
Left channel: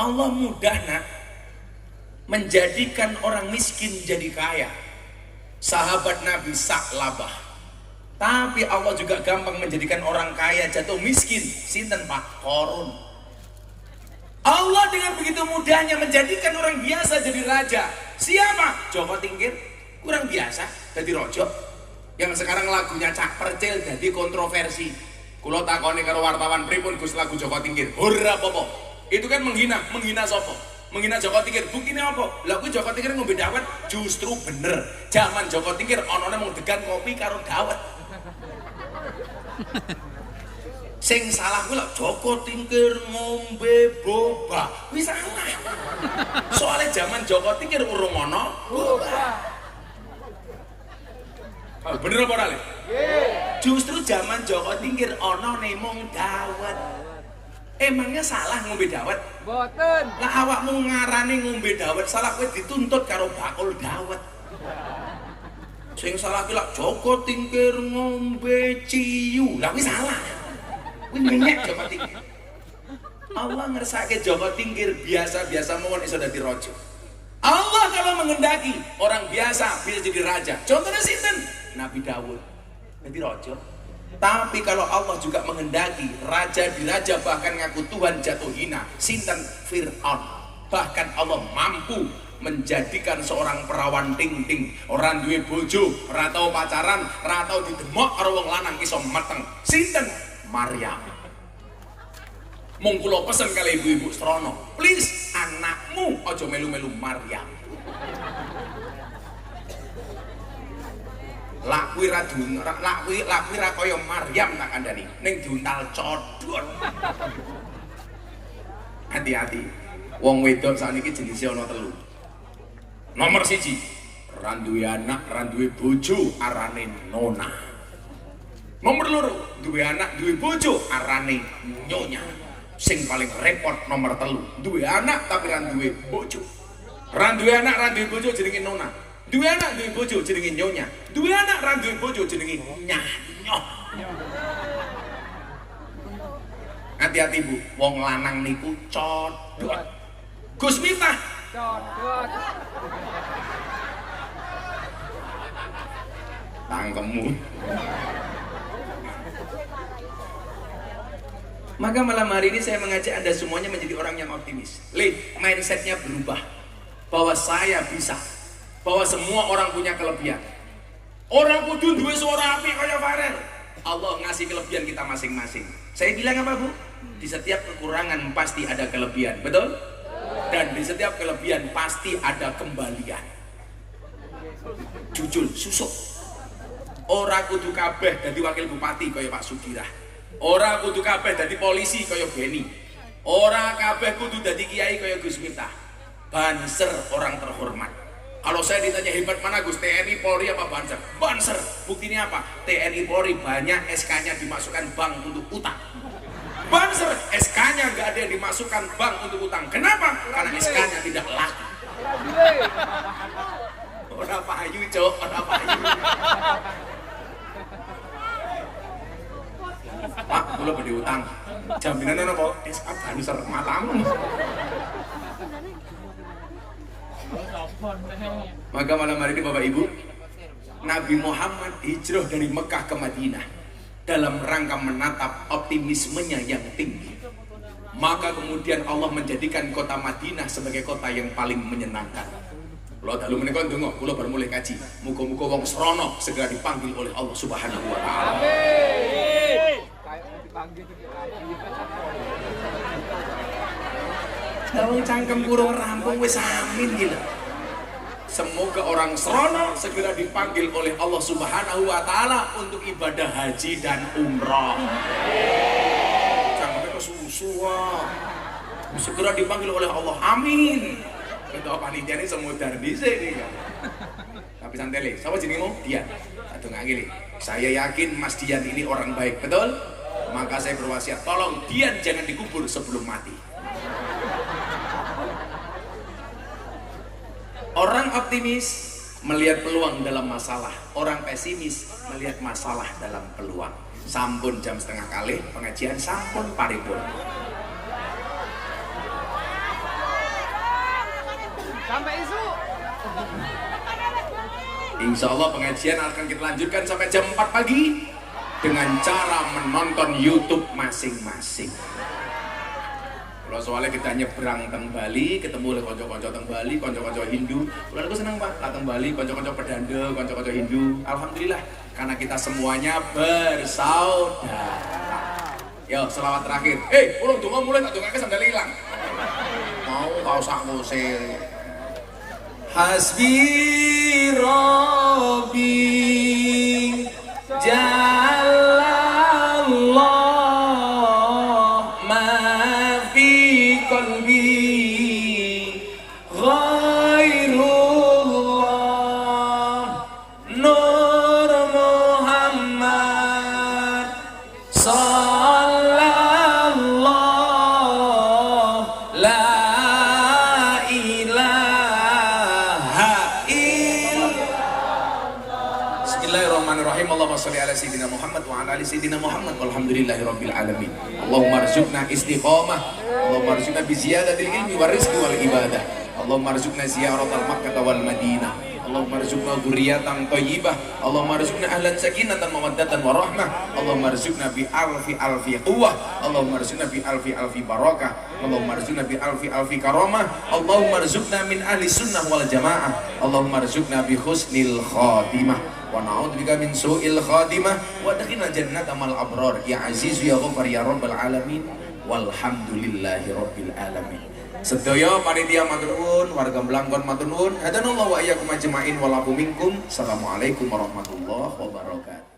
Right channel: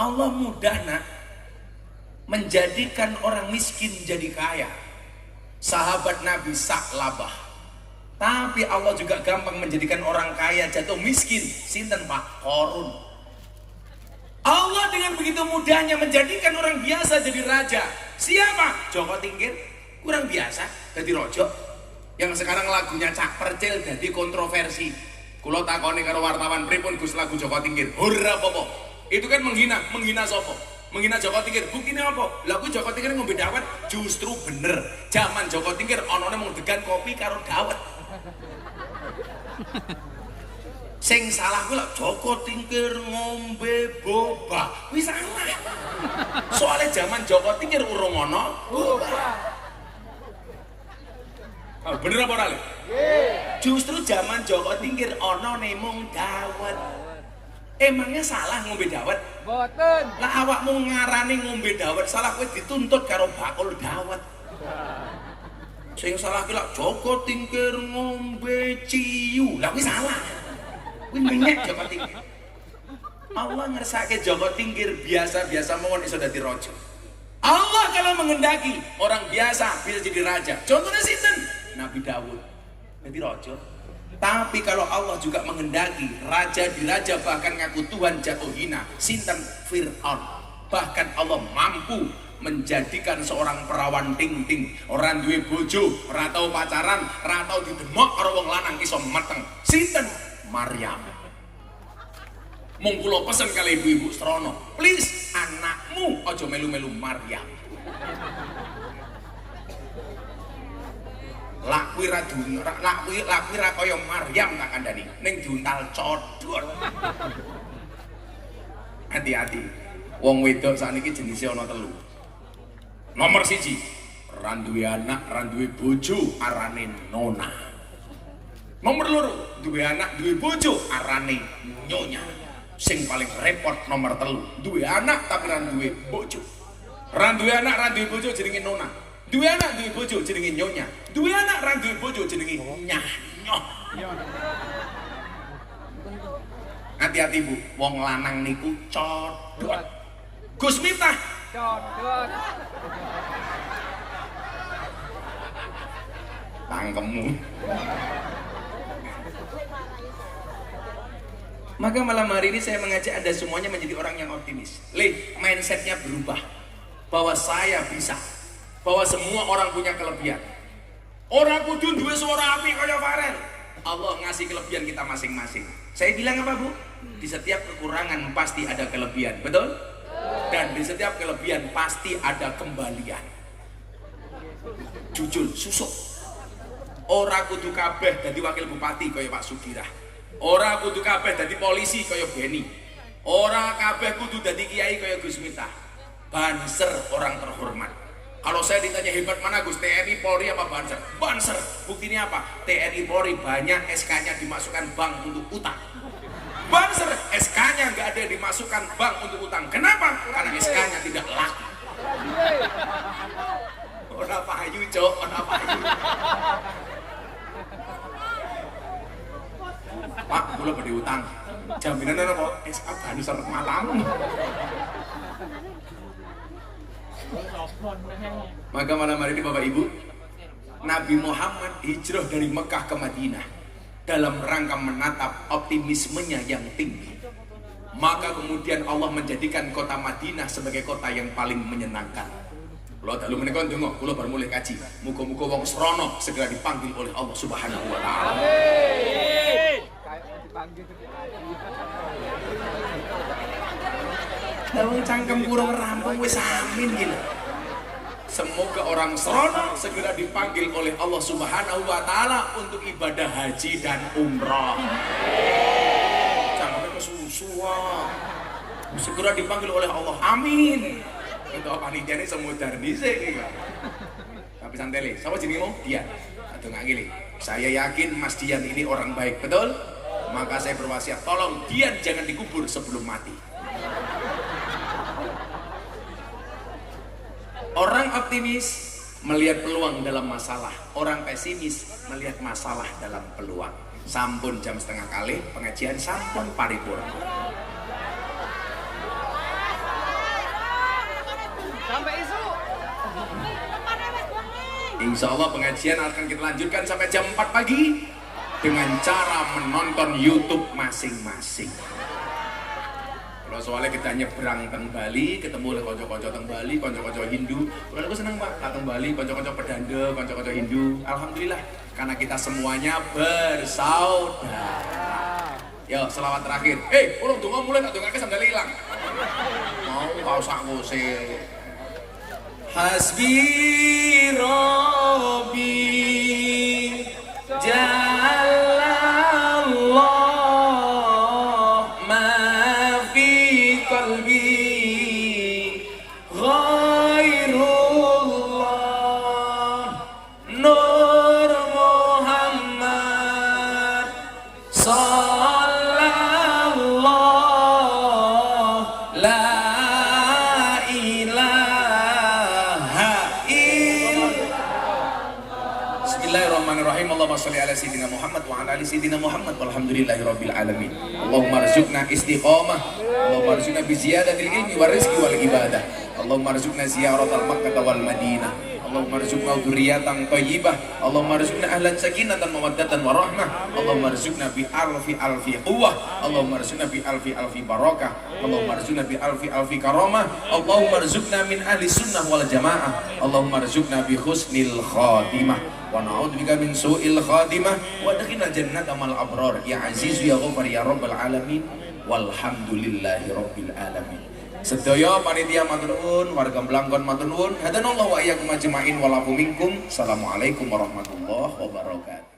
Allah mudah nak menjadikan orang miskin jadi kaya. Sahabat Nabi Sa'labah. Tapi Allah juga gampang menjadikan orang kaya jatuh miskin. Sinten Pak? Korun. Allah dengan begitu mudahnya menjadikan orang biasa jadi raja. Siapa? Joko Tingkir. Kurang biasa jadi rojo. Yang sekarang lagunya Cak Percil jadi kontroversi. Kulo takoni karo wartawan pripun Gus lagu Joko Tingkir. Ora apa-apa. Itu kan menghina sapa? Menghina Joko Tingkir. Buktine apa? Lagu Joko Tingkir ngombe dawet justru bener. Zaman Joko Tingkir onone mung degan kopi karo dawet. Sing salah kuwi lho Joko Tingkir ngombe boba. Kuwi salah. Soale zaman Joko Tingkir urung ana boba. Oh, bener apa ora, Le? Justru zaman Joko Tingkir ana mung dawet. Emangnya salah ngombe dawet? Boten. Lah awakmu ngarani ngombe dawet, salah kowe dituntut karo bakul dawet. Sing salah kuwi lho Joko Tingkir ngombe ciu. Lah kuwi salah. Menyek Joko Tingkir. Allah ngersake Joko Tingkir biasa-biasa mawon iso dadi raja. Allah kalau mengendaki orang biasa bisa jadi raja. Contohnya sinten? Nabi Dawud jadi raja. Tapi kalau Allah juga mengendaki raja diraja bahkan ngaku Tuhan jatuh hina. Sinten? Fir'aun. Bahkan Allah mampu menjadikan seorang perawan ting-ting, ora duwe bojo, ora tau pacaran, ora tau didemok karo wong lanang iso meteng. Sinten? Maryam. Mung kula pesen kali ibu-ibu Srono, please anakmu aja melu-melu Maryam. Lakui ra kaya Maryam tak kandhani, ning diuntal codot. Hati-hati. Wong wedok sakniki jenise ana 3. Nomor 1, ra duwe anak, ra duwe bojo, arane nona. Nomor 2, duwe anak, duwe bojo, arane nyonya. Sing paling repot nomor 3, duwe anak tapi ra duwe bojo. Ra duwe anak, ra duwe bojo jenenge nona. Duwe anak, duwe bojo jenenge nyonya. Duwe anak, ra duwe bojo jenenge nyah. Hati-hati Bu, wong lanang niku codot. Gus Miftah codot. Tangkemmu. Maka malam hari ini saya mengajak Anda semuanya menjadi orang yang optimis. Mindsetnya berubah. Bahwa saya bisa. Bahwa semua orang punya kelebihan. Orang kudu duwe suara api kaya Farel. Allah ngasih kelebihan kita masing-masing. Saya bilang apa Bu? Di setiap kekurangan pasti ada kelebihan, betul? Dan di setiap kelebihan pasti ada kembalian. Jujur, susuk. Ora kudu kabeh dadi wakil bupati kaya Pak Sugirah. Ora kudu kabeh dadi polisi kaya Beni. Ora kabeh kudu dadi kiai kaya Gus Miftah. Banser orang terhormat. Kalau saya ditanya hebat mana Gus, TNI, Polri apa Banser? Banser. Buktinya apa? TNI, Polri banyak SK-nya dimasukkan bank untuk utang. Banser, SK-nya nggak ada yang dimasukkan bank untuk utang. Kenapa? Karena SK-nya tidak laku. Orang payu, Cok. Orang payu. Pak, boleh beri utang. Jaminan apa? SK Banser matamu. Maka malam hari ini Bapak Ibu, Nabi Muhammad hijrah dari Mekah ke Madinah dalam rangka menatap optimismenya yang tinggi. Maka kemudian Allah menjadikan kota Madinah sebagai kota yang paling menyenangkan. Kalau dalu menika ndonga, kula bar mulai kaji. Muga-muga wong Srono segera dipanggil oleh Allah Subhanahu wa taala. Amin. Kayak dipanggil Wong cangkem kurung rampung wis amin gitu. Semoga orang Srono segera dipanggil oleh Allah Subhanahu wa taala untuk ibadah haji dan umrah. Cangkemnya kesusu. Segera dipanggil oleh Allah. Amin. Untuk panitia ini semua bisa nih. Tapi santai, siapa jenengmu? Dian. Atau nggak gini. Saya yakin Mas Dian ini orang baik, betul? Maka saya berwasiat, tolong Dian jangan dikubur sebelum mati. Orang optimis melihat peluang dalam masalah, orang pesimis melihat masalah dalam peluang. Sampun jam 1:30 pengajian, sampun paripurna. Sampai isu. Insya Allah pengajian akan kita lanjutkan sampai jam 4 pagi dengan cara menonton YouTube masing-masing. Kalau soalnya kita nyebrang teng Bali, ketemu oleh konco-konco teng Bali, konco-konco Hindu. Kalau aku senang Pak, teng Bali, konco-konco Perdanda, konco-konco Hindu. Alhamdulillah, karena kita semuanya bersaudara. Yo, selawat terakhir. Ulung donga mulai tak dongake sandal hilang. Mau sak ngusir. Hasbi Rabbi Jalallah ma fi qalbi ghairullah Nur Muhammad sallallahu la Bismillahirrahmanirrahim. Allahumma shalli ala sayyidina Muhammad wa ala ali sayyidina Muhammad walhamdulillahirabbil alamin. Allahumma arzuqna istiqamah. Allahumma arzuqna bi ziyadatil ilmi war rizqi wal ibadah. Allahumma arzuqna ziyaratal Makkah wal Madinah. Allahumma arzuqna dzurriyyatan thayyibah, Allahumma arzuqna ahlan sakinatan mawaddatan warahmah, Allahumma arzuqna bi alfi alfi quwwah, Allahumma arzuqna bi alfi alfi barakah, Allahumma arzuqna bi alfi alfi karamah, Allahumma arzuqna min ahli sunnah wal jamaah, Allahumma arzuqna bi husnil khatimah wa na'udzubika min su'il khatimah wa adkhilna jannata mal abrar ya aziz ya ghafar ya rabbal alamin walhamdulillahi rabbil alamin. Sedaya panitia matur nuwun, warga Blangkon matur nuwun. Hadanallahu wa iyyakum ajmain wa lakum minkum. Assalamualaikum warahmatullahi wabarakatuh.